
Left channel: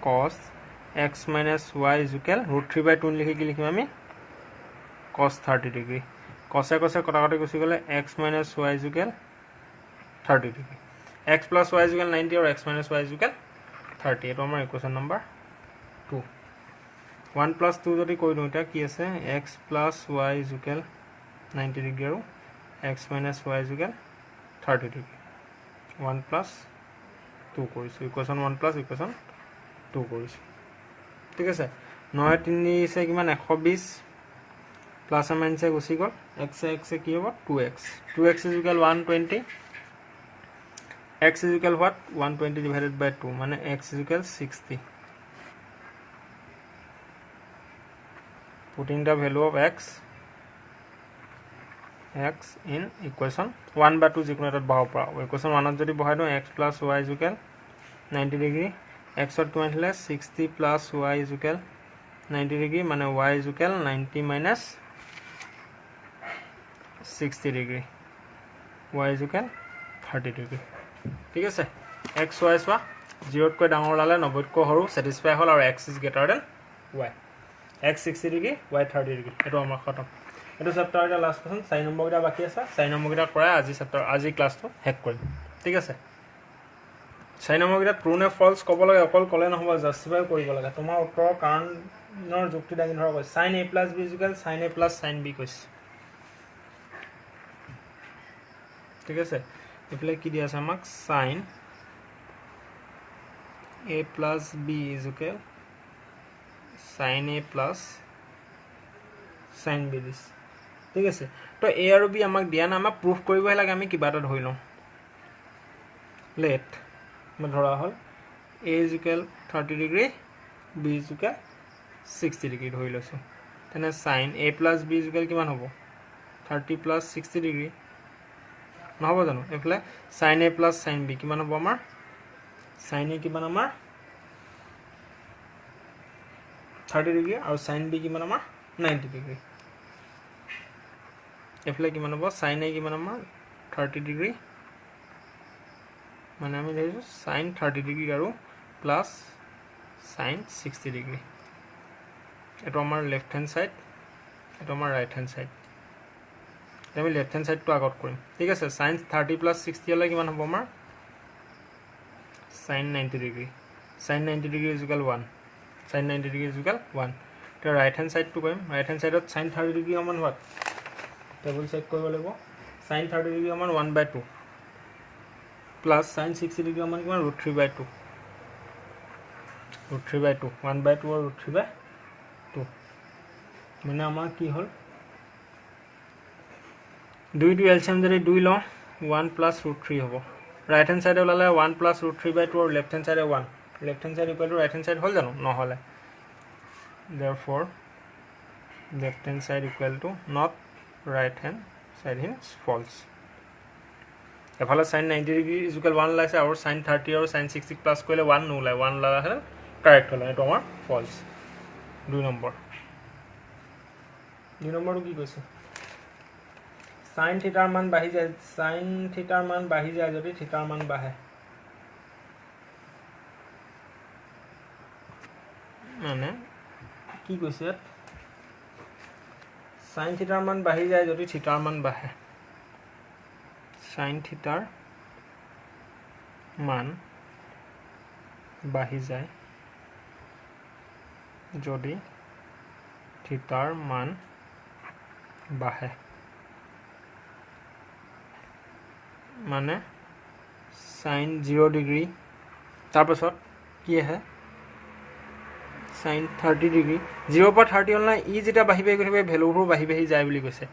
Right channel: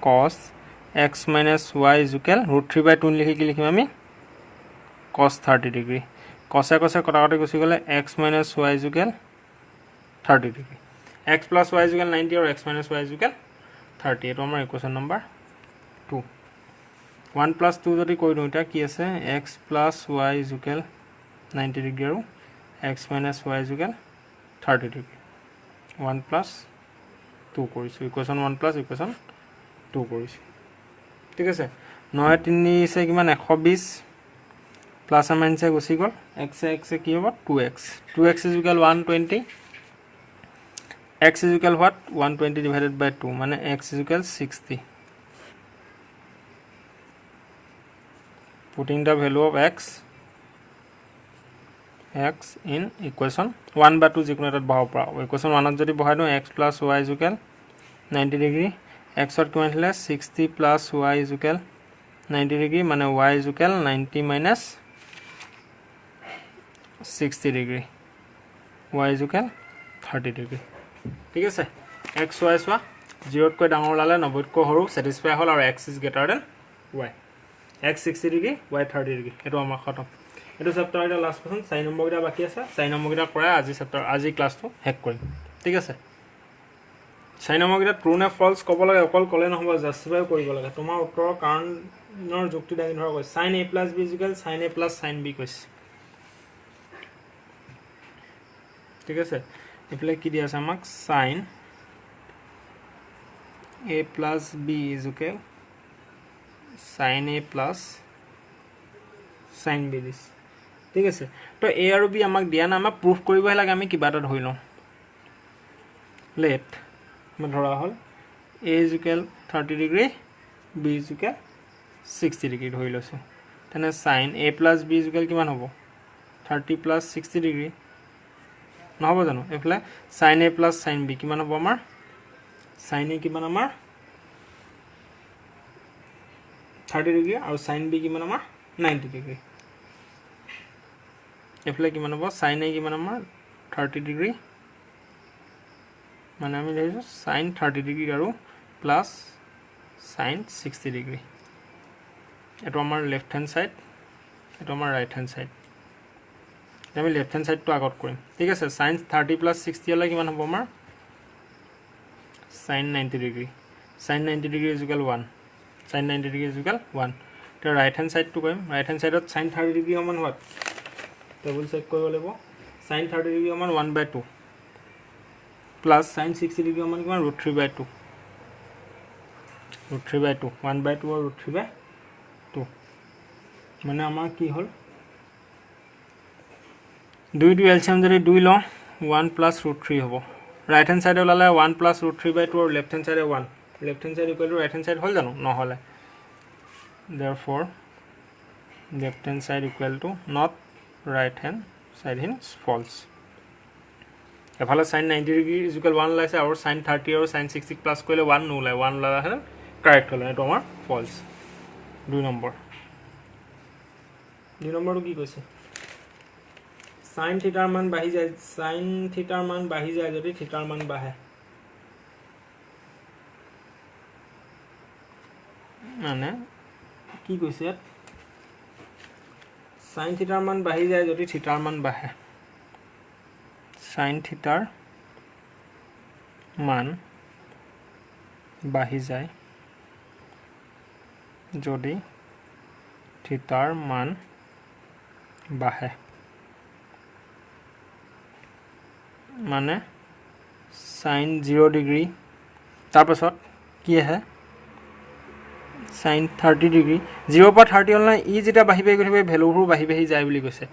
cos x minus y is equal √3/2 লিখি কি লিখিম আমি cos 30 degree, cosে cosে কটাকটি গুচি গ'লে x minus y is equal 30 degree, x plus y is equal 90 আৰু x minus y is equal 30। এইটো আমাৰ ইকুৱেশ্যন নম্বৰ 2। 1 plus 2 যদি কৈ দিওঁ এতিয়া কি আছে x plus y is equal 90 degree আৰু x minus y is equal 30 degree, 1 plus 2 কৰিছোঁ, ইকুৱেশ্যন 1 plus ইকুৱেশ্যন 2 কৰিছোঁ। ঠিক আছে, 9 3 আছে কিমান 120 প্লাছ আৰু মাইনাছে গুচি গ'ল, x কি হ'ব 2x, 2x is equal 120, x is equal what 120 divided by 2 মানে x is equal 60. Putting the value of x in equation 1 by 2 যিকোনো এটাত বহাব পৰা equation 1 ত যদি বহাই দিওঁ x plus y is equal 90 degree x ত কিমান হলে 60 plus y is equal 90 degree মানে y is equal 90 minus 60 degree y is equal 30 degree. ঠিক আছে x y সোৱা 0 তকৈ ডাঙৰ লালে 90 তকৈ সৰু স্যাটিসফাই হল আৰু x is greater than y x 60 degree y 30 degree এটো আমাৰ খতম এটো চেপ্টাৰ এটা লাষ্ট কোৱেশ্চন 4 নম্বৰ গটা বাকি আছে 4 নম্বৰ গটা পৰাই আজি চেপ্টাৰ আজি ক্লাসটো হেক কৰিম ঠিক আছে 4 নম্বৰ গটা ট্ৰু নে ফলস ক'ব লাগে অকল ক'লে নহব জাস্টিফাই কৰিব লাগে তোমাৰ উত্তৰৰ কাৰণৰ যুক্তি দাঙি ধৰা কৈছে sin a plus b = sin a plus sin b কৈছে ঠিক আছে এফালে কি দিয়া আছে আমাক sin a plus b is equal sin a plus sin b দিছ ঠিক আছে তো a আৰু b আমাক দিয়া না আমাক প্ৰুফ কৰিব লাগে আমি কিবা এটা ধৰি লওঁ লেট মই ধৰা হল a is equal 30 degree b is equal 60 degree ধৰি লৈছো তেনে sin a plus b is equal কিমান হ'ব 30 plus 60 degree নহব জানো এফালে sin a plus sin b কিমান হ'ব আমাৰ sin a কিমান আমাৰ 30 degree আৰু sin b কিমান আমাৰ 90 degree এফালে কিমান হ'ব sin a কিমান আমাৰ 30 degree মানে আমি ধৰিছো sin 30 degree আৰু প্লাস sin 60 degree এটো আমাৰ লেফট হ্যান্ড সাইড এটো আমাৰ ৰাইট হ্যান্ড সাইড আমি লেফট হ্যান্ড সাইড তো আগত কৰিম ঠিক আছে sin 30 plus 60 হলে কিমান হ'ব আমাৰ sin 90 degree sin 90 degree is equal 1 sin 90 degree is equal 1 তো রাইট হ্যান্ড সাইড তো কৰিম ৰাইট হ্যান্ড সাইডত sin 30 degree সমান হোৱাত টেবুল চেক কৰিব লাগিব sin 30 degree সমান 1/2 plus sin 60 degree সমান কিমান √3/2 √3/2 1/2 আৰু √3/2 মানে আমাৰ কি হ'ল 2 2 এলচিয়াম যদি 2 লওঁ 1 plus √3 হ'ব রাইট হ্যান্ড সাইডে ওলালে 1 plus √3/2 আৰু লেফট হ্যান্ড সাইডে 1 left hand side equal to right hand side হল জানো নহলে therefore left hand side equal to not right hand side hence false এফালে sin 90 degree is equal 1 লাইছে আৰু sin 30 আৰু sin 60 প্লাস কৰিলে 1 নোলায় 1 ওলালে হলে কাৰেক্ট হল এটো আমাৰ ফলস 2 নম্বৰ কি কৈছে sin থিটাৰ মান বাঢ়ি যায় sin থিটাৰ মান বাঢ়ি যায় যদি থিটাৰ মান বাঢ়ে মানে কি কৈছে sin থিটাৰ মান বাঢ়ি যায় যদি থিটাৰ মান বাঢ়ে sin থিটাৰ মান বাঢ়ি যায় যদি থিটাৰ মান বাঢ়ে মানে sin 0 degree তাৰ পাছত কি আছে sin 30 degree 0 পৰা 30 হল না ই যেটা বাঢ়ি বাঢ়ি গৈ ভ্যালুবোৰ বাঢ়ি বাঢ়ি যায় বুলি কৈছে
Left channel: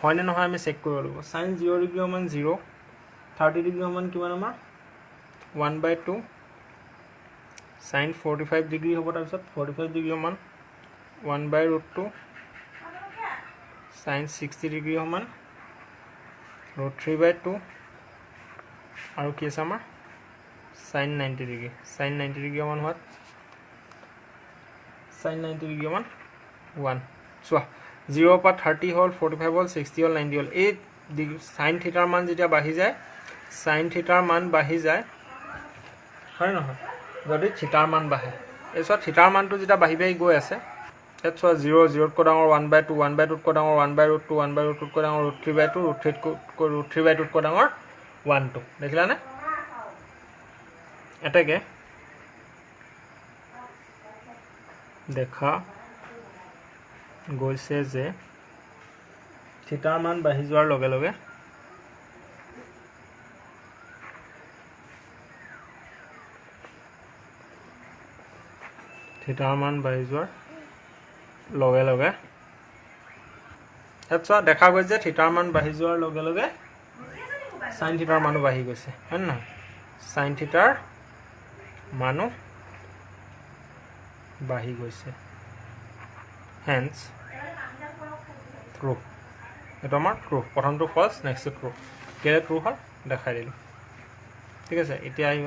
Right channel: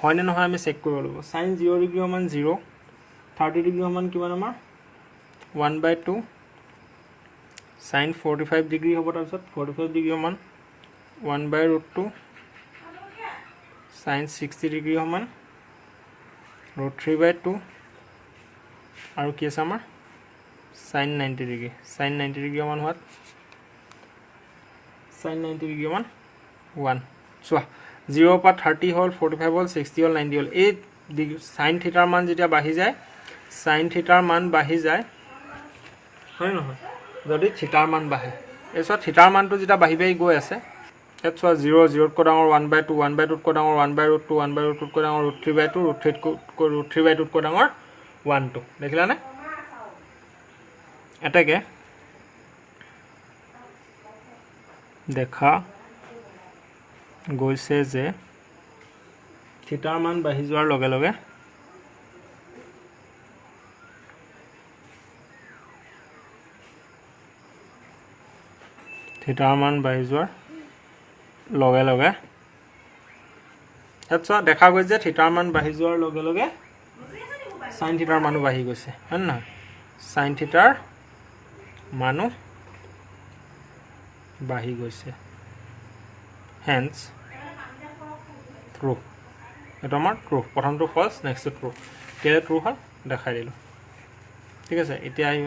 হয়নে নহয় আমি চেক কৰিব লাগিব sin 0 degree সমান 0 30 degree সমান কিমান আমাৰ 1/2 sin 45 degree হ'ব তাৰ পিছত 45 degree সমান 1/√2 sin 60 degree সমান √3/2 আৰু কি আছে আমাৰ sin 90 degree sin 90 degree সমান হোৱাত sin 90 degree সমান 1 চোৱা 0 পৰা 30 হল 45 হল 60 হল 90 হল এই sin থিটাৰ মান যেতিয়া বাঢ়ি যায় sin থিটাৰ মান বাঢ়ি যায় হয় নহয় যদি থিটাৰ মান বাঢ়ে এছৰ থিটাৰ মানটো যেতিয়া বাঢ়ি বাঢ়ি গৈ আছে এত চোৱা 0 0 কৈ ডাঙৰ 1/2 1/2 কৈ ডাঙৰ 1/√2 1/√2 কৈ ডাঙৰ √3/2 √3/2 কৈ ডাঙৰ 1/2 দেখিলা নে এটাকে দেখা গৈছে যে থিটাৰ মান বাঢ়ি যোৱাৰ লগে লগে থিটাৰ মান বাঢ়ি যোৱাৰ লগে লগে এতচোৱা দেখা গৈছে যে থিটাৰ মান বাঢ়ি যোৱাৰ লগে লগে sin থিটাৰ মানো বাঢ়ি গৈছে হয় না সাইন থিটাৰ মানো বাঢ়ি গৈছে হেন্স ট্ৰু এইটো আমাৰ ট্ৰু প্ৰথমটো ফলছ নেক্সটটো ট্ৰু কেলে ট্ৰু হ'ল দেখাই দিলোঁ ঠিক আছে এতিয়া আহিব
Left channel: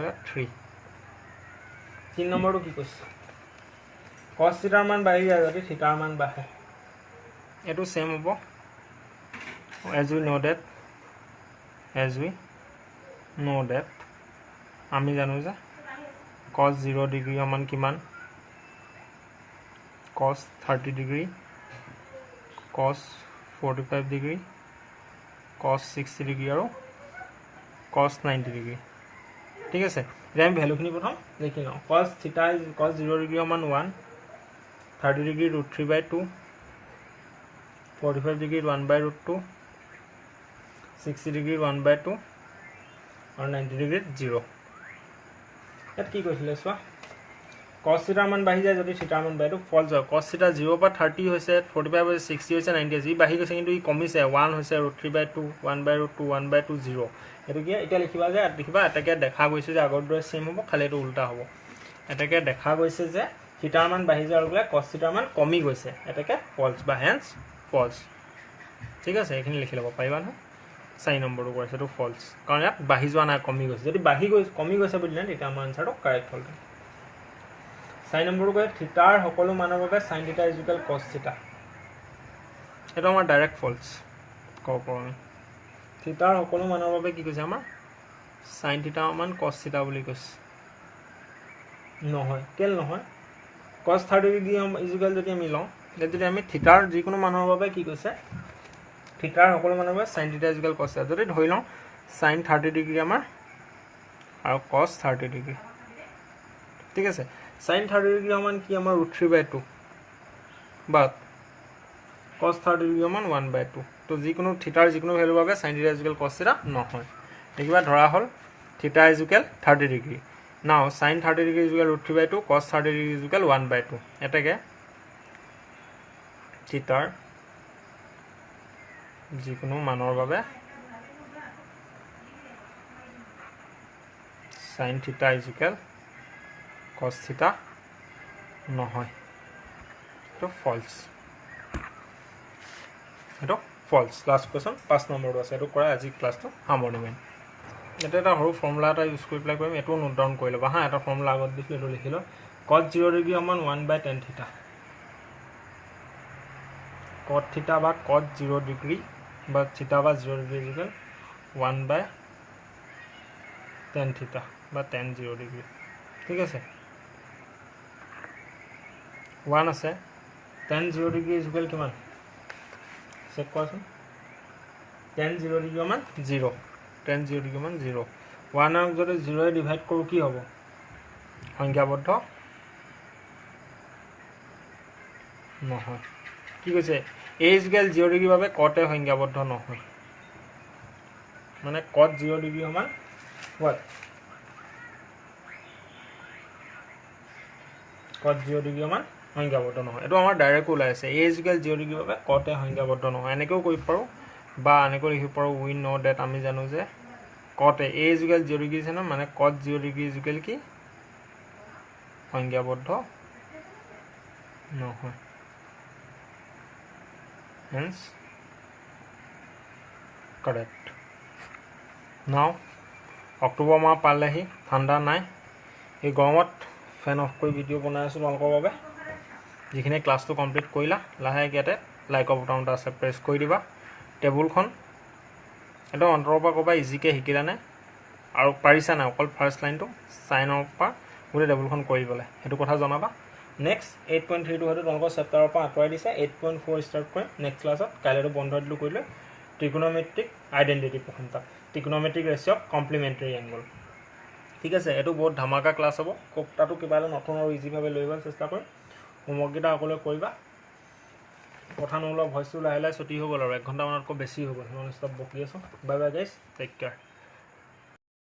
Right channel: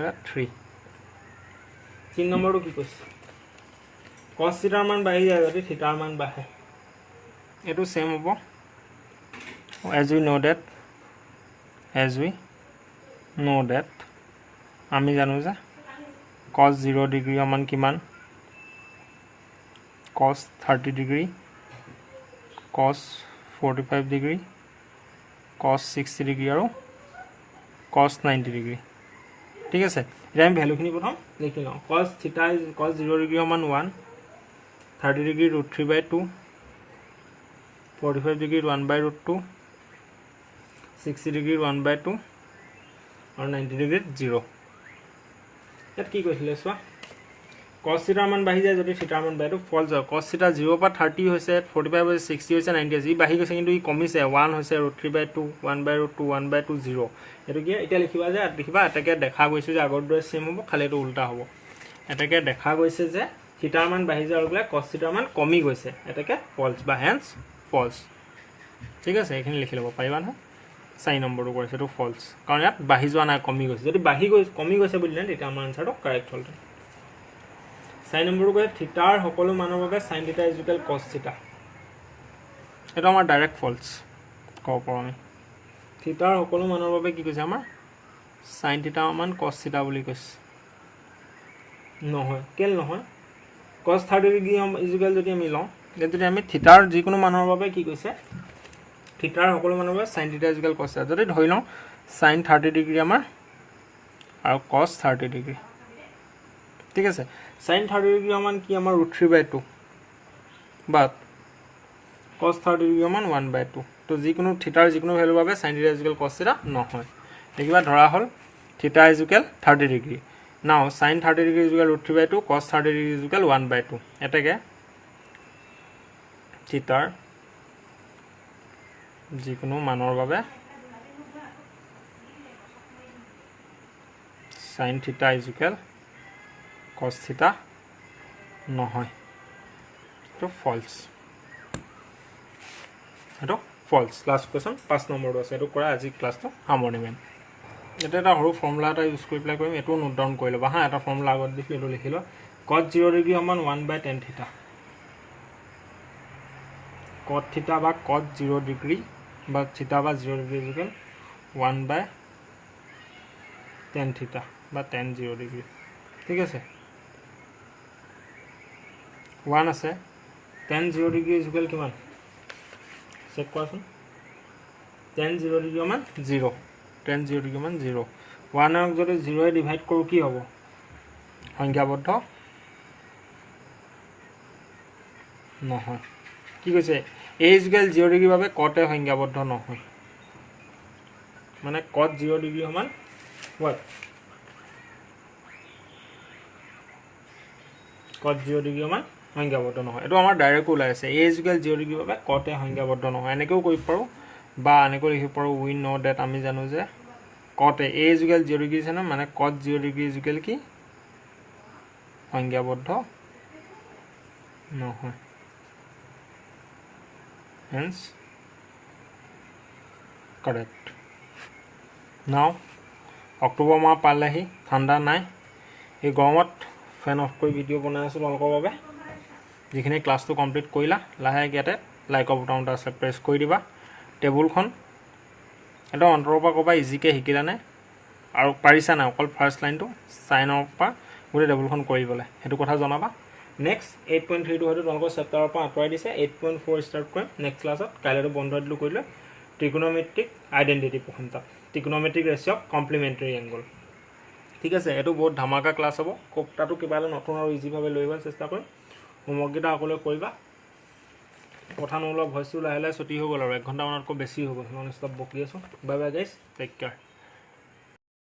3 নম্বৰটো কি কৈছে cos থিটাৰ মান বাঢ়ি যায় যদি থিটাৰ মান বাঢ়ে এইটো সেম হ'ব as we know that আমি জানো যে cos 0 ডিগ্ৰী মান কিমান cos 30 degree cos 45 degree cos 60 degree আৰু cos 90 ডিগ্ৰী ঠিক আছে এতিয়া আমি ভ্যালুখিনি প্ৰথম লিখি লওঁ cos থিটা cos 0 ডিগ্ৰী মান 1 30 ডিগ্ৰী √3/2 45 ডিগ্ৰী 1/√2 60 ডিগ্ৰী 1/2 আৰু 90 ডিগ্ৰী 0 ইয়াত কি কৈছিলে চোৱা cos থিটাৰ মান বাঢ়ি যায় যদি থিটাৰ মান বাঢ়ে ফলছ হয় cos থিটা 0 পৰা 30 হৈছে 45 হৈছে 60 হৈছে 90 হৈছে ই বাঢ়ি গৈছে কিন্তু ই কমিছে 1 হৈছে √3/2 1/√2 1/2 0 এটো কি এতিয়া লিখিবা যে লিখিবা এটাকে দেখা গৈছে যে আগৰ দৰে সেম হ'ব খালি এটো উল্টা হ'ব এটাকে দেখা গৈছে যে থিটাৰ মান বাঢ়ি যায় আৰু cos থিটাৰ মান কমি গৈছে এটাকে ফলছ বা হেন্স ফলছ ঠিক আছে এইখিনি লিখি ল'ব পাৰিবা না 4 নম্বৰটো কৰিছে এটো ফলছ কাৰণ ইয়াত বাঢ়ি যোৱা নাই কমি গৈছে যদি বাঢ়ি গৈছে কমি গৈছে বুলিলে তেতিয়া আমাৰ আনসাৰটো কাৰেক্ট হ'ল 4 নম্বৰটো কয় থিটাৰ সকলো মানৰ বাবে sin থিটা = cos থিটা এটা আমাৰ ডাইৰেক্ট ফলছ কও আমি থিটাৰ সকলো মানৰ বাবে কি কৈছে আমাৰ sin থিটা মান cos থিটা বুলি কৈছে নহয় কেল নহয় cos 30 ডিগ্ৰী যদি আমি লওঁ যদি আমি থিটাৰ যিকোনো মানৰ বাবে কি কৈছে থিটাৰ সকলো মানৰ বাবে sin থিটা = cos থিটা যদি ধৰি লওঁ sin 30 ডিগ্ৰী আমাৰ আৰু cos 30 ডিগ্ৰী ঠিক আছে sin 30 ডিগ্ৰী মান কি আমাৰ √3/2 বাট cos 30 ডিগ্ৰী মান 1/2 তো যিকোনো থিটাৰ যিকোনো ভ্যালুৰ বাবে sin থিটা = cos থিটা নহয় একিবা ধৰা হ'ল থিটা = 30 ডিগ্ৰী নাও sin 30 ডিগ্ৰী = √3/2 cos 30 ডিগ্ৰী = 1/2 এটাকে থিটাৰ যিকোনো মানৰ বাবে sin থিটা = cos থিটা নহয় তো ফলছ এটো ফলছ লাষ্ট কোৱেশ্চন 5 নম্বৰটো আছে এটো কৰা আজি ক্লাছটো সামৰণি মাৰিম এটা এটা সৰু ফৰ্মুলা এটা ইউজ কৰি এপ্লাই কৰিম এটো নোট ডাউন কৰি লবা হা এটা ফৰ্মুলা আগত দিছিল এটো লিখি ল cos 0 ডিগ্ৰী = 1/tan থিটা cot থিটা বা cos 0 ডিগ্ৰী বা থিটা বা 0 ডিগ্ৰী = 1/tan থিটা বা tan 0 ডিগ্ৰী ঠিক আছে 1 আছে tan 0 ডিগ্ৰী = কিমান চেক কৰাচোন tan 0 ডিগ্ৰী মান 0 tan 0 ডিগ্ৰী মান 0 1 ক যদি 0 এ ডিভাইড কৰো কি হ'ব সংখ্যাবদ্ধ নহয় কি কৈছে a = 0 ডিগ্ৰী বাবে cot এ সংখ্যাবদ্ধ নহয় মানে cot 0 ডিগ্ৰী সমান what cot 0 ডিগ্ৰী সমান সংখ্যাবদ্ধ নহয় এটো আমাৰ ডাইৰেক্ট ওলাই আছে a = 0 ডিগ্ৰী বাবে cot এ সংখ্যাবদ্ধ নহয় এনেকেও কৰিব পাৰো বা এনেকৈ লিখিব পাৰো we know that আমি জানো যে cot এ a = 0 ডিগ্ৰী আছে না মানে cot 0 ডিগ্ৰী = কি সংখ্যাবদ্ধ নহয় hence correct now অক্টোবৰ মাহ পালেহি ঠাণ্ডা নাই এই গৰমত ফেন অফ কৰি ভিডিও বনাই আছো তোমালোকৰ বাবে যিখিনি ক্লাছটো কমপ্লিট কৰিলা লাহে ইয়াতে লাইক বাটনটো আছে প্ৰেছ কৰি দিবা টেবুলখন এটা অন্তৰৰ পৰা কবা ইজিকে শিকিলানে আৰু পাৰিছা না অকল ফাৰ্স্ট লাইনটো সাইন অফ পা গোটে টেবুলখন কৰিবলে হেতু কথা জনাবা নেক্সট 8.3 টো হয়তো তোমালোকৰ চেপ্টাৰৰ পৰা আঁতৰাই দিছে 8.4 ষ্টাৰ্ট কৰিম নেক্সট ক্লাছত কাইলৈ বন্ধ দিলো কৰিলে ট্ৰিগোনোমেট্ৰিক আইডেন্টিটি পঢ়িমতা ট্ৰিগোনোমেট্ৰিক ৰেশিও কমপ্লিমেন্টাৰী এংগল ঠিক আছে এটো বহুত ধামাকা ক্লাছ হ'ব কোপটাটো কিবা নতুন আৰু ইজি ভাবে লৈবা চেষ্টা কৰিম হোমৱৰ্ক গিটা আকলে কৰিবা কথা নলবা ভইচটো লাহে লাহে ছুটি হৈ গ'ল আৰু 1 ঘণ্টা মানতকৈ বেছি হৈ গ'ল মই ষ্টপ বকি আছো bye bye guys take care